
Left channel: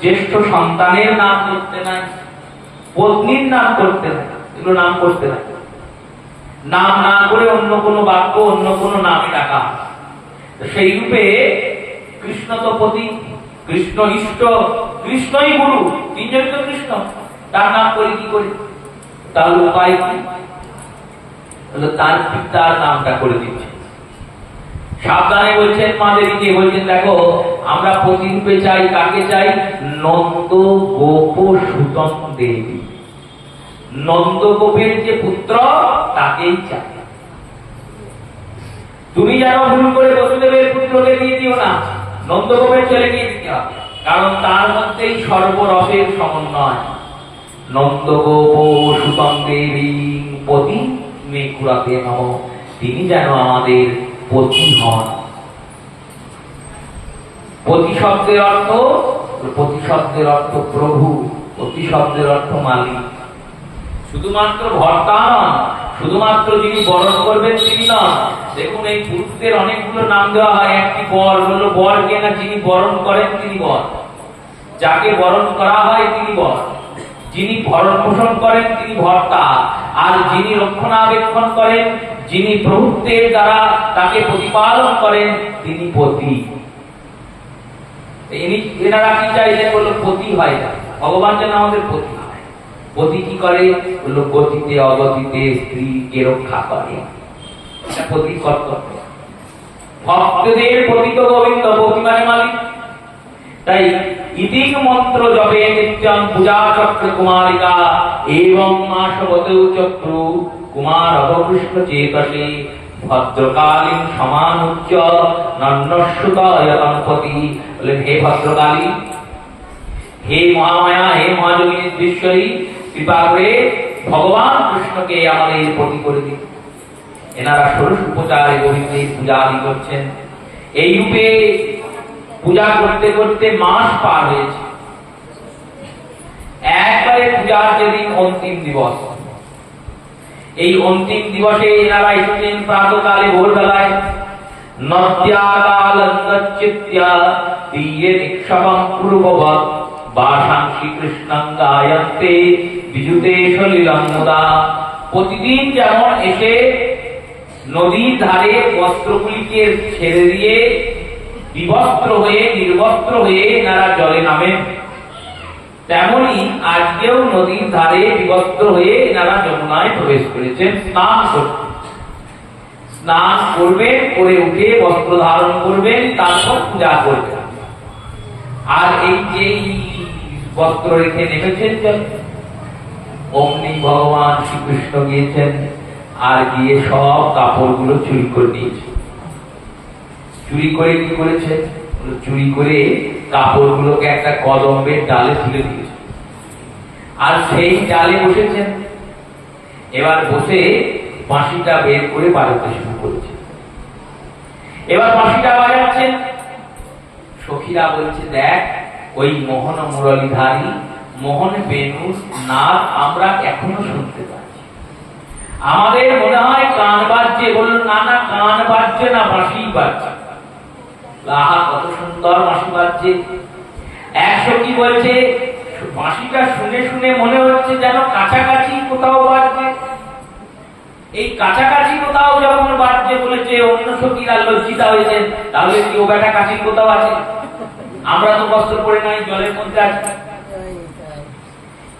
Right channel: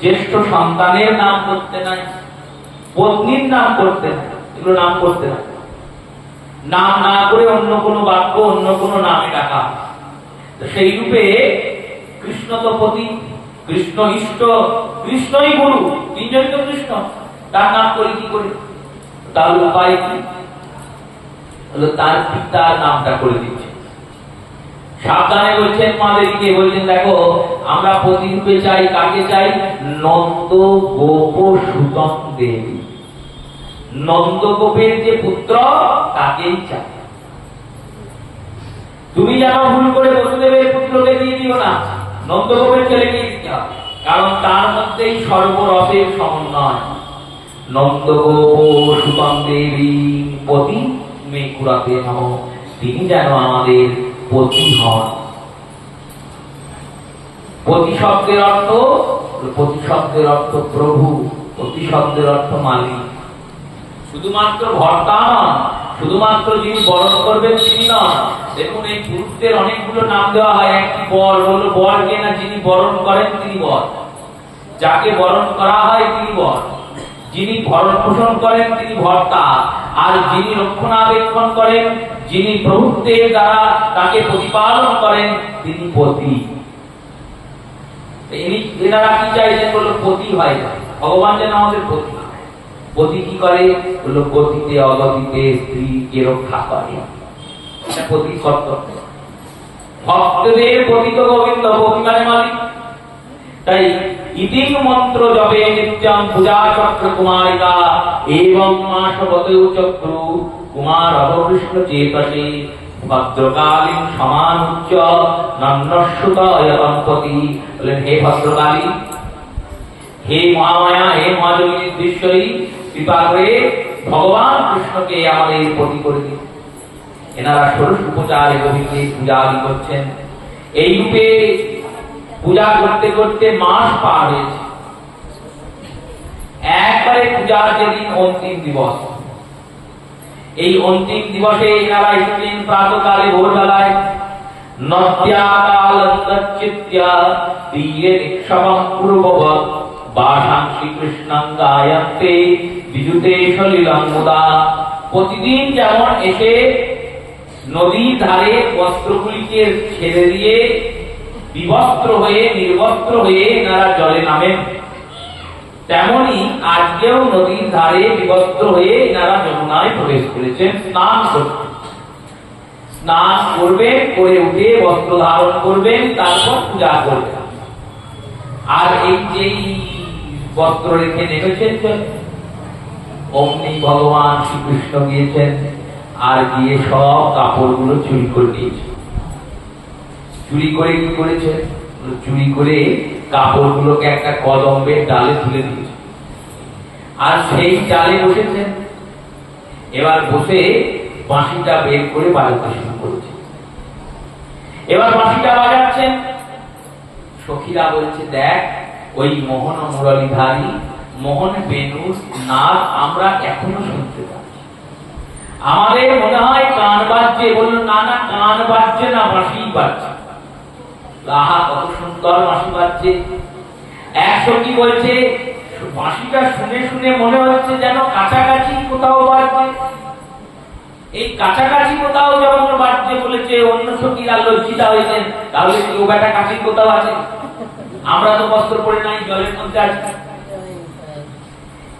জ্যেষ্ঠ সন্তানের নাম করতে নাই, পত্নীর নাম করতে নাই, এগুলো নাম করতে নাই। নাম না করে অন্য কোনো বাক্য, অন্য কোনো নামে ডাকা। সেই রূপে কৃষ্ণ তো পতি, কৃষ্ণ ইষ্ট, কৃষ্ণই গুরু, তিনজন তো কৃষ্ণ, তার নাম করে কি করে? তার উপায় কি? তার পিতার নামটা করে দিচ্ছে। সাবধানে বলছেন মাদেরকে, বলছেন দেখো আমরা পতি রূপে চাই, কাকে চাই? নন্দ গোপ সুতং দেবী। নন্দগোপের যে পুত্র তাকেই চাই। তুমি যেন ভুল করে বসুদেবের পুত্রকে দিয়ে দিও না, নন্দগোপের ছেলেকে দিতে হবে, কারণ তার মধ্যেই সর্বরসের সমন্বয়। নন্দগোপ সুতং দেবী পতি মে কুরাতে নম, তিনি যেন আমাদের পতি হন। পতি শব্দের অর্থ, পতি শব্দের অর্থ প্রভু, পতি শব্দের অর্থ মালিক। শুধুমাত্র ভর্তা নন, শুধুমাত্র যিনি বরণ করবেন তিনি নন। দেখুন এই পুরুষদের অনেকগুলো নাম দেওয়া হয়, একটি বর, বললো বর কে না, যিনি বরণ করেন তিনি বর, যাকে বরণ করা হয় তিনি বর, যিনি ভরণ পোষণ করেন তিনি ভর্তা, আর যিনি রক্ষণাবেক্ষণ করেন, যিনি প্রভুত্বের দ্বারা তাকে প্রতিপালন করেন তিনি পতি। এনারা কি চাইছেন? বললো পতি হয় না, ভগবান যেন আমাদের পতি। পতি কি করে? বললো গতিতে অগতিতে স্ত্রীকে রক্ষা করে, এটা পতির কর্তব্য। ভক্তদের পতিত গোবিন্দ, পতি মানে মালিক। তাই ইতি মন্ত্র জপে নিত্যং পূজা চক্র কুমারিকা এবং মাসবতে চক্রু কুমার অবকৃষ্ণ চেতসে ভদ্রকালীন সমানুচ্চ নন্নস্যুতয় দম্পতি। বলেন হে ভদ্রকালী, হে মহামায়া, হে মহাযোগিনী শ্রীশ্বরী, কৃপা করে ভগবান কৃষ্ণকে আমাদের পতি করে দিন। এনারা ষোড়শ উপচারে গোবিন্দের পূজা আদি করছেন। এই রূপে পূজা করতে করতে মাস পার হয়েছে। একবারে পূজার যেদিন অন্তিম দিবস, এই অন্তিম দিবসে এনারা এসেছেন প্রাতকালে, ভোরবেলায়। নদ্যাকালচিত্যা তীরে নিক্ষবং পূর্ববৎ বাসাং শ্রীকৃষ্ণং গায়ন্তে বিজুতে সলিলং মুদা। প্রতিদিন যেমন এসে নদীর ধারে বস্ত্রগুলিকে ছেড়ে দিয়ে বিবস্ত্র হয়ে, নির্বস্ত্র হয়ে এনারা জলে নামেন, তেমনি আজকেও নদীর ধারে বিবস্ত্র হয়ে এনারা যমুনায় প্রবেশ করেছেন স্নান করতে। স্নান করবেন, করে উঠে বস্ত্র ধারণ করবেন, তারপর পূজা করবেন। আর এই যে বস্ত্র রেখে নেমেছেন জলে, অমনি ভগবান শ্রীকৃষ্ণ গিয়েছেন, আর গিয়ে সব কাপড়গুলো চুরি করে নিয়েছে। চুরি করে কি করেছে? চুরি করে কাপড়গুলোকে একটা কদম্বের ডালে তুলে দিয়েছে, আর সেই ডালে বসেছেন। এবার বসে বাঁশিটা বের করে বাজাতে শুরু করেছে। এবার বাঁশিটা বাজাচ্ছেন, সখীরা বলছে দেখ ওই মোহন মুরলীধারী মোহন বেণুর নাচ আমরা এখনো শুনতে পাচ্ছি, আমাদের মনে হয় গান বাজছে। বলল না না, গান বাজছে না, বাঁশি বাজছে। আহা কত সুন্দর বাঁশি বাজছে। এক সখী বলছে বাঁশিটা শুনে শুনে মনে হচ্ছে যেন কাছাকাছি কোথাও বাজছে। এই কাছাকাছি কোথাও যখন বাজছে বলেছে, অন্য সখীরা লজ্জিতা হয়েছেন, তাহলে কি ও বেটা কাছে কোথাও আছে? আমরা তো বস্ত্র পরে নাই, জলের মধ্যে আছি।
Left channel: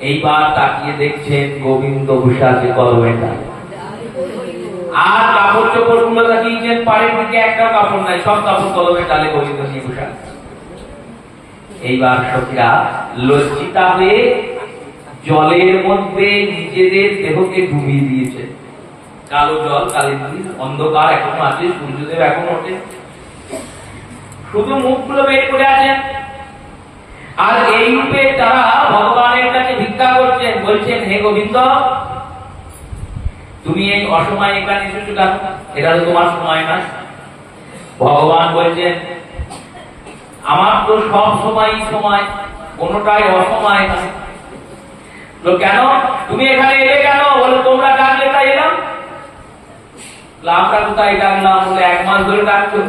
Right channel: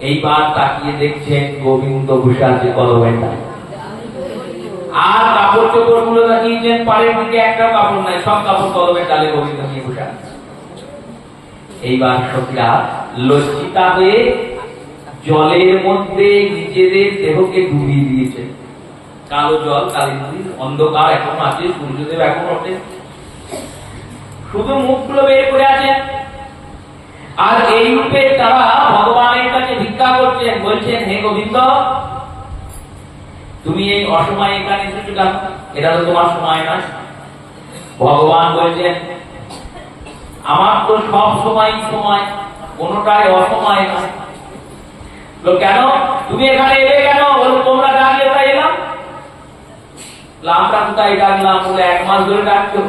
এইবার তাকিয়ে দেখছেন গোবিন্দ বসে আছে কদমের ডালে, আর কাপড় চোপড় গুলো তাকিয়েছেন পাড়ের দিকে, একটাও কাপড় নাই, সব কাপড় কদমের ডালে গোবিন্দ নিয়ে বসে আছে। এইবার সখীরা লজ্জিতা হয়ে জলের মধ্যে নিজেদের দেহকে ডুবিয়ে দিয়েছে। কালো জল, কালিন্দির অন্ধকার এখনো আছে, সূর্যদেব এখন ওঠে, শুধু মুখগুলো বের করে আছেন। আর এই রূপে তারা ভগবানের কাছে ভিক্ষা করছেন, বলছেন হে গোবিন্দ, তুমি এই অসময়ে এখানে এসেছো কেন? এটা তো তোমার সময় না। ভগবান বলছেন আমার তো সব সময় সময়, কোনোটাই অসময় নয়। তো কেন তুমি এখানে এলে কেন? বলে তোমরা ডাকলে তাই এলাম। আমরা কোথায় ডাকলাম? বলে 1 মাস ধরে ডাকছো,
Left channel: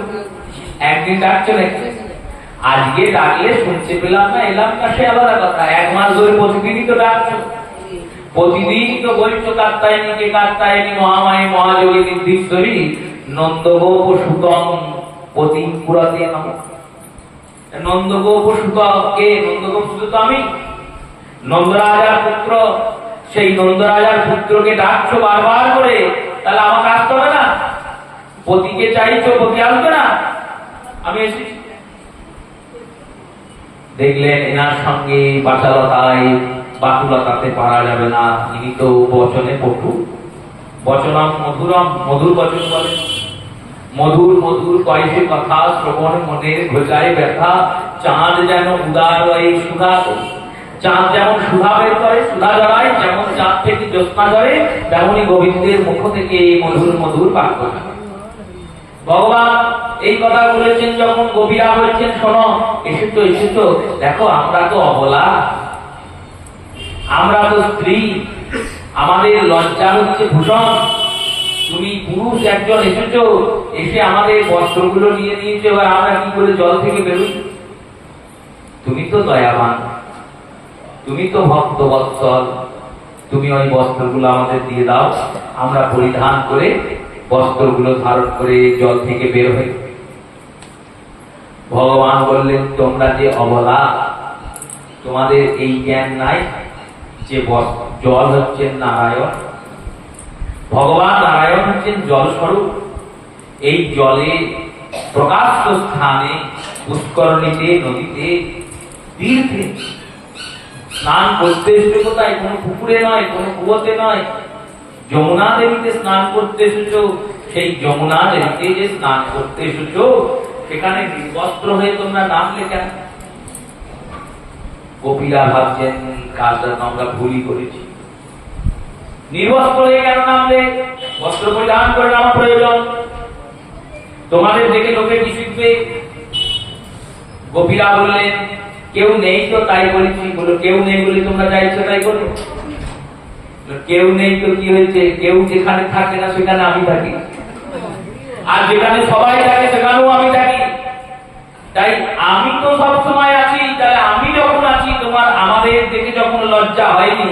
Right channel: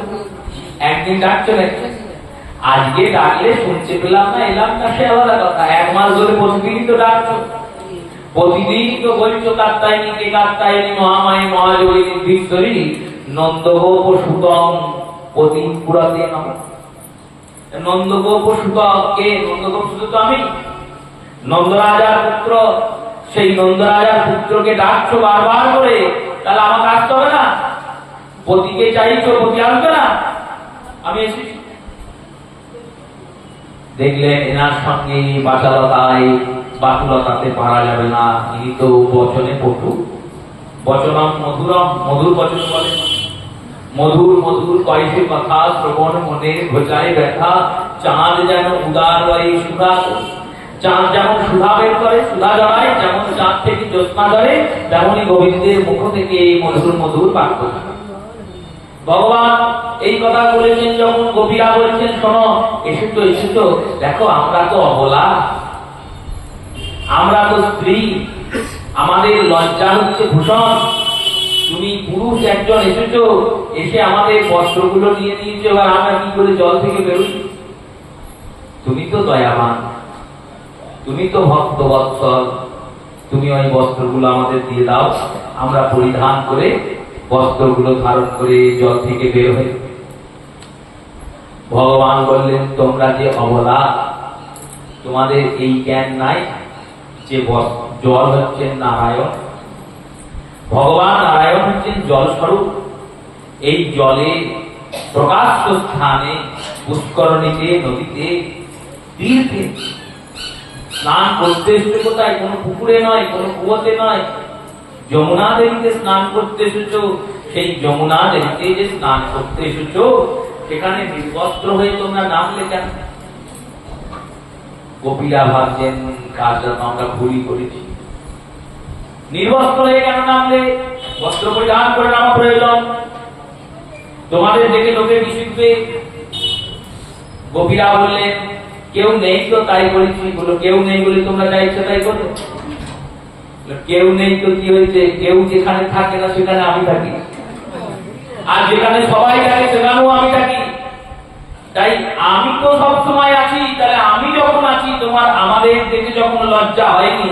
একদিন ডাকছো নাকি? আজকে ডাকলে শুনতে পেলাম না, এলাম না, সে আলাদা কথা। 1 মাস ধরে প্রতিদিনই তো ডাকছো, প্রতিদিনই তো বলছো কাত্তায়নীকে কাত্তায়নী মহামায়ী মহাযোগী নির্দিষ্টরী নন্দগোপ সুতম প্রতিম পুরাতে নাম। নন্দগোপ সুত কে? নন্দগোপ সুত তো আমি, নন্দরাজার পুত্র। সেই নন্দরাজার পুত্রকে ডাকছো বারবার করে, তাহলে আমাকে আসতে হবে না? পতিকে চাইছো, পতি আসবে না? আমি এসেছি। দেখলেন এনার সঙ্গে বাচালতায় বাতুলতাতে পারা যাবে না। ইনি তো বচনে পটু, বচনম মধুরম, মধুর বচন বলে। মধুর মধুর কয়েছে কথা শ্রবণ মনের ঘোচায় ব্যথা। চাঁদ যেন উদার হয় সুধা, চাঁদ যেমন সুধা বের করে, সুধা জড়ায়, যেমন চাঁদ থেকে জ্যোৎস্না ঝরে, তেমনই গোবিন্দের মুখ থেকে মধুর মধুর বাক্য। ভগবান এই কথা বলেছেন যখন, গোপীরা বলছেন শোনো, এসেছো এসেছো, দেখো আমরা তো অবলা, আমরা তো স্ত্রী, আমাদের লজ্জা হচ্ছে ভূষণ। তুমি পুরুষ একজন এসেছো, এসে আমাদের বস্ত্রগুলো নিয়ে নিয়েছো, এবার আমরা কি করে জল থেকে বেরোই? তুমি তো দয়াবান, তুমি তো ভক্তবৎসল, তুমি ওই বস্ত্রগুলো আমাদের দিয়ে দাও, আমরা পরিধান করে বস্ত্রগুলো ধারণ করে জল থেকে বের হই। ভগবান বললেন তোমরা যে অবলা, তোমাদের এই জ্ঞান নাই যে জল হচ্ছেন নারায়ণ, ভগবান নারায়ণ হচ্ছেন জল স্বরূপ। এই জলে প্রকাশ্য স্থানে, পুষ্করণীতে, নদীতে, তীর্থে স্নান করতে এসেছো কোথায়? কোনো পুকুরে নয়, কোনো কুয়োতে নয়, যমুনা দেবীতে স্নান করতে এসেছো। সেই যমুনা দেবীতে যে স্নান করতে এসেছো, সেখানে নির্বস্ত্র হয়ে তোমরা নামলে কেন? গোপীরা ভাবছেন কাজটা আমরা ভুলই করেছি, নির্বস্ত্র হয়ে কেন নামলে? বস্ত্র পরিধান করে নামা প্রয়োজন। তোমাদের দেখে লোকে কি শিখবে? গোপীরা বললেন কেউ নেই তো তাই বলেছি। বলো কেউ নেই বলে তোমরা যা ইচ্ছা তাই করো? কেউ নেই তো কি হয়েছে? কেউ যেখানে থাকে না সেখানে আমি থাকি, আর যেখানে সবাই থাকে সেখানেও আমি থাকি। তাই আমি তো সব সময় আছি। তাহলে আমি যখন আছি, তোমার আমাদের দেখে যখন লজ্জা হয়নি,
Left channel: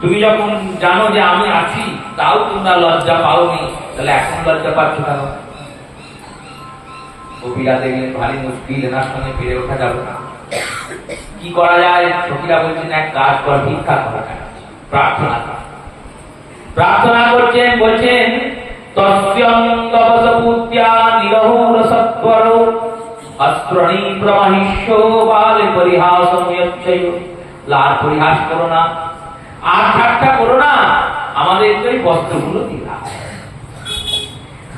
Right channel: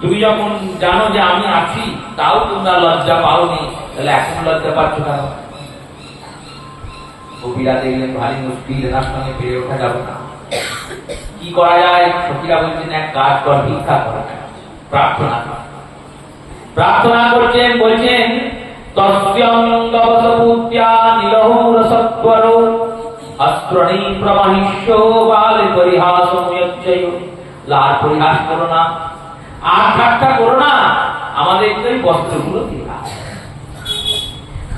তুমি যখন জানো যে আমি আছি, তাও তোমরা লজ্জা পাওনি, তাহলে এখন লজ্জা পাচ্ছ কেন? কবিরা দেখলেন ভারী মুশকিল, এনার সঙ্গে ফিরে ওঠা যাবে না। কি করা যায়? সখীরা বলছেন এক কাজ কর, ভিক্ষা করা, প্রার্থনা কর। প্রার্থনা করছেন, বলছেন তস্যং দবসপুত্র্যা নিরহুর সত্বর অস্ত্রণী প্রমাহিষ্য বাল পরিহাসং যচ্ছয়। লার পরিহাস করো না, আর ঠাট্টা করো না, আমাদের এই বস্ত্রগুলো দিয়ে দাও,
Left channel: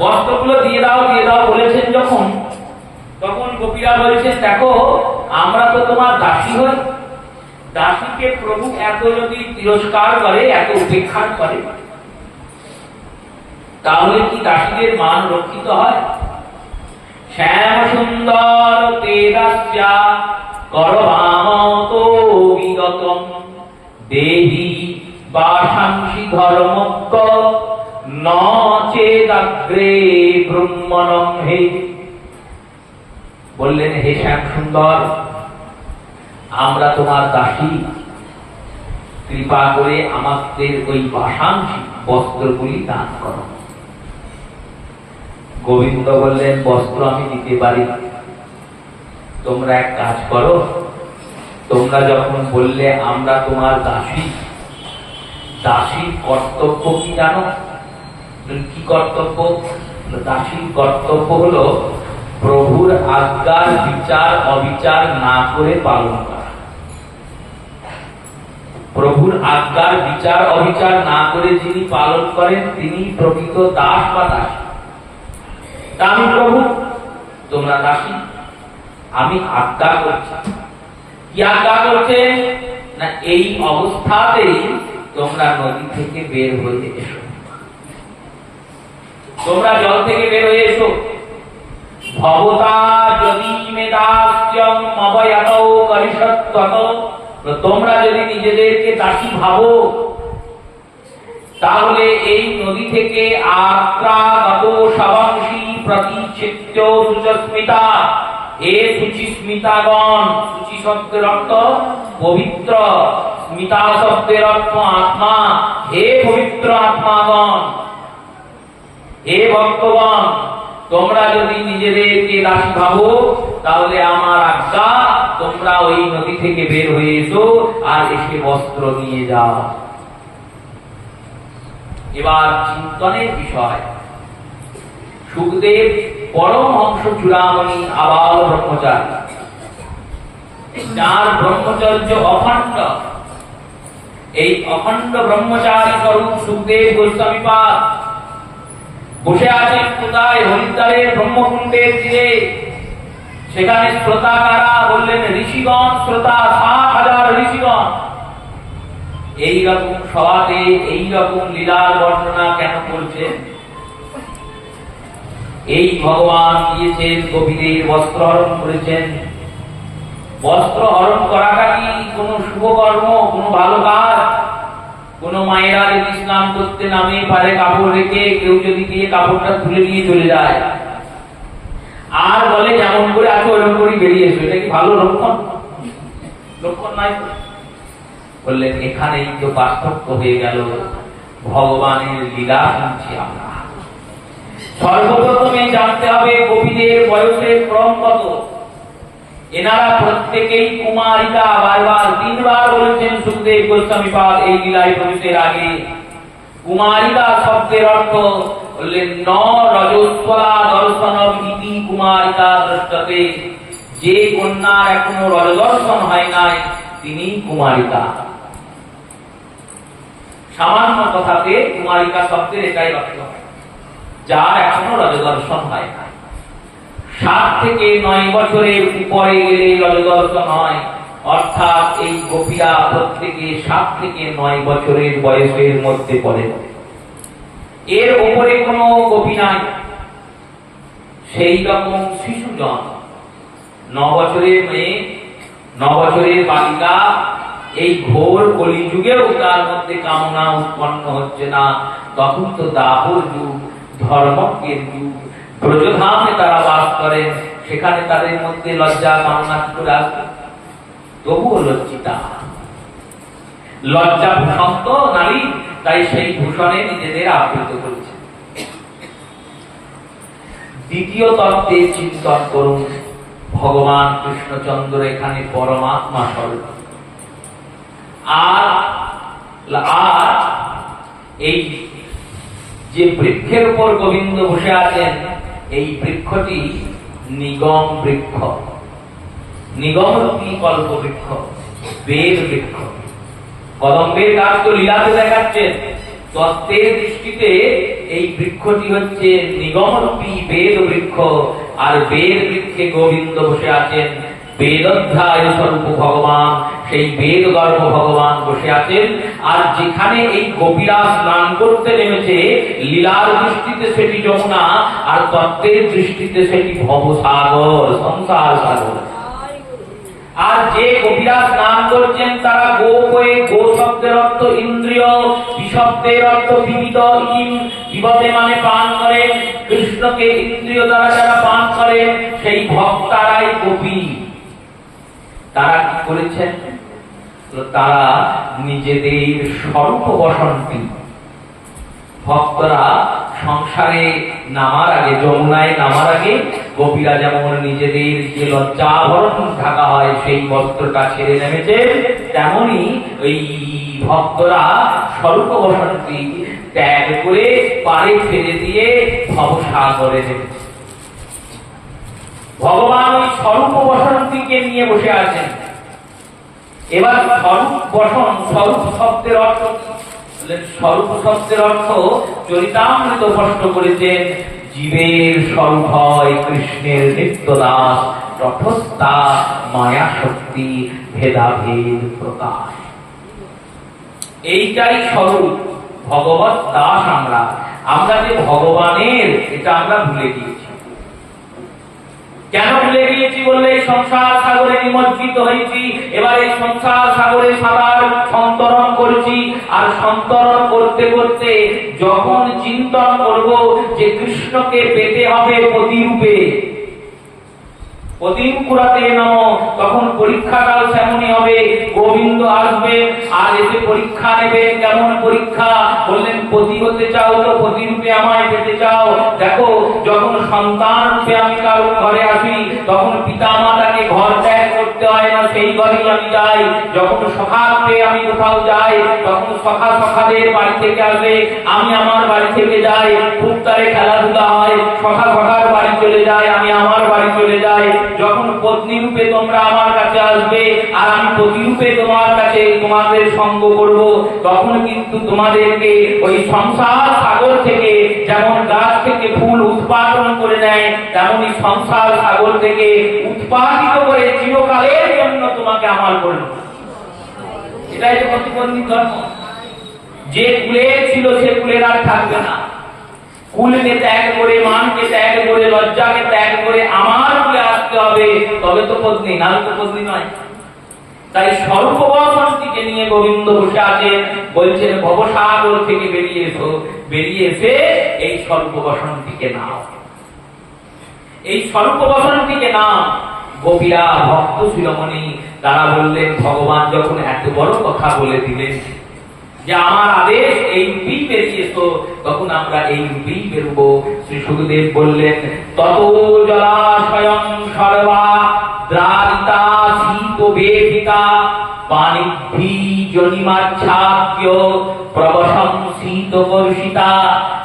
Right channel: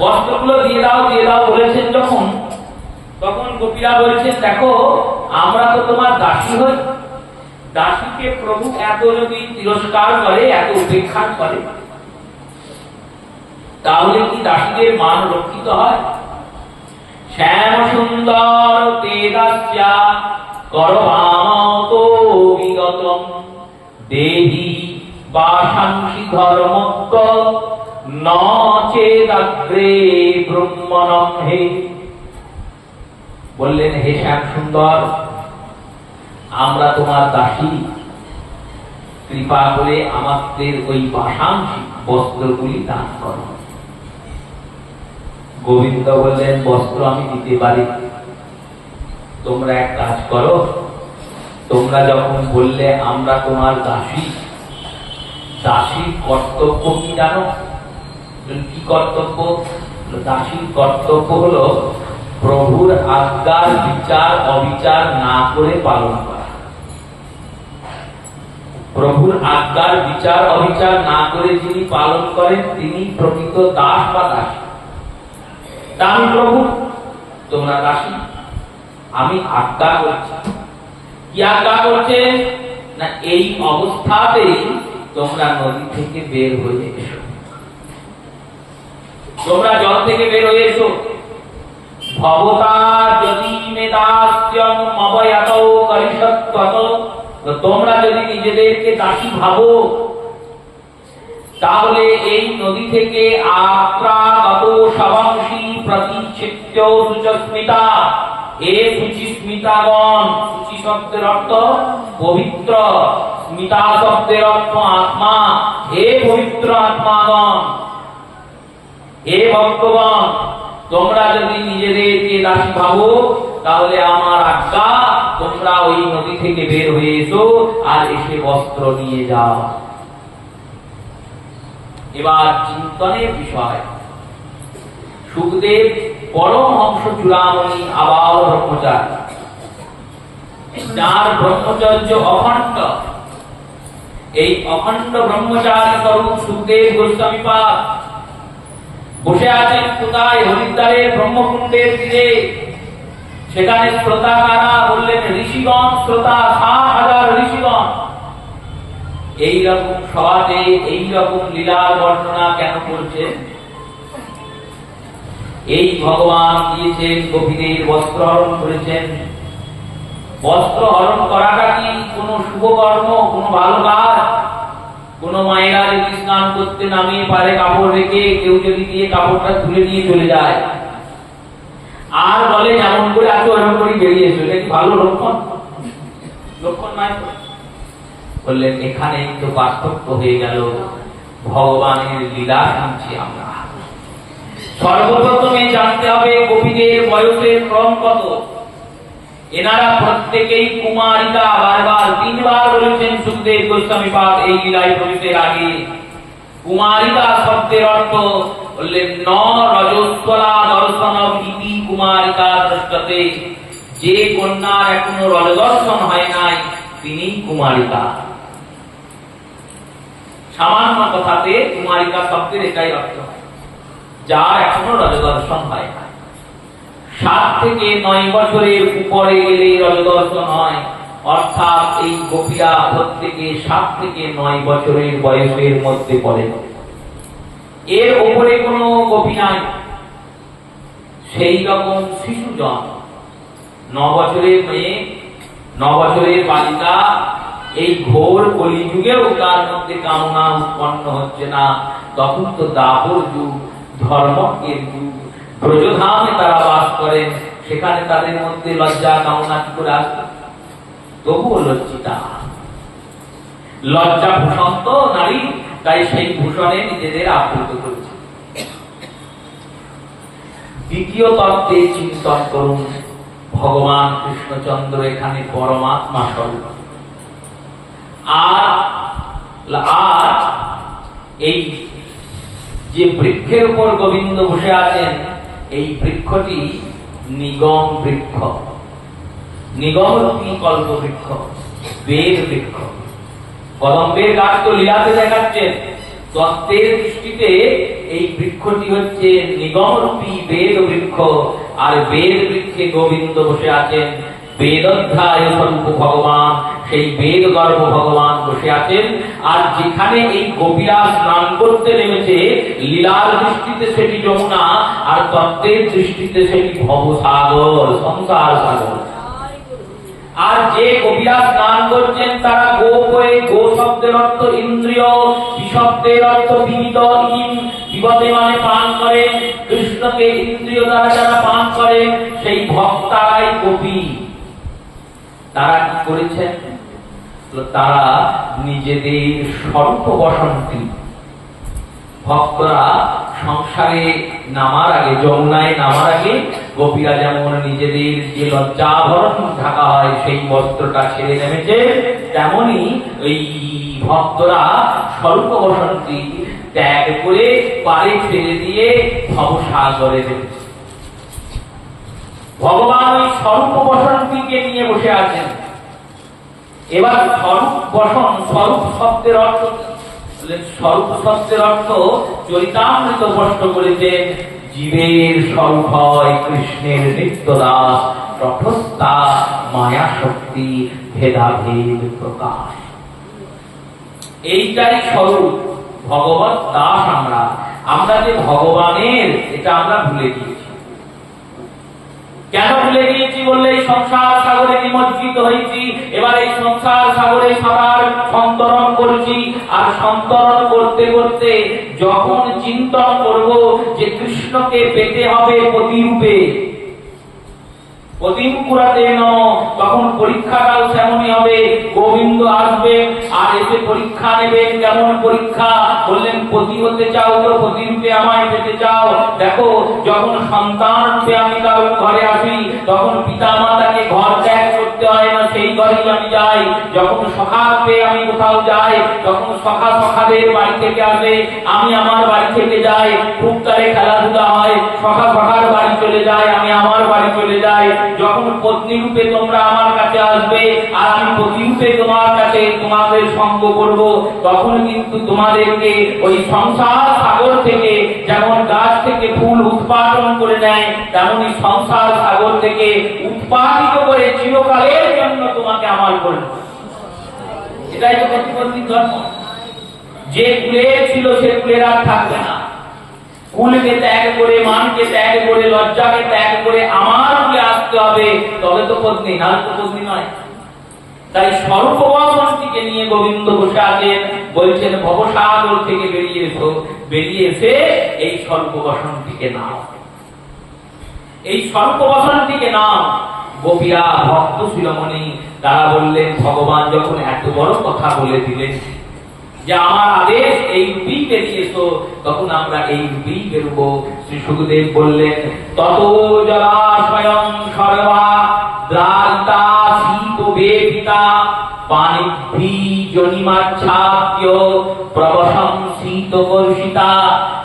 বস্ত্রগুলো দিয়ে দাও, দিয়ে দাও বলেছেন যখন, তখন গোপীরা বলছেন দেখো আমরা তো তোমার দাসী হই, দাসীকে প্রভু এত যদি তিরস্কার করে, এত উপেক্ষা করে, তাহলে কি দাসীদের মান রক্ষিত হয়? শ্যাম সুন্দর তেজস্যা করবামতো বিগতম দেহি বাসাংসি ধর্মত্ব ন চেদাগ্রে ব্রহ্মণম হে। বললেন হে শ্যাম সুন্দর, আমরা তোমার দাসী, কৃপা করে আমাদের ওই বাসাংসি বস্ত্রগুলি দান করো। গোবিন্দ বললেন বস্ত্র আমি দিতে পারি, তোমরা এক কাজ করো, তোমরা যখন বললে আমরা তোমার দাসী, দাসীর কর্তব্য কি জানো? কি কর্তব্য? দাসীর কর্তব্য হলো প্রভুর আজ্ঞার বিচার অবিচার না করে পালন করা। প্রভুর আজ্ঞার বিচার অবিচার না করে যিনি পালন করেন তিনি প্রকৃত দাস বা দাসী। আমি প্রভু, তোমরা দাসী, আমি আজ্ঞা করছি। কি আজ্ঞা করছে না, এই অবস্থাতেই তোমরা নদী থেকে বের হয়ে এসো, তোমরা জল থেকে বের হয়ে এসো। ভবতা যদি মেদাস্যং অবয়াতৌ করিষৎকত, তোমরা যদি নিজেদেরকে দাসী ভাবো তাহলে এই নদী থেকে আত্রাগত শবাংশী প্রতিচ্ছিদ্য সুচস্মিতা, হে সুচিস্মিতাগণ, সুচি শব্দের অর্থ পবিত্র, স্মিতা শব্দের অর্থ আত্মা, হে পবিত্র আত্মাগণ, হে ভক্তগণ, তোমরা যদি নিজেদেরকে দাসী ভাবো তাহলে আমার আজ্ঞা, তোমরা ওই নদী থেকে বের হয়ে এসো আর এসে বস্ত্র নিয়ে যাও। এবার চিন্তনের বিষয়, সুখদেব পরমহংস চূড়ামণি আবার ব্রহ্মচারী, যার ব্রহ্মচর্য অখণ্ড, এই অখণ্ড ব্রহ্মচারী স্বরূপ সুখদেব গোস্বামীপাদ বসে আছেন কোথায়? হরিদ্বারের ব্রহ্মকুণ্ডের তীরে। সেখানে শ্রোতা কারা? বললেন ঋষিগণ, শ্রোতা ৭,০০০ ঋষিগণ। এইরকম সভাতে এইরকম লীলার বর্ণনা কেন করছে? এই ভগবান দিয়েছেন, গোপীদের বস্ত্র হরণ করেছেন। বস্ত্র হরণ করাটা কি কোনো শুভ কর্ম, কোনো ভালো কাজ? কোন মায়েরা যদি স্নান করতে নামে পারে কাপড় রেখে, কেউ যদি দিয়ে কাপড়টা তুলে নিয়ে চলে যায় আর বলে যেমন করে আছো ওরকম করে বেরিয়ে এসো, এটা কি ভালো লক্ষণ? লক্ষণ নয়। বললেন এখানেই তো পার্থক্য হয়ে গেল, ভগবানের লীলা শুনছি আমরা। সর্বপ্রথমে জানতে হবে গোপীদের বয়সের ক্রম কত। এনারা প্রত্যেকেই কুমারিকা, বারবার ৩বার বলেছেন সুখদেব গোস্বামীপাদ এই লীলায় প্রবেশের আগে। কুমারিকা শব্দের অর্থ বললেন ন রজস্বলা দর্শনম ইতি কুমারিকা দৃষ্টতে, যে কন্যার এখনো রজদর্শন হয় নাই তিনি কুমারিকা। সামান্য কথাতে কুমারিকা শব্দের এটাই অর্থ, যার এখনো রজদর্শন হয় নাই। ৭ থেকে ৯ বছরের উপরে গেলে রজদর্শন হয়, অর্থাৎ এই গোপীরা প্রত্যেকে ৭ থেকে ৯ বছরের বয়সের মধ্যে পড়ে। এর উপরে কোনো গোপী নাই। সেই রকম শিশুজন, ৯ বছরের মেয়ে, ৯ বছরের বালিকা, এই ঘোর কলিযুগেও তার মধ্যে কামনা উৎপন্ন হচ্ছে না। তখন তো দাপর যুগ, ধর্মজ্ঞের যুগ, ব্রজধামে তারা বাস করেন, সেখানে তাদের মধ্যে লজ্জা কামনা কি করে আসবে? তবুও লজ্জিতা, লজ্জা ভূষণ তো নারী, তাই সেই ভূষণে নিজেদের আবৃত করেছে। দ্বিতীয় তত্ত্বের চিন্তন করুন, ভগবান কৃষ্ণচন্দ্র এখানে পরমাত্মা স্বরূপ। আর এই যে বৃক্ষের উপর গোবিন্দ বসে আছেন, এই বৃক্ষটি নিগম বৃক্ষ, নিগমরূপী কল্প বৃক্ষ, বেদ বৃক্ষ। কদম্বের গাছ তো লীলাতে দেখাচ্ছেন, তত্ত্বের দৃষ্টিতে এই বৃক্ষটি হচ্ছে নিগমরূপী বেদ বৃক্ষ। আর বেদ বৃক্ষে গোবিন্দ বসে আছেন, বেদধ্যায় স্বরূপ ভগবান, সেই বেদ গর্ভ ভগবান বসে আছেন। আর যেখানে এই গোপীরা স্নান করতে নেমেছে, লীলার দৃষ্টিতে সেটি যমুনা, আর তত্ত্বের দৃষ্টিতে সেটি ভবসাগর, সংসার সাগর। আর যে গোপীরা স্নান করছেন তারা গোপ হয়ে, গো শব্দের অর্থ ইন্দ্রিয়, বিশব্দের অর্থ বিবিধ, বিপদে মানে পান করেন, কৃষ্ণকে ইন্দ্রিয় দ্বারা যারা পান করেন সেই ভক্তারাই গোপী। তারা কি করেছেন? তারা নিজেদের স্বল্প বসন্তি, ভক্তরা সংসারে নামার আগে, যমুনায় নামার আগে গোপীরা যেমন নিজেদের যে লজ্জাবরণ ঢাকা হয় সেই বস্ত্রটা ছেড়ে নেমেছে, তেমনি এই ভক্তরা স্বল্প বসন্তি ত্যাগ করে পারে ছেড়ে দিয়ে ভবসাগরে নেমেছে। ভগবান ওই স্বল্প বসন্তীকে নিয়ে বসে আছেন। এবার স্বরূপ বসন, স্বরূপ শব্দের অর্থ, স্বরূপ শব্দের অর্থ চরিতামৃত স্পষ্ট করেছেন, জীবের স্বরূপ হয় কৃষ্ণের নিত্য দাস, রথস্থা মায়া শক্তি ভেদাভেদ প্রকাশ। এইটাই স্বরূপ, ভগবত দাস আমরা। আমরা যে ভগবানের, এটা আমরা ভুলে গিয়েছি। কেন ভুলে গিয়েছি বললে, সংসার সাগরে নিমজ্জিত হয়েছি। এবার এই সংসার সাগরে সাঁতার সন্তরণ করছি, আর সন্তরণ করতে করতে যখন চিন্তন করব যে কৃষ্ণকে পেতে হবে প্রতিরূপে, তখন পরীক্ষাকাল তেমনই হবে। গোবিন্দ আসবে আর এসে পরীক্ষা নেবেন। কেমন পরীক্ষা? বললেন পতি হতে চাও তো প্রতিরূপে আমায় পেতে চাও। দেখো, যখন সন্তান রূপে আমি কারোর ঘরে আসি, তখন পিতা মাতাকে ঘর ত্যাগ করতে হয় না, সেই ঘরেই আমি যাই। যখন সখা রূপে আমি কোথাও যাই, তখন সখা সখাদের বাড়ি থেকে আসে, আমি আমার বাড়ি থেকে যাই। খুব তারে খেলাধুলা হয়, সখা সখার বাড়ি চলে যায়, আমি আমার বাড়ি চলে যাই। যখন পত্নী রূপে তোমরা আমার কাছে আসবে আর আমি প্রতিরূপে তোমার কাছে তোমাদের সঙ্গ করব, তখন কিন্তু তোমাদেরকে ওই সংসার সাগর থেকে, যেমন গাছ থেকে ফুল উৎপাদন করে নেয়, তেমনি সংসার সাগর থেকে উৎপাদিত করে চিরকালের জন্য তোমাকে আমার করব। এটাই তো প্রতিপত্তি ধর্ম। যে কুলে ছিল সে কুলের আর থাকবে না। কুলকে ত্যাগ করে, মানকে ত্যাগ করে, লজ্জাকে ত্যাগ করে আমার কুলে আসতে হবে, তবে তো পত্নী, না তো পত্নী নয়। তাই স্বল্পবসনটিকে নিয়ে গোবিন্দ বসে আছেন, বলছেন ভবসাগর থেকে বেরিয়ে এসো, বেরিয়ে এসে এই স্বল্পবসনটিকে নাও, এই স্বল্পবসনটিকে নাও। গোপীরা, ভক্ত শিরোমণি, তারা বললেন, ভগবান যখন এত বড় কথা বলে দিলেন যে আমার আদেশ এই রূপেই বেরিয়েছো, তখন আমরা এই রূপেই বেরোবো। শ্রী সুখদেব বললেন, তত জলাশয়ং সর্বা দ্রারিতা শীত বেদিতা পানিভি জনিমাচ্ছাদ্য প্রবসং শীত বর্ষিতা।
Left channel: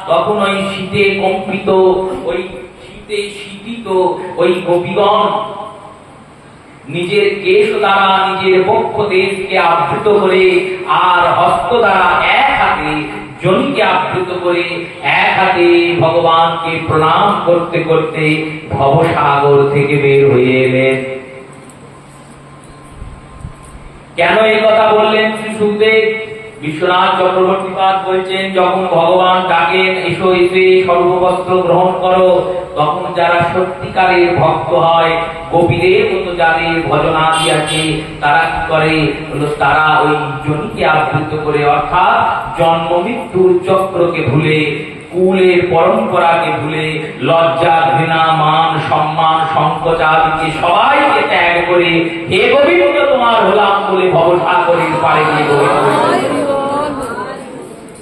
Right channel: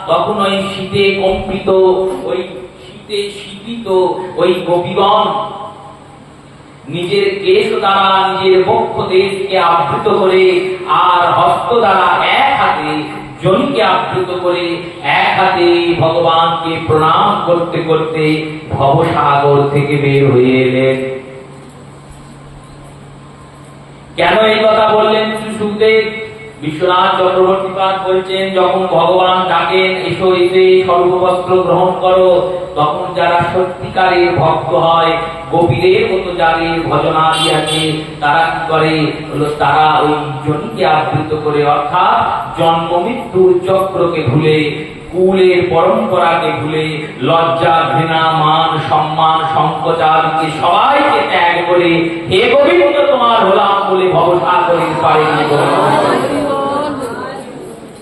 তখন ওই শীতে কম্পিত, ওই শীতে শীতিত ওই গোপীগণ নিজের কেশ দ্বারা নিজের বক্ষ দেশকে আবৃত করে, আর হস্ত দ্বারা এক হাতে জনিকে আবৃত করে, এক হাতে ভগবানকে প্রণাম করতে করতে ভবসাগর থেকে বের হয়ে এলেন। কেন এই কথা বললেন শ্রী সুখদেব? বিশ্বনাথ চক্রবর্তী পাদ বলছেন, যখন ভগবান ডাকেন এসো, এসে সর্ববস্ত্র গ্রহণ করো, তখন যারা সত্যিকারের ভক্ত হয়, গোপীদের মতো যাদের ভজনাদি আছে, তারা কি করে? তারা ওই জনিকে আবৃত করে, অর্থাৎ জন্ম মৃত্যুর চক্রকে ভুলে, কুলের পরম্পরাকে ভুলে, লজ্জা ঘৃণা মান সম্মান সংকোচাদিকে সবাইকে ত্যাগ করে, হে গোবিন্দ তোমার হলাম বলে ভবসাগরের পারে নিয়ে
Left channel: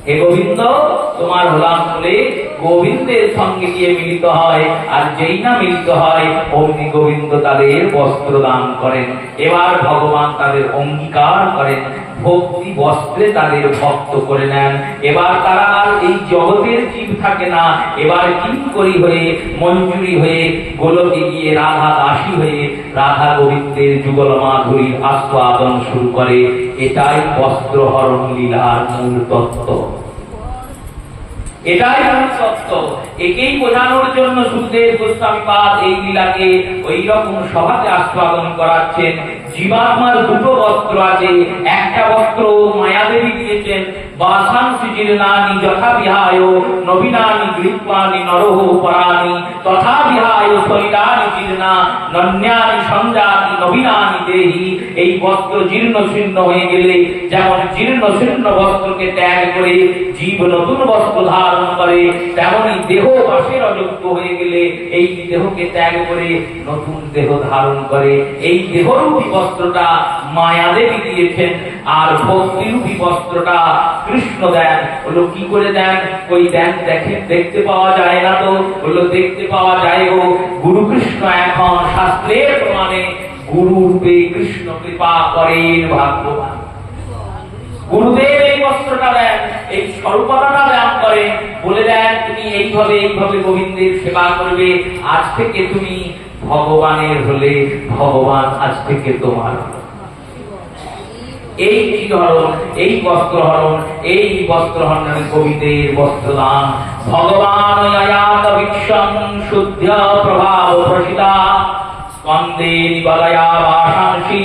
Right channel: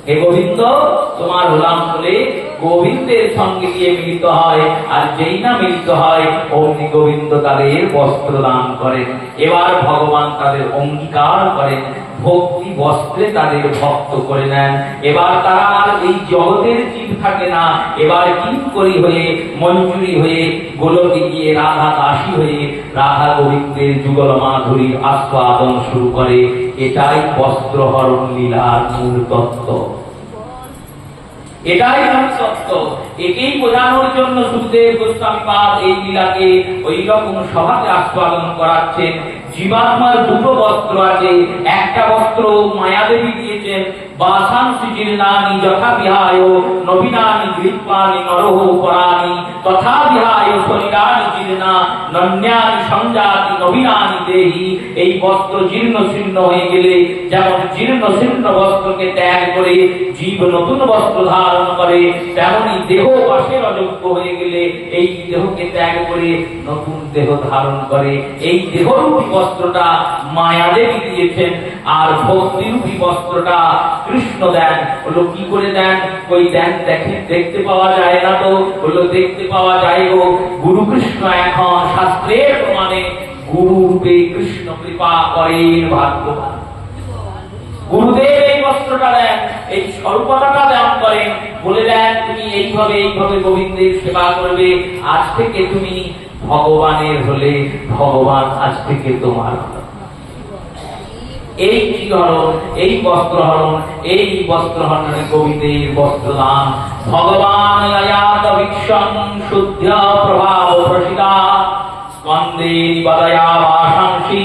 হে গোবিন্দ তোমার হলাম বলে গোবিন্দের সঙ্গে গিয়ে মিলিত হয়। আর যেই না মিলিত হয়, অমনি গোবিন্দ তাদের বস্ত্র দান করেন। এবার ভগবান তাদের অঙ্গীকার করেন, ভক্তি বস্ত্রে তাদের ভক্ত করে নেন। এবার তারা আর এই জগতের জীব থাকে না, এবার কিঙ্করী হয়ে, মঞ্জুরি হয়ে, গোলকে গিয়ে রাধা দাসী হয়ে রাধা গোবিন্দের যুগল মাধুরীর আস্বাদন শুরু করে। এটাই বস্ত্রহরণ লীলার মূল তত্ত্ব, এটাই মূল তত্ত্ব। একেই বোঝানোর জন্য সুখদেব গোস্বামী পাদ এই লীলাকে ওই রকম সভাতে আস্বাদন করাচ্ছেন। জীবাত্মার দুটো বস্ত্র আছে, একটা বস্ত্র মায়াদেবী দিয়েছেন, বাসাংসি জীর্ণানি যথা বিহায় নবীনানি গ্রীপানি নরহ পরানি তথা বিহায় শরীরানি জীর্ণা নন্যানি সংজাতি নবীনানি দেহি। এই বস্ত্র জীর্ণ শীর্ণ হয়ে গেলে যেমন জীর্ণ শীর্ণ বস্ত্রকে ত্যাগ করে জীব নতুন বস্ত্র ধারণ করে, তেমনি দেহ বাসের অযোগ্য হয়ে গেলে এই দেহকে ত্যাগ করে নতুন দেহ ধারণ করে। এই দেহরূপী বস্ত্রটা মায়াদেবী দিয়েছেন, আর ভক্তিরূপী বস্ত্রটা কৃষ্ণ দেন। হলো কি করে দেন? ওই দেন দেখেন, দেখতে পাওয়া যায় না তো? হলো দেখতে পাওয়া যায় গো। গুরু কৃষ্ণ এখন শাস্ত্রের প্রমাণে গুরু রূপে কৃষ্ণ কৃপা করেন ভাগ্যবান। গুরুদেব এই বস্ত্রটা দেন, এই স্বরূপতাটা দান করেন, বলে দেন তুমি এইভাবে এইভাবে গোবিন্দের সেবা করবে, আজ থেকে তুমি ভগবানের হলে, ভগবান আজ থেকে তোমার। এই চিরহরণ, এই বস্ত্রহরণ, এই বস্ত্রহরণ কবিদের বস্ত্রদান। ভগবান আয়াত বিক্ষম শুদ্ধ প্রভাব প্রসিতা স্কন্দে নিবাদয়া ভাষাংসি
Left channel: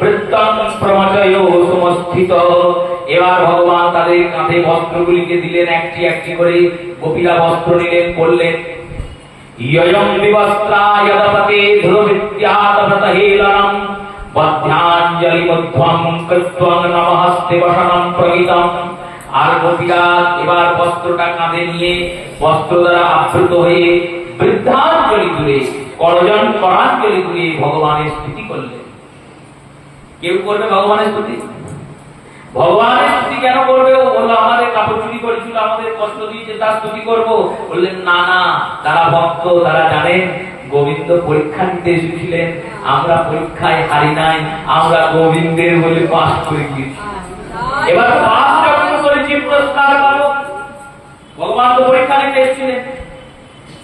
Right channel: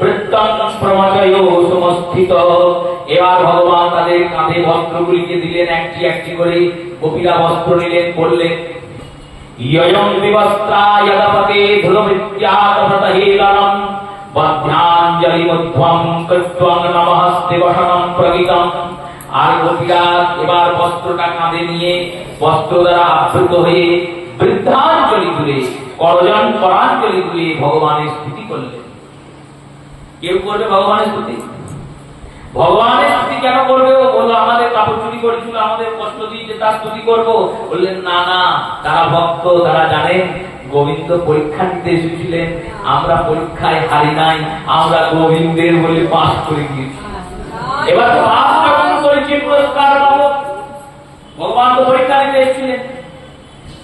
বৃত্তং প্রমচয় সমস্থিত। এবার ভগবান তাদের কাঁধে বস্ত্রগুলিকে দিলেন, একটি একটি করে গোপীরা বস্ত্র নিলেন, বললেন ইয়ং বিবস্ত্রায় দপতে ধ্রুবিত্যাতভৃতহেলনম বধ্যাঞ্জলিমুদ্ধম কৃত্বং নমস্তে বসনম প্রগীতম। আর গোপীরা এবার বস্ত্রটা কাঁধে নিয়ে বস্ত্র দ্বারা আবৃত হয়ে বৃদ্ধাঞ্জলি দূরে করজন করাঞ্জলি দূরে ভগবানের স্তুতি করলেন। কেউ করবে ভগবানের স্তুতি? ভগবানের স্তুতি কেন করবে? ও বললো আমাদের কাপড় চুরি করেছিল, আমাদের কষ্ট দিয়েছে, তার স্তুতি করবো? বললেন না না, তারা ভক্ত, তারা জানেন গোবিন্দ পরীক্ষা নিতে এসেছিলেন, আমরা পরীক্ষায় হারি নাই, আমরা গোবিন্দের বলে পাস করে গিয়েছি। এবার তো পাস যখন করেছি পুরস্কার পাবো। ভগবান তো পরীক্ষা নিতে এসেছিলেন,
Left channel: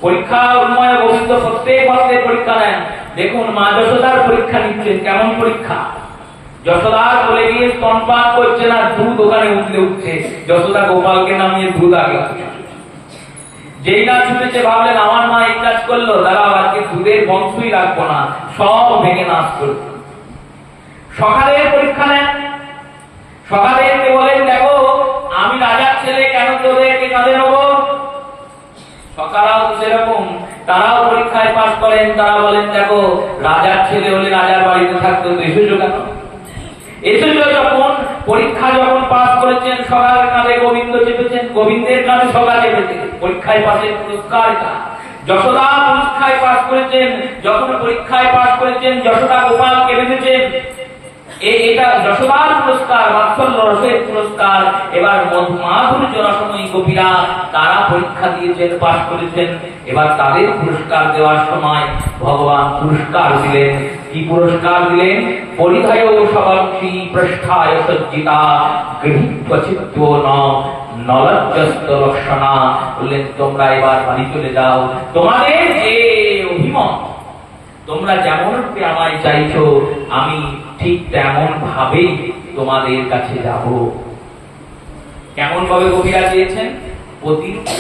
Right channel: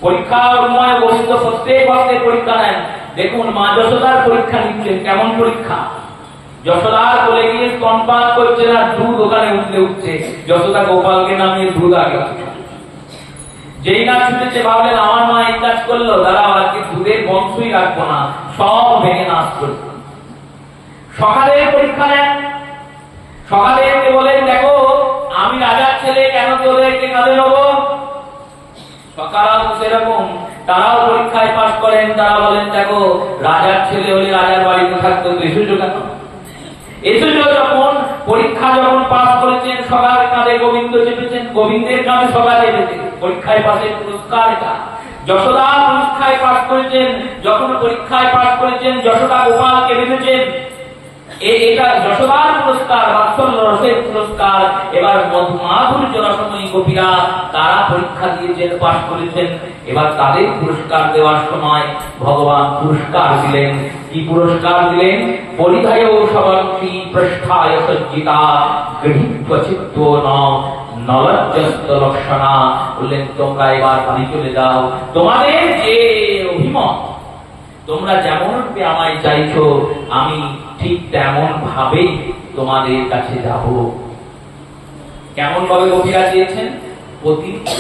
পরীক্ষা উন্ময় গোবিন্দ প্রত্যেক ভক্তের পরীক্ষা নেন। দেখুন মা যশোদার পরীক্ষা নিচ্ছেন, কেমন পরীক্ষা? যশোদার বলে গিয়ে স্তনপান করছে না, দুধ ওখানে উঠলে উঠছে, যশোদা গোপালকে নামিয়ে দুধ আগে। যেই না ছুটেছে ভাবলেন আমার মা এই কাজ করলো, দাঁড়াও আজকে দুধের বংশই রাখবো না, সব ভেঙে নাশ করবে। সকালের পরীক্ষা নেন, সকালে বলেন দেখো আমি রাজার ছেলে, কেন তোদেরকে কাঁধে নেবো? সকালাও সেরকম, তারাও পরীক্ষায় পাশ করেন, তারা বলেন দেখো রাজার ছেলে হলে রাজার বাড়িতে থাকতো, এসেছো কেন? এসেছো যখন, পরীক্ষা যখন পাশ করেছেন, সকালের কাঁধে গোবিন্দ চেপেছেন, গোবিন্দের কাঁধে সকালে চেপেছে, পরীক্ষায় পাশের পুরস্কার এটা। যশোদা পরীক্ষায় পাশ করেছেন, যখন পরীক্ষায় পাশ করেছেন যশোদা গোপালকে বেঁধেছেন, এটা যশোদার পুরস্কার, বাৎসল্য রসের পুরস্কার। এবার মাধুর্য রসময়ী গোপীরা তারা পরীক্ষা দিয়েছেন, পাশ করেছেন, এবার তাদের পুরস্কার দেওয়ার সময় ভগবান পুরস্কার দিলেন। কি পুরস্কার দিলেন? পরিধায় সবাংশী পৃষ্ঠায় সজ্জিতা গৃহীত্ব চিত্ত নলজ্জস্ত লক্ষণা। বললেন তোমরা এবার বাড়ি চলে যাও, তোমাদের যে অভিমত, তোমরা যেমন আমায় চাইছো আমি ঠিক তেমন ভাবেই তোমাদের কাছে যাব। কেমন ভাবে গোপীরা চেয়েছেন? প্রতিরূপে,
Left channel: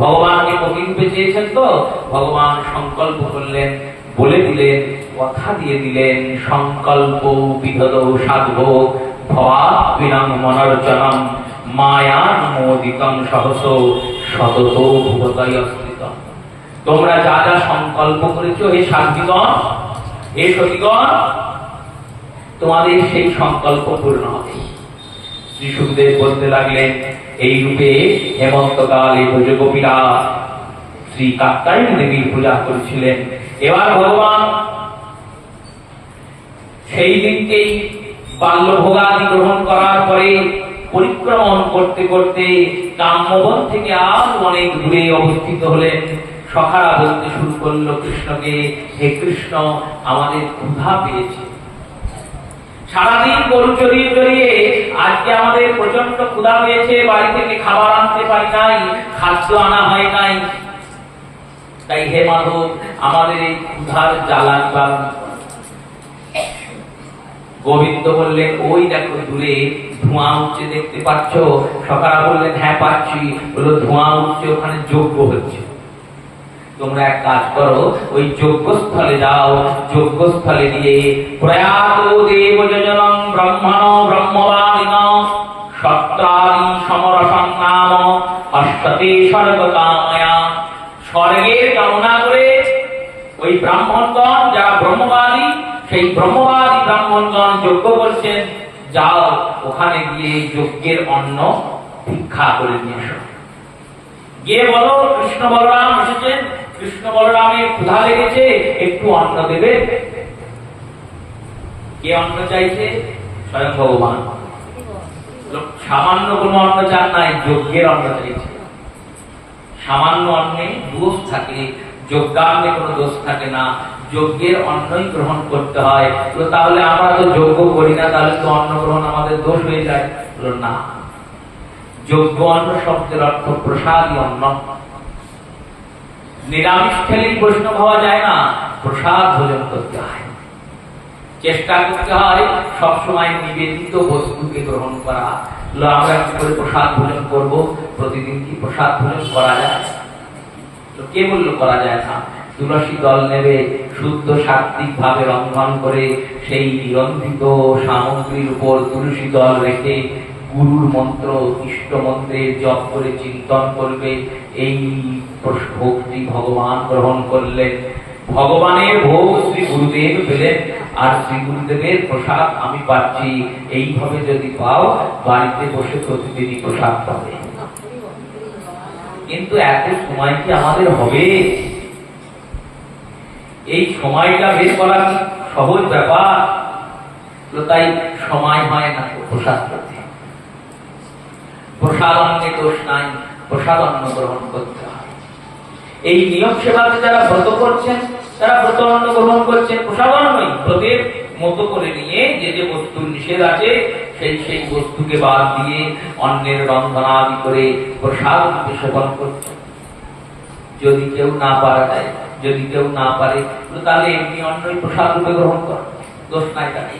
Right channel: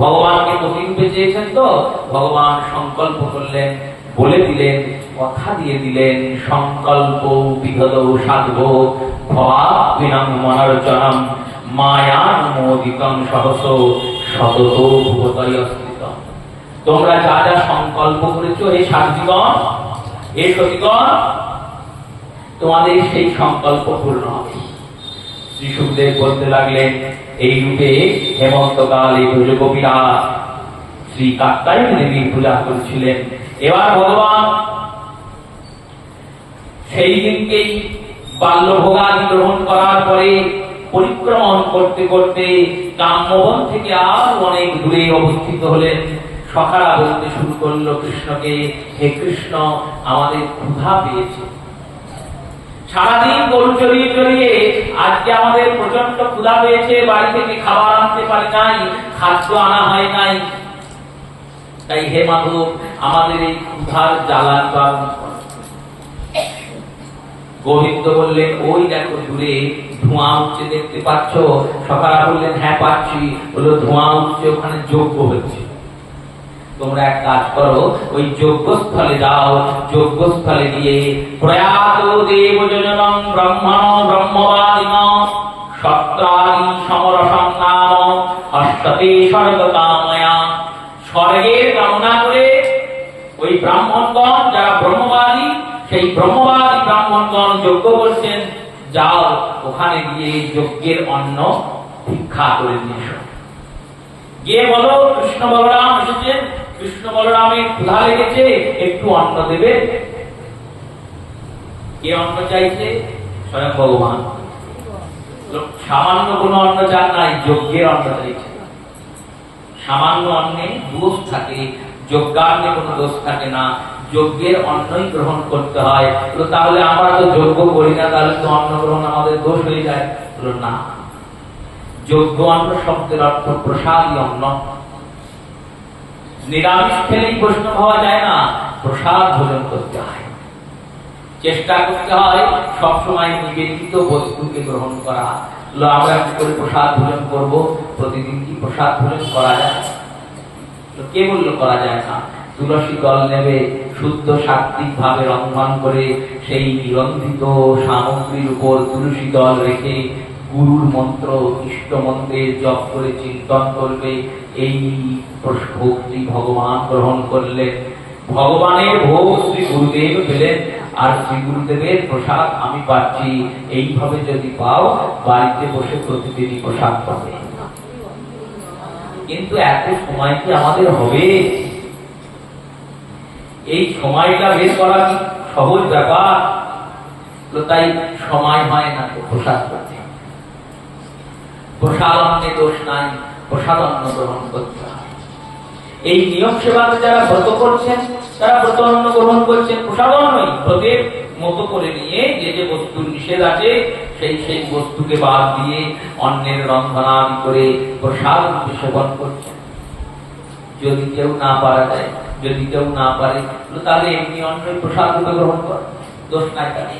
ভগবানকে প্রতিরূপে চেয়েছেন। তো ভগবান সংকল্প করলেন, বলে দিলেন, কথা দিয়ে দিলেন, সংকল্প বিধদ সাধব ভবাবিনং মনর্জনম মায়ানুমোদিতং সহস সতত ভূতয় স্থিত। তোমরা যা যা সংকল্প করেছো হে সাধ্বীগণ, হে সতীগণ, তোমাদের সেই সংকল্প পূর্ণ হবে। শ্রী সুখদেব বলতে লাগলেন এই রূপে হেমন্তকালে ব্রজগোপীরা শ্রী কাত্যায়নী দেবীর পূজা করেছিলেন। এবার ভগবান সেই দিনকেই বাল্যভোগাদি গ্রহণ করার পরে পরিক্রমণ করতে করতে কাম্যবন থেকে আরো অনেক দূরে অবস্থিত হলেন। সখারা বলতে শুরু করলো কৃষ্ণকে, হে কৃষ্ণ আমাদের ক্ষুধা পেয়েছে, সারাদিন গরু চড়িয়ে চড়িয়ে আজকে আমাদের প্রচন্ড ক্ষুধা পেয়েছে, বাড়ি থেকে খাবার আনতে পারি নাই, খাদ্য আনা হয় নাই, তাই হে মাধব আমাদের এই ক্ষুধার জ্বালা নিবারণ করো। গোবিন্দ বললেন ওই দেখো দূরে ধোঁয়া উঠছে, দেখতে পাচ্ছ? সখারা বললেন হ্যাঁ পাচ্ছি। বললো ধোঁয়া উঠছে, ওখানে যজ্ঞ হচ্ছে, তোমরা এক কাজ করো ওই যজ্ঞস্থলে যাও, যজ্ঞস্থলে গিয়ে প্রয়াত দেব যোজনং ব্রহ্মণ ব্রহ্মবাদিন সত্রাদি সমরসং কাম অষ্টতে স্বর্গ কাময়া। স্বর্গের কামনা করে ওই ব্রাহ্মণগণ যারা ব্রহ্মবাদী, সেই ব্রহ্মবাদী ব্রাহ্মণগণ যজ্ঞ করছেন, যাও ওখানে গিয়ে যজ্ঞের অন্ন ভিক্ষা করে নিয়ে এসো। গিয়ে বলো কৃষ্ণ বলরাম এসেছেন, কৃষ্ণ বলরামের ক্ষুধা লেগেছে, একটু অন্ন দেবে। কে অন্ন চাইছে? স্বয়ং ভগবান। সামান্য কোন অন্ন চান নাই, যজ্ঞের অন্ন চাইছে। সামান্য অন্নে দোষ থাকে, যজ্ঞান্নে কোনো দোষ থাকে না, যজ্ঞের অন্নই গ্রহণ করতে হয়। তাহলে আমরা তো যজ্ঞ করি না, তাহলে তো অন্ন গ্রহণ আমাদের দোষ হয়ে যায়। না, যজ্ঞ অন্ন শব্দের অর্থ প্রসাদী অন্ন। নিরামিষ খেলেই বৈষ্ণব হওয়া যায় না, প্রসাদ ভোজন করতে হয়, চেষ্টা করতে হয় সবসময় নিবেদিত বস্তুকে গ্রহণ করা। আমরা কি করে প্রসাদ ভোজন করব? প্রতিদিন কি প্রসাদ ভোজন করা যায়? কে বললো করা যায় না? তুলসী দল নেবে, শুদ্ধ সাত্বিক ভাবে রন্ধন করে সেই রন্ধিত সামগ্রীর উপর তুলসী দল রেখে গুরুর মন্ত্র, ইষ্ট মন্ত্রের জপ করে চিন্তন করবে। এই ভক্তি ভগবান গ্রহণ করলেন। ভগবানের ভোগ শ্রী গুরুদেব পেলেন, আর শ্রী গুরুদেবের প্রসাদ আমি পাচ্ছি। এইভাবে যদি পাও, বাড়িতে বসে প্রতিদিনই প্রসাদ পাবে। কিন্তু এত সময় কি আমাদের হবে? এই সময়টা বের করা কি সহজ ব্যাপার? তাই সময় হয় না প্রসাদ করতে। প্রসাদ অন্নে দোষ নাই, প্রসাদ অন্ন গ্রহণ করতে হয়। এই নিয়ম সেবাতে যারা ব্রত করছেন, তারা ব্রত অন্ন গ্রহণ করছেন, প্রসাদ অন্নই ব্রতের মতো করে নিয়ে যে যে বস্তুর নিষেধ আছে সেই বস্তুকে বাদ দিয়ে অন্নের রন্ধনাদি করে প্রসাদ সেবন করছেন। যদি কেউ না পারা যায়, যদি কেউ না পারে, তাহলে এমনি অন্যই প্রসাদ রূপে গ্রহণ কর, দোষ নাই তাকে।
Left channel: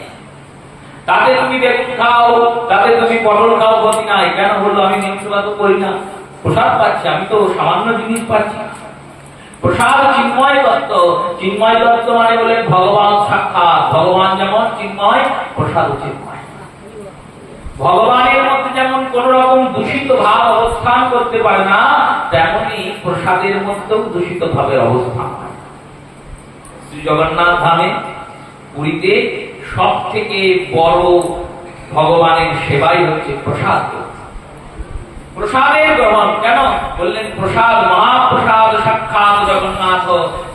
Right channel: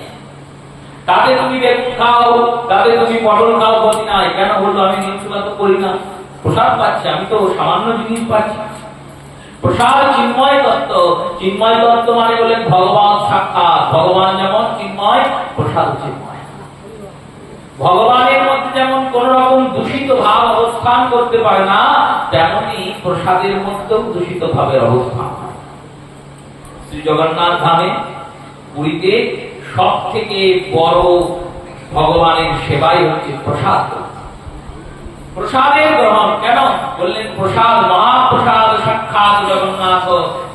তাতে তুমি বেগুন খাও, তাতে তুমি পটল খাও, গতি নাই। কেন বললো? আমি নিয়ম সেবা তো করি না, প্রসাদ পাচ্ছি, আমি তো সামান্য জিনিস পাচ্ছি। প্রসাদ চিন্ময় তত্ত্ব। চিন্ময় তত্ত্ব মানে বলেন ভগবান সাক্ষাৎ। ভগবান যেমন চিন্ময়, প্রসাদ চিন্ময়। ভগবানের মধ্যে যেমন কোন রকম দূষিত ভাব অবস্থান করতে পারে না, তেমনি প্রসাদের মধ্যেও দূষিত ভাবের অবস্থান। শ্রী জগন্নাথ ধামে পুরীতে সব থেকে বড় ভগবানের সেবাই হচ্ছে প্রসাদ। প্রসাদের গ্রহণ কেন বললেন? প্রসাদ মহাপ্রসাদ সাক্ষাৎ জগন্নাথ।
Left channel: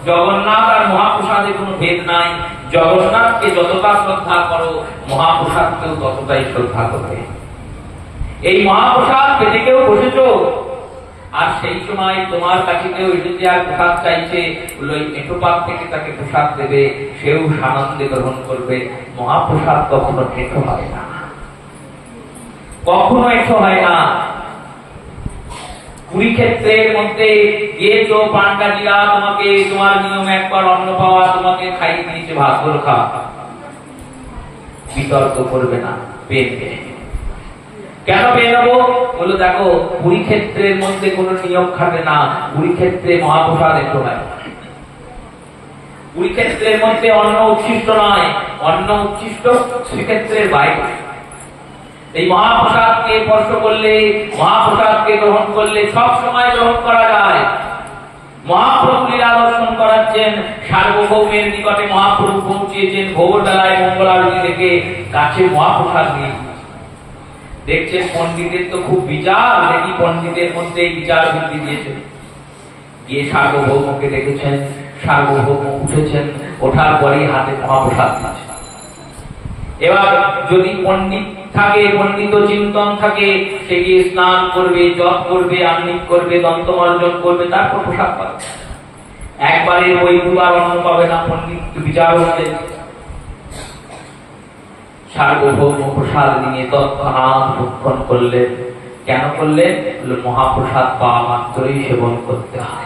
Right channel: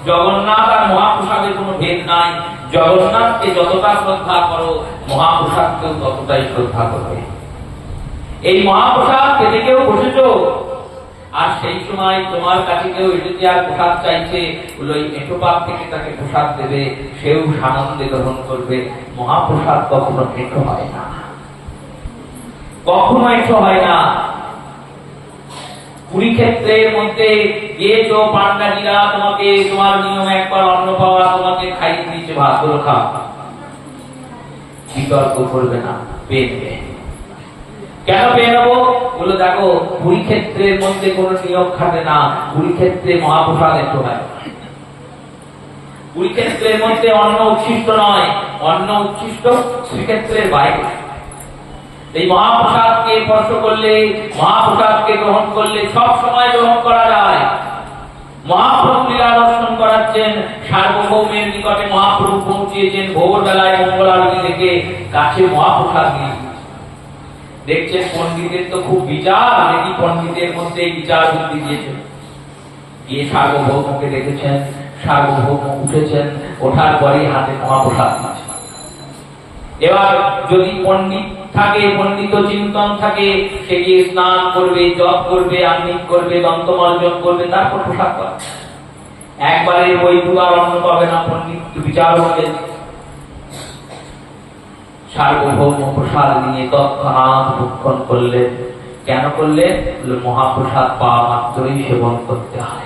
জগন্নাথ আর মহাপ্রসাদের কোনো ভেদ নাই। জগন্নাথকে যতটা শ্রদ্ধা করো, মহাপ্রসাদকেও ততটাই শ্রদ্ধা করবে। এই মহাপ্রসাদ পেতে কেউ বসেছো, আর সেই সময় তোমার কাছে কেউ এসেছে আর প্রসাদ চাইছে, ওই একটুপাক থেকে তাকে প্রসাদ দেবে, সেও সানন্দে গ্রহণ করবে। মহাপ্রসাদ কখনো এটো হয় না, কখনো এটো হয় না। কুরুক্ষেত্রের মধ্যে গিয়েছো, পান্ডাজিরা তোমাকে, তোমার নিয়ম একবার অন্ন পাওয়া, তোমাকে খাইয়ে দিয়েছে, ভাত করে খাও, বিতর্ক করবে না, পেয়ে নেবে। কেন পেয়ে নেবো? বলে দেখো, কুরুক্ষেত্রের মধ্যে কোন নিয়ম খাটে না। কুরুক্ষেত্রে মহাপ্রসাদ একটু হয়। কুরুক্ষেত্রের মধ্যে অন্ন উচ্ছিষ্ট নয়, অন্ন উচ্ছিষ্ট শ্রীক্ষেত্রের বাইরে। এই মহাপ্রসাদকে স্পর্শ করলে, মহাপ্রসাদকে গ্রহণ করলে সব সময় গ্রহণ করা যায়। মহাপ্রভু লীলা দর্শন করাচ্ছেন, সার্বভৌমের নিকটে মহাপ্রভু পৌঁছিয়েছেন ভোর বেলায় মঙ্গলারতি থেকে কাছে মহাপ্রসাদ নিয়ে। দেখছেন পণ্ডিতের তো খুব বিচার, নাকি পণ্ডিতের মধ্যে বিচার বৃদ্ধি দিয়েছে। গিয়ে সার্বভৌমকে দেখেছেন, সার্বভৌম উঠেছেন, ওঠার পরেই হাতে মহাপ্রসাদ দিয়েছে। এবার যদি পণ্ডিত থাকে, পণ্ডিত চিন্তন থাকে, সে গিয়ে স্নান করবে, জপ করবে, আমৃত করবে, দন্তমার্জন করবে, তারপর প্রসাদ পাবে। একবারে বই দুবার অন্ন পাবে না, পণ্ডিত বিচার করবে। সার্বভৌম প্রসাদ নিয়ে তৎক্ষণাৎ ভক্ষণ করলেন। কেন করলেন? মহাপ্রসাদ পাওয়া মাত্রই সেবন করতে হয়।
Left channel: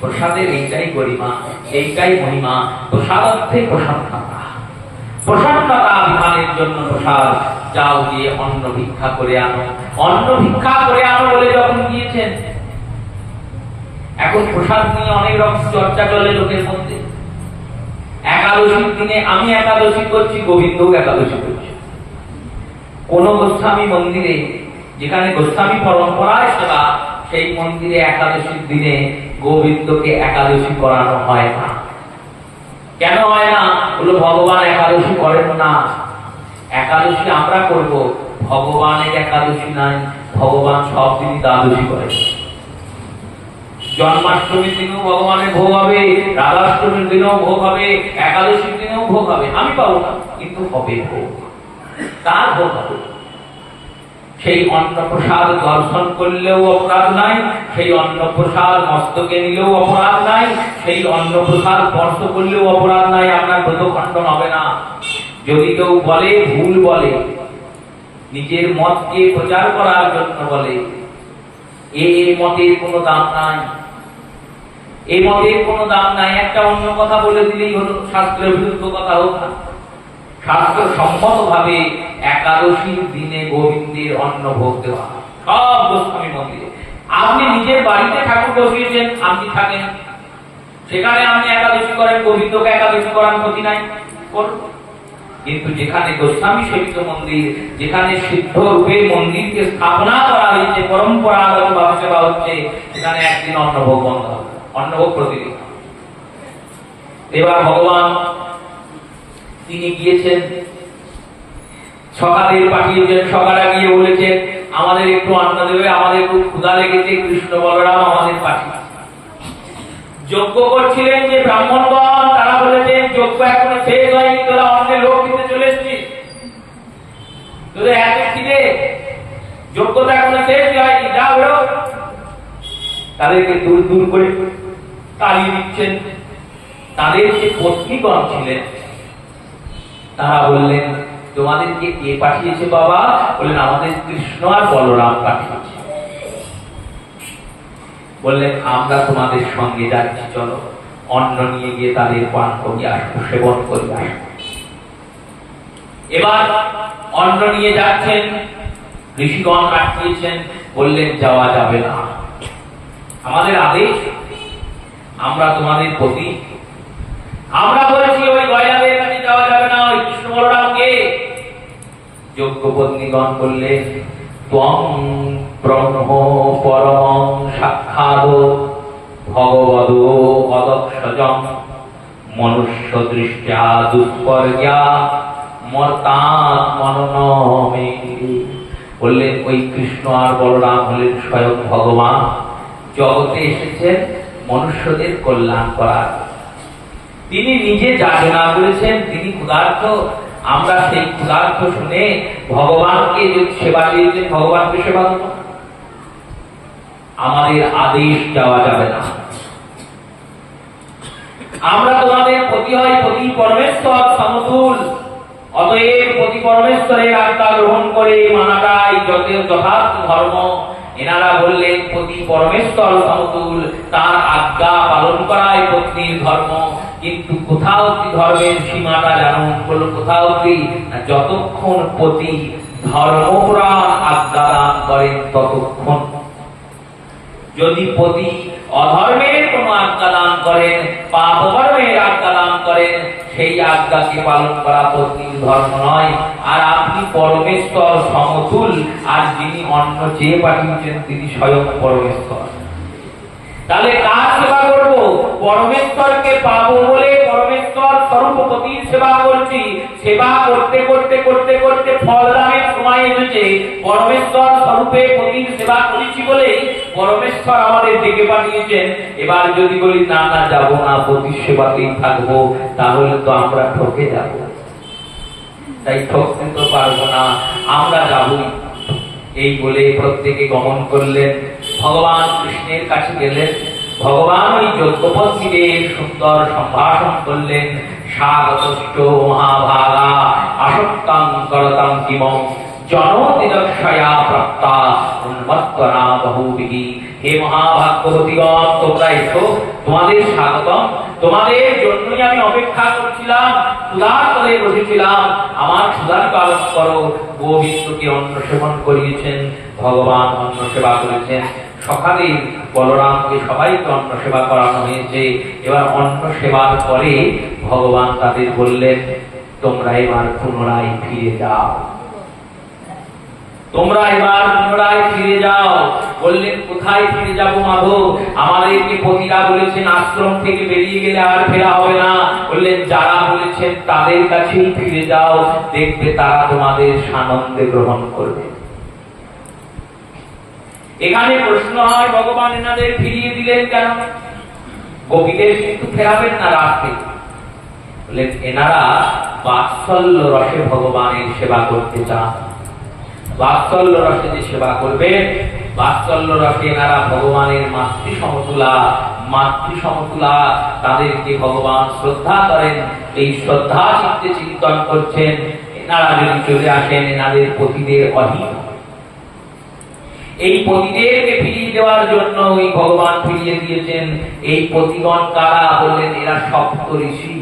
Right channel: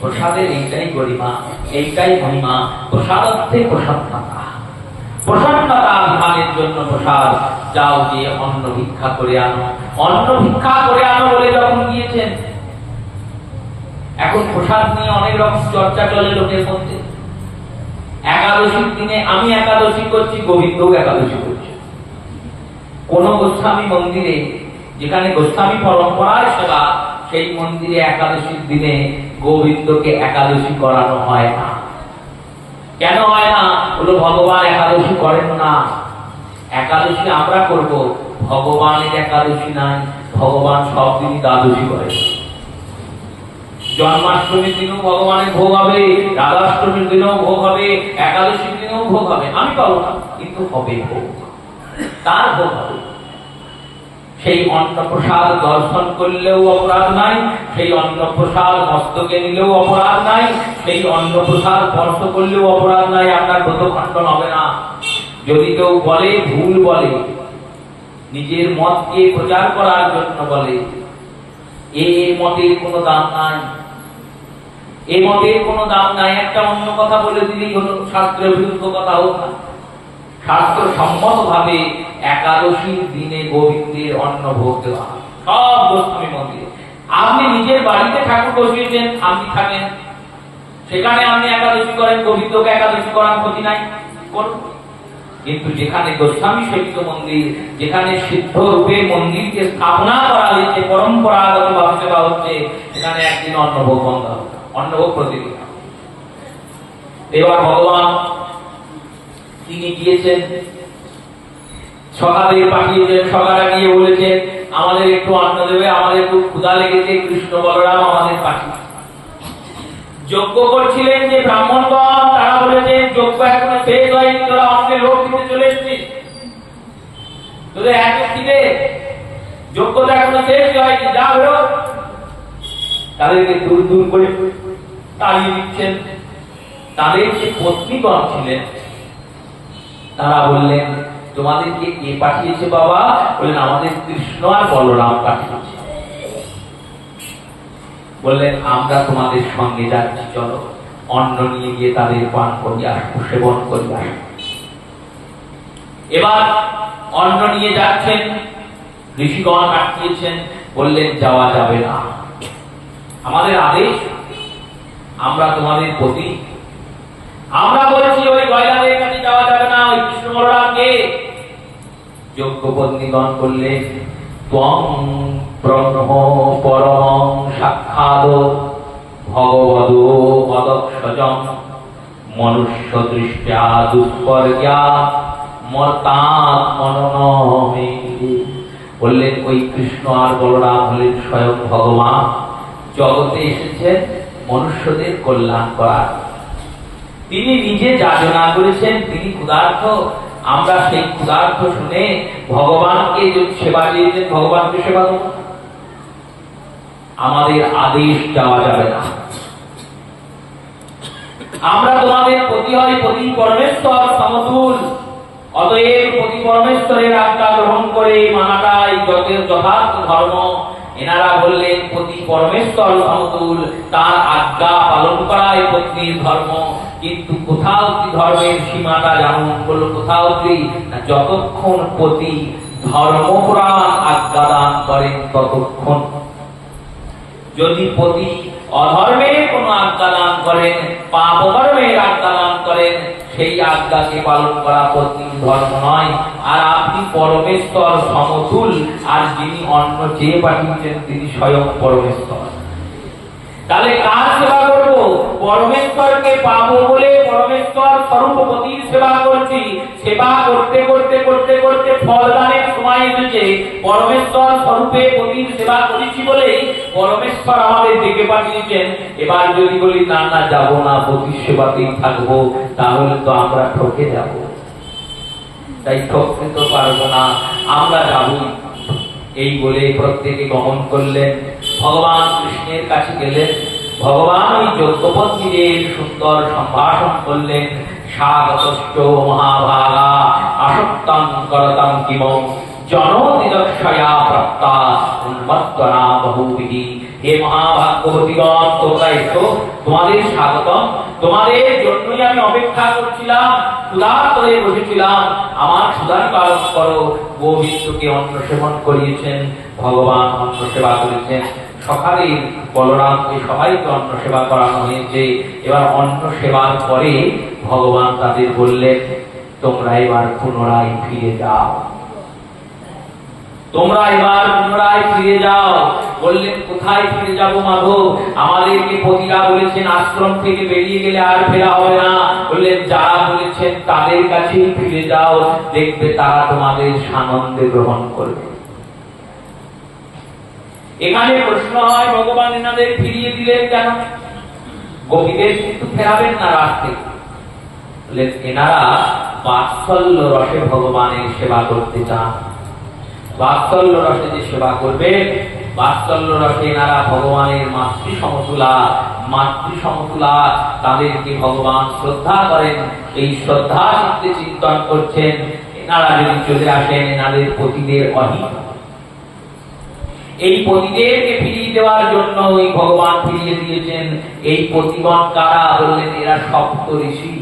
প্রসাদের এইটাই গরিমা, এইটাই মহিমা। প্রসাদ অর্থে প্রসন্নতা, প্রসন্নতা বিমানের জন্য প্রসাদ। যাও গিয়ে অন্ন ভিক্ষা করে আনো, অন্ন ভিক্ষা করে আনো বলে যখন গিয়েছেন। এখন প্রসাদ নিয়ে অনেক রকম চর্চা চলে লোকের মধ্যে। একাদশীর দিনে আমি একাদশী করছি, গোবিন্দ একাদশী করছে। কোন গোস্বামী মন্দিরে, যেখানে গোস্বামী পরম্পরায় সেবা, সেই মন্দিরে একাদশীর দিনে গোবিন্দকে একাদশী করানো হয় না। কেন হয় না? বলে ভগবান একাদশী করেন না। একাদশী আমরা করব, ভগবানের একাদশী নাই। ভগবান সব দিনই দ্বাদশী করেন। জন্মাষ্টমীর দিনও ভগবানের ভোগ হবে, রাধাষ্টমীর দিনেও ভোগ হবে, একাদশীর দিনেও ভোগ হবে। আমি পাবো না, কিন্তু হবে ভোগ, তার ভোগ হবে। সেই অন্নপ্রসাদ দর্শন করলেও অপরাধ নাই, সেই অন্নপ্রসাদ মস্তকে নিলেও অপরাধ নাই, সেই অন্নপ্রসাদ স্পর্শ করলেও অপরাধ নাই। আপনার ব্রত খণ্ডন হবে না। যদি কেউ বলে, ভুল বলে, নিজের মতকে প্রচার করার জন্য বলে, এই মতের কোনো দাম নাই, এই মতের কোনো দাম নাই, একটা অন্য কথা বলে দিলেই হলো, শাস্ত্রের বিরুদ্ধ কথা হোক না। শাস্ত্র সম্মত ভাবে একাদশীর দিনে গোবিন্দের অন্ন ভোগ দেওয়া হয় সব গোস্বামী মন্দিরে। আপনি নিজের বাড়িতে ঠাকুর বসিয়েছেন, আপনি থাকেন, সেখানে আপনি একাদশী করেন, গোবিন্দকে একাদশী করার ক্ষতি নাই, করুন। কিন্তু যেখানে গোস্বামী সেবিত মন্দির, যেখানে সিদ্ধ রূপে মন্দিরকে স্থাপনা করা হয়েছে, পরম্পরাগত ভাবে সেবা হচ্ছে, সেখানে একদিন অন্নভোগ বন্ধ হবে, অন্নভোগ প্রতিদিন। এবার ভগবান তিনি গিয়েছেন, সকালে পাঠিয়েছেন, সকালে গিয়ে বলেছেন আমাদের একটু অন্ন দেবে, আমাদের খুব ক্ষুধা লেগেছে। কৃষ্ণ বলরাম আমাদের পাঠিয়েছে। যজ্ঞ করছিলেন যে ব্রাহ্মণগণ, তারা বলেছেন যজ্ঞ এখনো শেষ হয়নি, তোরা অন্যের লোক দিতে চলে এসেছিস, তোদের এত খিদে, যজ্ঞটা এখনো শেষ হয়নি, যা বেরো। তাদেরকে দূর দূর করে তাড়িয়ে দিচ্ছেন। তাদের যে পত্নীগণ ছিলেন তারা বললেন তোমাদেরকে কে পাঠিয়েছে বাবা? বললেন আমাদের কৃষ্ণ আর বলরাম পাঠিয়েছে। বললেন আমরা তোমাদের সঙ্গে যাচ্ছি, চলো অন্ন নিয়ে গিয়ে তাদের পান করি আসবো, সেবন করি আসবো। এবার অন্ন নিয়ে যাচ্ছেন, ঋষিগণ আটকিয়েছেন, বললেন যাওয়া যাবে না, আমাদের আদেশ, আমরা তোমাদের প্রতি, আমরা বলেছি ওই গয়াদের কাছে যাওয়া যাবে না, ওই কৃষ্ণ বলরামকে। যজ্ঞপত্নীগণ বললেন ত্বং ব্রহ্ম পরমং সাক্ষাৎ ভগবদ অদক্ষজং মনুষ্য দৃষ্টা দুষ্পর্যা মর্তাৎ মননমে। বললেন ওই কৃষ্ণ আর বলরাম হলেন স্বয়ং ভগবান, জগতে এসেছেন মনুষ্যদের কল্যাণ করার। তিনি নিজে যাচনা করেছেন, তিনি ক্ষুধার্ত, আমরা সেই ক্ষুধার্ত শুনে ভগবানকে যে সেবা দিয়েছেন, ভগবানকে সেবা করব, আমাদের আদেশ যাওয়া যাবে না। আমরা তোমাদের প্রতি হয় প্রতি পরমেশ্বর সমতুল, অতএব প্রতি পরমেশ্বরের আজ্ঞা গ্রহণ করে মানাটাই যথার্থ ধর্ম। এনারা বললেন প্রতি পরমেশ্বর সমতুল, তার আজ্ঞা পালন করাই পত্নীর ধর্ম। কিন্তু কোথাও কি ধর্মের সীমাটা যেমন হলো, কোথাও কি যতক্ষণ পতি ধর্মপুরাণ আজ্ঞা দান করেন ততক্ষণ। যদি পতি অধর্মের কোন আজ্ঞা দান করেন, পাপ কর্মের আজ্ঞা দান করেন, সেই আজ্ঞাকে পালন করা পত্নীর ধর্ম নয়। আর আপনি পরমেশ্বর সমতুল, আর যিনি অন্ন চেয়ে পাঠিয়েছেন তিনি স্বয়ং পরমেশ্বর। তাহলে কার সেবা করব? পরমেশ্বরকে পাবো বলে পরমেশ্বর স্বরূপপতির সেবা করছি। সেবা করতে করতে করতে করতে ফলদানের সময় এসেছে, পরমেশ্বর স্বরূপে পতির সেবা করেছি বলেই পরমেশ্বর আমাদের ডেকে পাঠিয়েছেন। এবার যদি বলি না না যাবো না, পতির সেবাতেই থাকবো, তাহলে তো আমরা ঠকে যাব। তাই ঠকতে তো পারবো না, আমরা যাবই। এই বলে প্রত্যেকে গমন করলেন, ভগবান কৃষ্ণের কাছে গেলেন। ভগবান ওই যজ্ঞপত্নীদের সুন্দর সম্ভাষণ করলেন। স্বাগতশ্চ মহাভাগা আসক্তাং করতাম কিমং জনদিদক্ষয়া প্রাপ্তা উন্মত্তনা বহুবিহি। হে মহাভাগ্যবতীগণ, তোমরা এসো, তোমাদের স্বাগতম, তোমাদের জন্যই আমি অপেক্ষা করছিলাম, ক্ষুধার করে বসেছিলাম, আমার ক্ষুধার পালন করো। গোবিন্দকে অন্ন সেবন করিয়েছেন, ভগবান অন্ন সেবা করেছেন। সকালে বলরামকে সবাইকে অন্ন সেবা করানো হয়েছে। এবার অন্ন সেবার পরে ভগবান তাদের বললেন তোমরা এবার পুনরায় ফিরে যাও, তোমরা এবার পুনরায় ফিরে যাও। বললেন কোথায় ফিরে যাব মাধব? আমাদেরকে পতিরা বলেছেন আশ্রম থেকে বেরিয়ে গেলে আর ফেরা হবে না। বললেন যারা বলেছেন তাদের কাছেই ফিরে যাও, দেখবে তারা তোমাদের সানন্দে গ্রহণ করবে। এখানে প্রশ্ন হয় ভগবান এনাদের ফিরিয়ে দিলেন কেন? গোপীদের কিন্তু ফেরাবেন না রাস্তে। বললেন এনারা বাৎসল্য রসে ভগবানের সেবা করতে চান। বাৎসল্য রসে যে সেবা করবে, বাৎসল্য রসে এনারা ভগবানের মাতৃ সমতুলা, তাদেরকে ভগবান শ্রদ্ধা করেন। এই শ্রদ্ধা চিত্তে চিন্তন করছেন। এনারা যদি চলে আসেন এনাদের পতিদের অহিত, এই পতিদেরকে ফিরিয়ে দেওয়ার জন্য ওই ভগবান ফিরিয়ে দিয়েছেন। এই পতিগণ কারা? বললেন এরা সপ্ত ঋষি।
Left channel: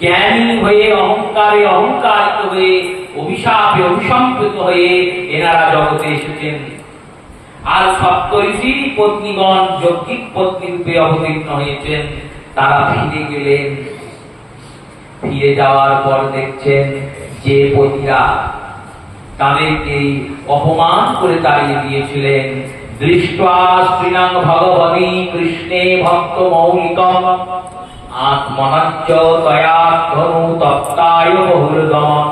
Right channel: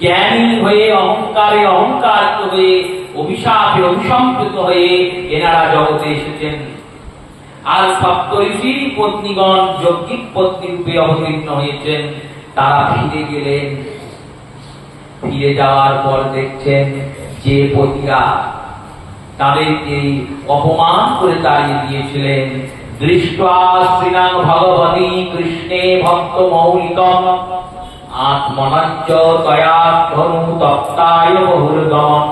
জ্ঞানী হয়ে অহংকারে অহংকারিত হয়ে অভিশাপে অভিসম্পৃত হয়ে এনারা জগতে এসেছেন। আর সপ্তর্ষি পত্নীগণ যৌগিক পত্নী রূপে অবতীর্ণ হয়েছেন। তারা ফিরে গেলেন। ফিরে যাওয়ার পর দেখছেন যে পতিরা তাদেরকে অপমান করে তাড়িয়ে দিয়েছিলেন, দৃষ্টা শ্রীনাং ভগবতী কৃষ্ণে ভক্ত মৌলিকম আত্মনাচ্চ তয়া ধনু তপ্তায় বহুরদম।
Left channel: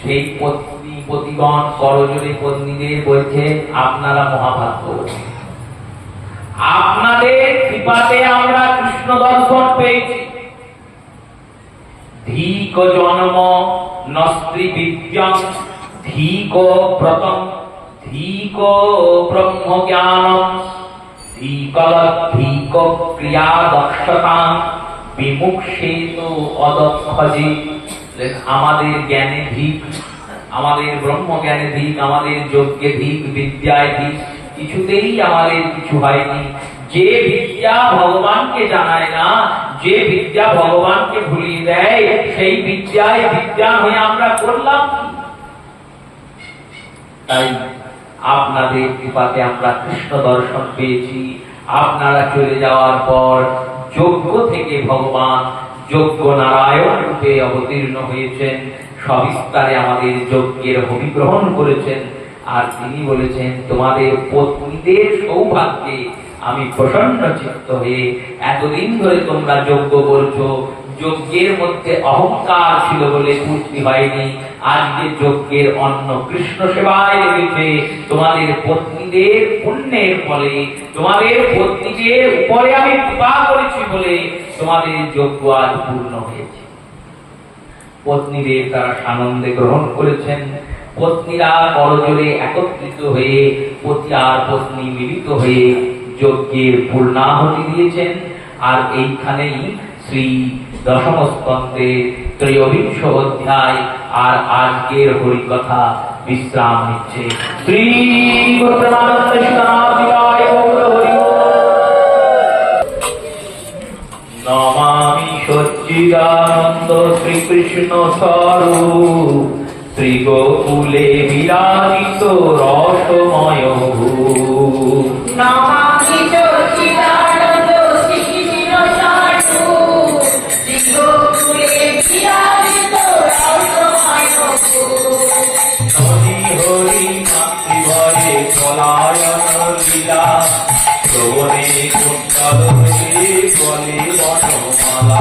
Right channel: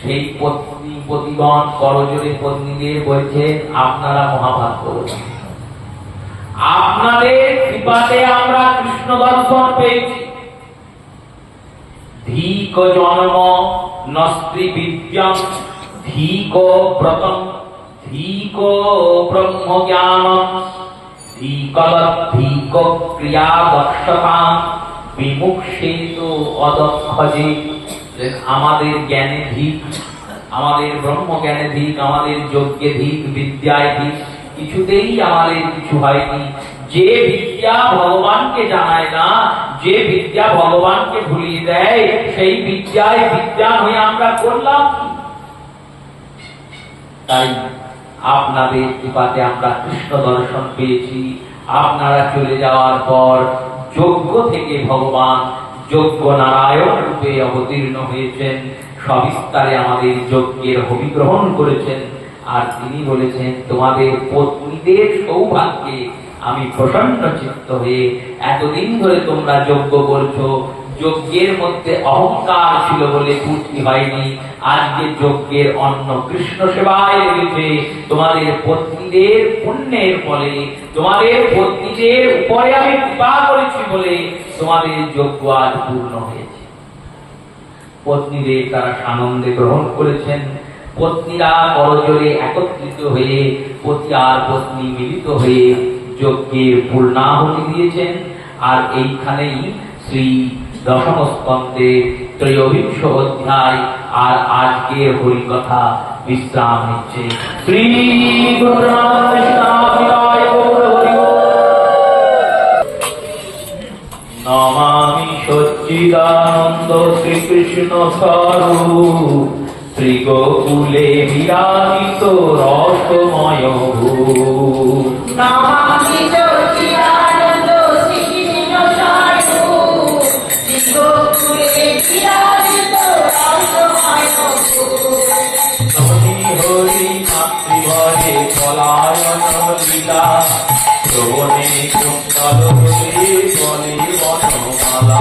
সেই পতিগণ করজোড়ে পত্নীদের বলছেন, আপনারা মহাভাগ্যবতী, আপনাদের কৃপাতে আমরা কৃষ্ণ দর্শন পেয়েছি। ধীক জন্ম নস্ত্রী বিদ্যং ধীক ব্রতং ধীক ব্রহ্ম জ্ঞানম ধীক ক্রিয়া দক্ষতা বিমুক্ষেতু অদক্ষজে। আমাদের জ্ঞানে ধীক, আমাদের ব্রহ্ম জ্ঞানে ধীক, আমাদের যজ্ঞে ধীক, বিদ্যায় ধীক, কিছুতেই আমাদের কিছু হয়নি। যে বিদ্যা ভগবানকে জানায় না, যে বিদ্যা ভগবানকে ভুলিয়ে দেয়, সেই বিদ্যায় বিদ্যা হয়ে আমরা করলাম কি? তাই আপনাদের কৃপাতে আমরা কৃষ্ণ দর্শন পেয়েছি। আপনারা চলে যাওয়ার পর যজ্ঞ থেকে ভগবান যজ্ঞ নারায়ণ রূপে অবতীর্ণ হয়েছেন, সবিস্তারে আমাদের যজ্ঞের হোমি গ্রহণ করেছেন। আর তিনি বলেছেন, তোমাদের পত্নীদের সৌভাগ্যে আমি প্রসন্ন চিত্ত হয়ে, এতদিন ধরে তোমরা যজ্ঞ করছো, যজ্ঞের মধ্যে অহংকার ছিল বলে পূর্তি হয়নি, আজকে যজ্ঞের অন্ন কৃষ্ণ সেবায় লেগেছে। তোমাদের পত্নীদের পুণ্যের ফলে, তোমাদের পত্নীদের উপরে আমি কৃপা করেছি বলে তোমাদের যজ্ঞ আজ পূর্ণ হয়েছে। পত্নীদের তারা আনন্দে গ্রহণ করেছেন। পত্নীরা করজোড়ে একত্রিত হয়ে পতি আর পত্নী মিলিত হয়ে যজ্ঞের পূর্ণাহুতি দিয়েছেন। আর এইখানেই শ্রী দশম স্কন্ধে ত্রয়োবিংশ অধ্যায় আর আজকের হরিকথা বিশ্রাম নিচ্ছে। শ্রী নমামি সচ্চিদানন্দ শ্রীকৃষ্ণ স্বরূপ শ্রী গোকুলে বিরাজিত রসময় ভূপ। নমামি সচ্চিদানন্দ শ্রীকৃষ্ণ স্বরূপ শ্রী গোকুলে বিরাজিত রসময় ভূপ। হরি হরি মাতৃভয়ে পলায়ন লীলা শ্রবণে কুণ্ডল বলে বনমালা।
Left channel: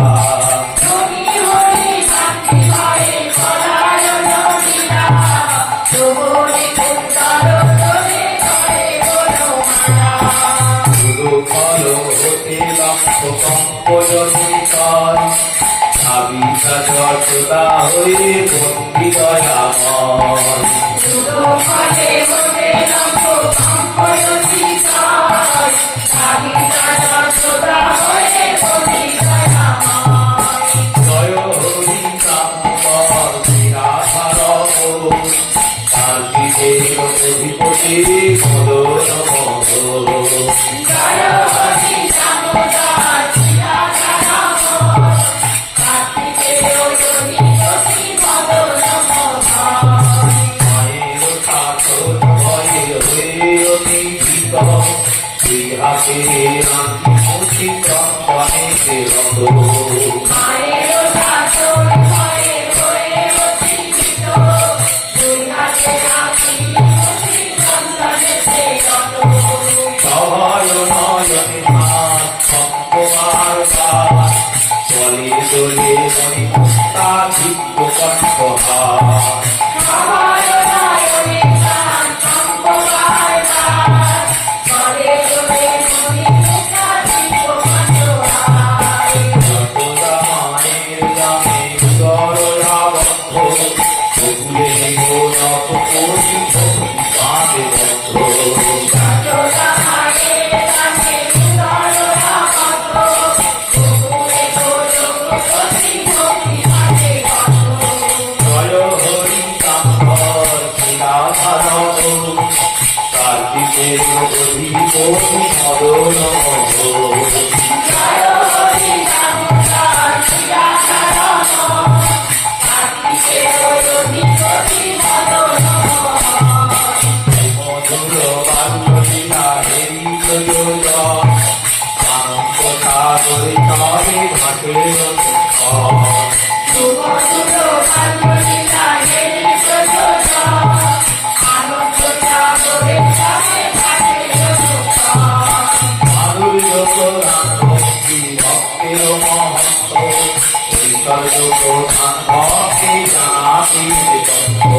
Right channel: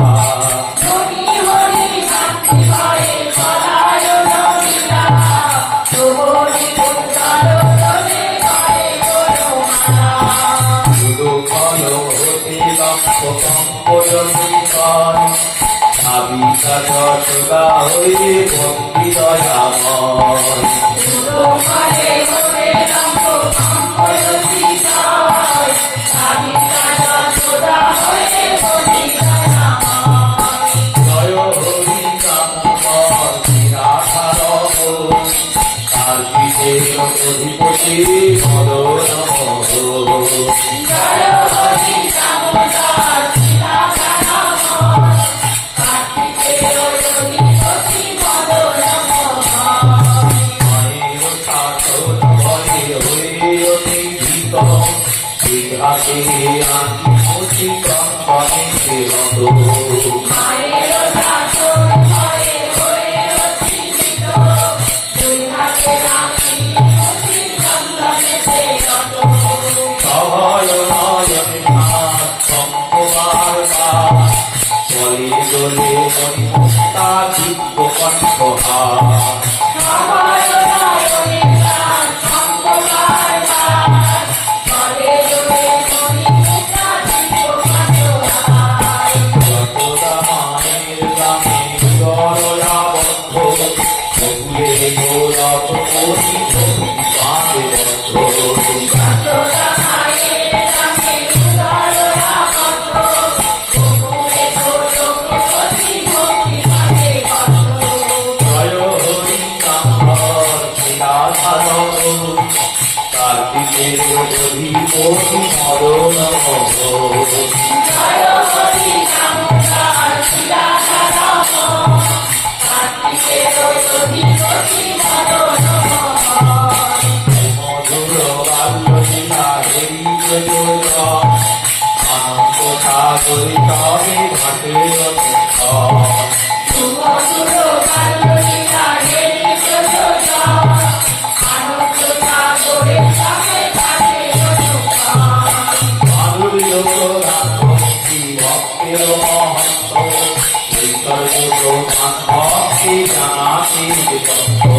হরি হরি মাতৃভয়ে পলায়ন লীলা শ্রবণে কুণ্ডল বলে বনমালা। উদুফল হতে লক্ষ কম্পজনিকার ভাবিতা যশোদা হয়ে ভক্তি দয়াময়। উদুফলে হতে লক্ষ কম্পজনিকার ভাবিতা যশোদা হয়ে ভক্তি দয়াময়। জয় হরি কান্তর বিরাধার কার্তিকের অধিপতি বলো নমঃ। জয় হরি দামোদর বিরাজমান কার্তিকেয় অধিপতি বলো নমঃ। মায়ের শাসন ভয়ে হয়ে অতি ভীত বিহাতে আত্মোচিত প্রাণে রত। মায়ের শাসন ভয়ে হয়ে অতি ভীত দুই হাতে রাখি মুঠি বন্ধনেতে রত। সহায় নয়নে হাত সম্পবার পাত চলে দোলে মণিমুক্তা দিব্য কণ্ঠহার। সহায় নয়নে প্রাণ সম্পবার পাত চলে দোলে মণিমুক্তা দিব্য কণ্ঠহার। যশোদা মায়ের গানে গররাবদ্ধ বকুলে গোরথ কোটি ভক্তি পাদে বদ্ধ। যশোদা মায়ের কাছে উদররা কত, গোকুলে গোলকপতি ভক্তি পাদে বদ্ধ। জয় হরি কান্তর বিরাধার কার্তিকের অধিপতি মদন জয় হরি দামোদর বিরাজমান সাগরে তারে ঘাটে সুমধুর কান্দলীলা হে নিত্যযোজা, আনন্দ সাগরে তারে ঘাটে মাধুর্য প্রধান ভক্তি ভক্তের মহত্ব, ঐশ্বর্য প্রধান ভক্তি জানাতে তত্ত্ব।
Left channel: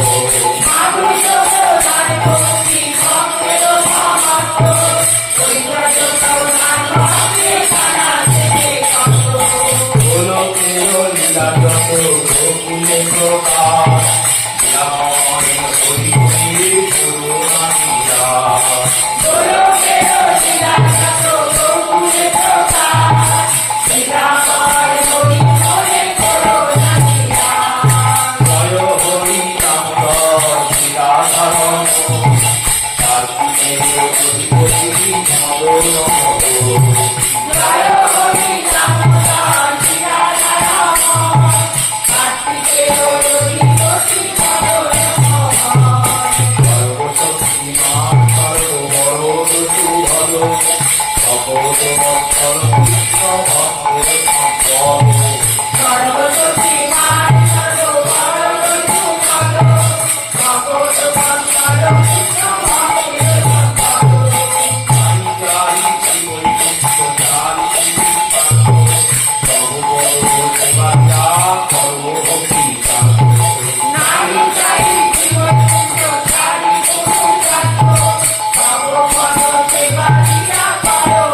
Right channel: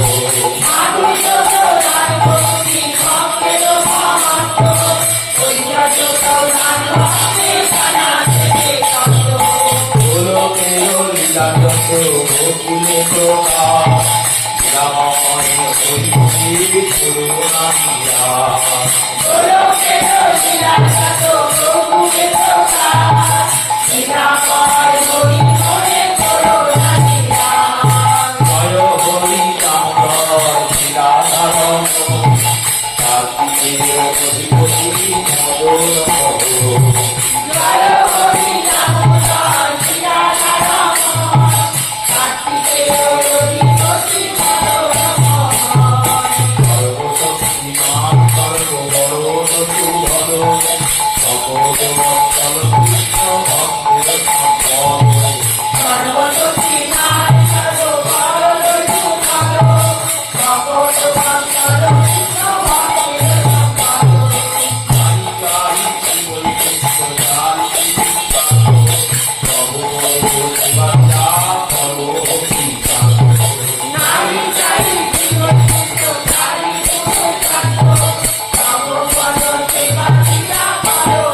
মাধুর্য প্রধান ভক্তি ভক্তের মহত্ব, ঐশ্বর্য প্রধান ভক্তি জানাতে তত্ত্ব। গোলকের লীলা যত গোকুলে প্রকাশ, লীলাময় হরিকে করুণা লীলা। গোলকের লীলা যত গোকুলে প্রকাশ, লীলাময় হরি হরে করুণা লীলা। জয় হরি নাম লীলাধারণ, কার্তিকেয় অধিপতি মদন। জয় হরি নাম লীলাধারণ, কার্তিকেয় অধিপতি মদন। সর্বশক্তিমান সর্ববরদ সুভদ, ভগবৎ কৃষ্ণ ভক্তের সম্পদ। সর্বশক্তিমান সর্ববরদ সুভদ, ভগবৎ কৃষ্ণ ভক্তের সম্পদ। নারী চারি জীবনযুক্ত চারি গুণকাণ্ড, ভগবৎ সেবা দিয়া করো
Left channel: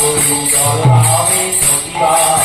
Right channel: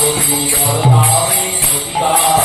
গরু বলরামে প্রতিবার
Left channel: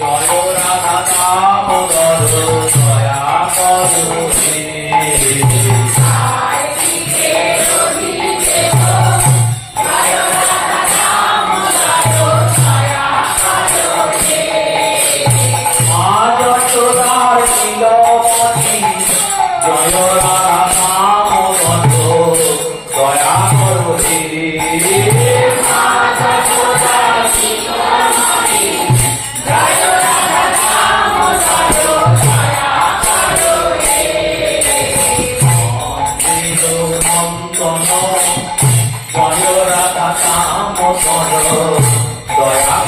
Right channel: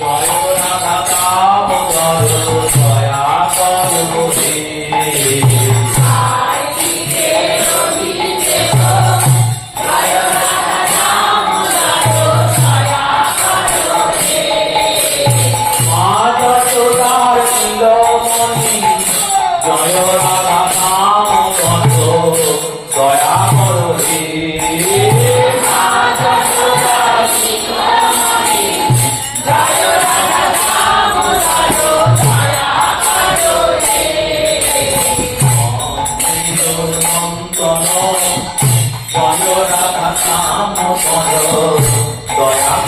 জয় রাধা দামোদর দয়া করো হে। মা যশোদার নীলমণি জয় রাধা দামোদর দয়া করো হে। জয় রাধা দামোদর দয়া করো হে।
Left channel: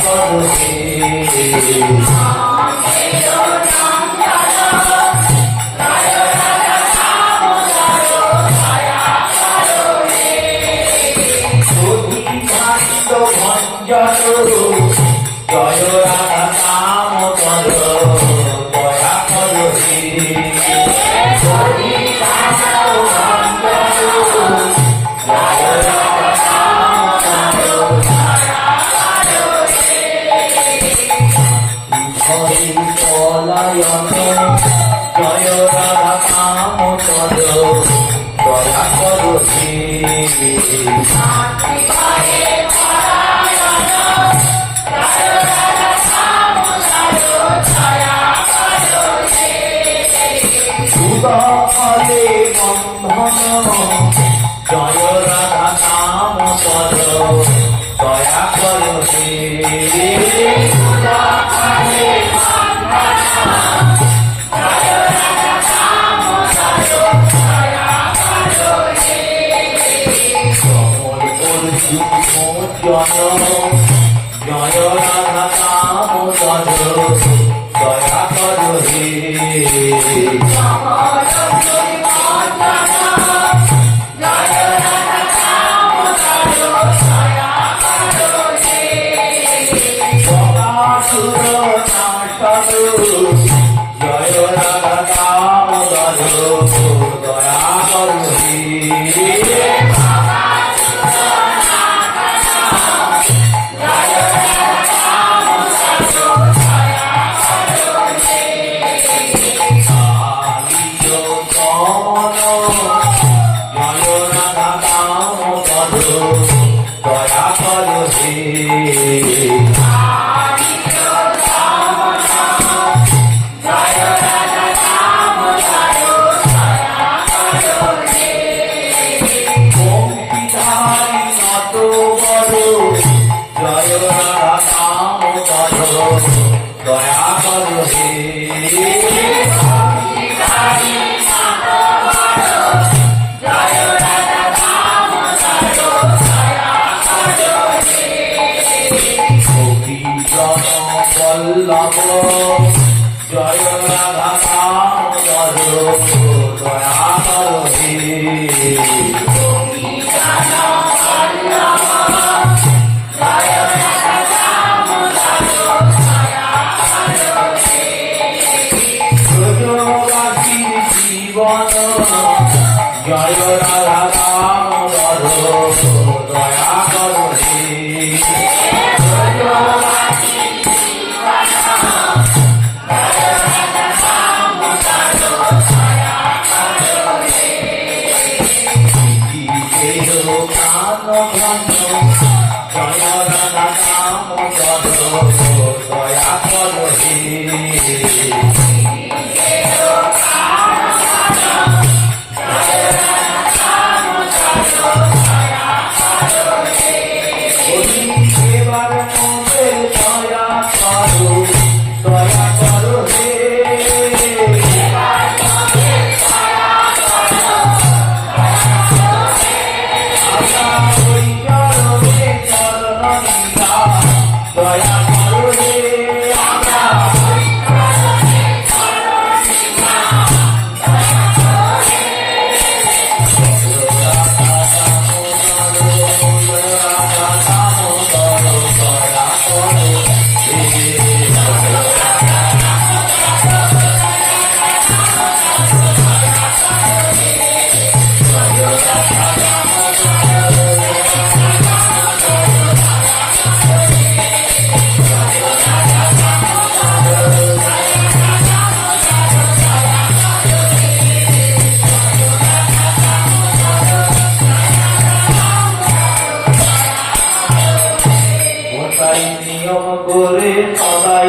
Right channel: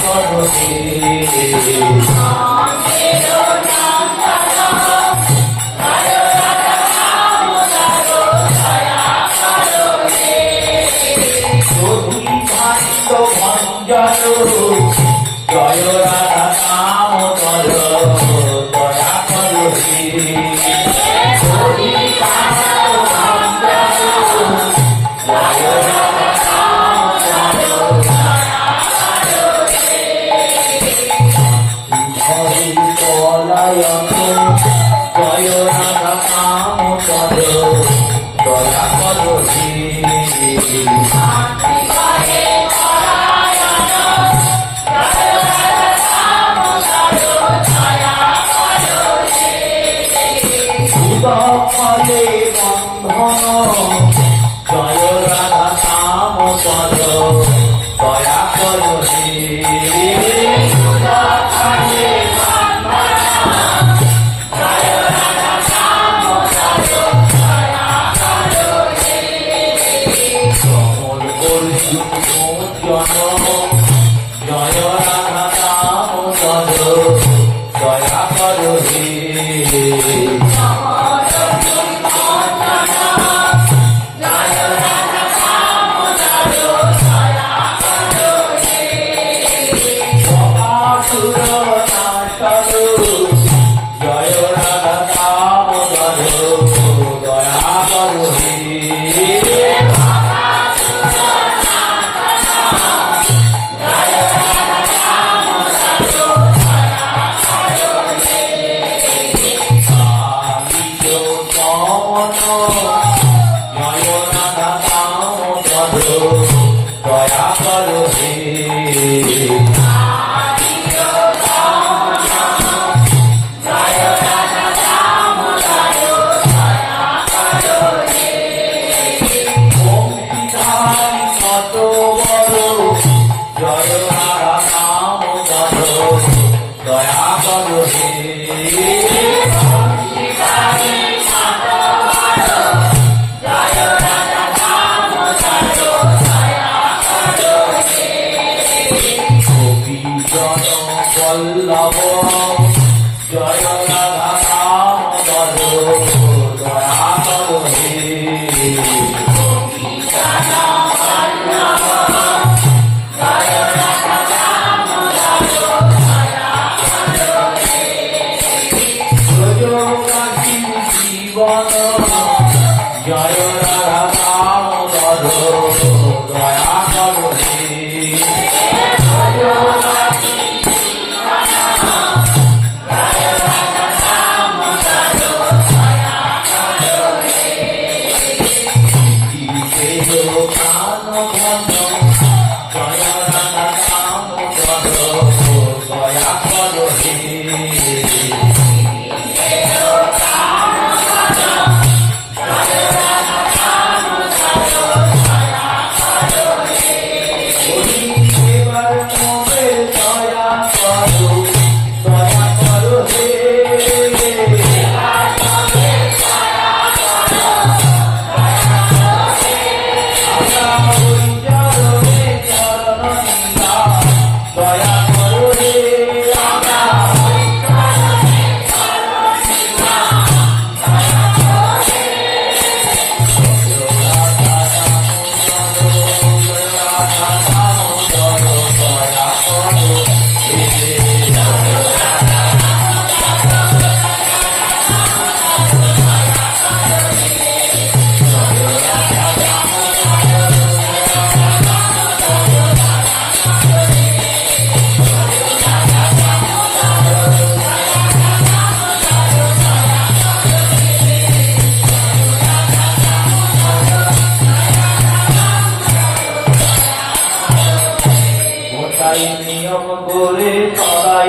জয় রাধা দামোদর দয়া করো হে। হরি পলায়ন জয় রাধা দামোদর দয়া করো হে। ফলে বন্ধন জয় রাধা দামোদর দয়া করো হে। কমল অর্জুন জন জয় রাধা দামোদর দয়া করো হে। জয় রাধা দামোদর দয়া করো হে। জয় রাধা দামোদর দয়া করো হে। জয় রাধা দামোদর দয়া করো হে। গোপীজন বল্লভ জয় রাধা দামোদর দয়া করো হে। জীবন জয় রাধা দামোদর দয়া করো হে।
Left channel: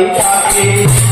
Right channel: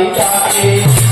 ডাকে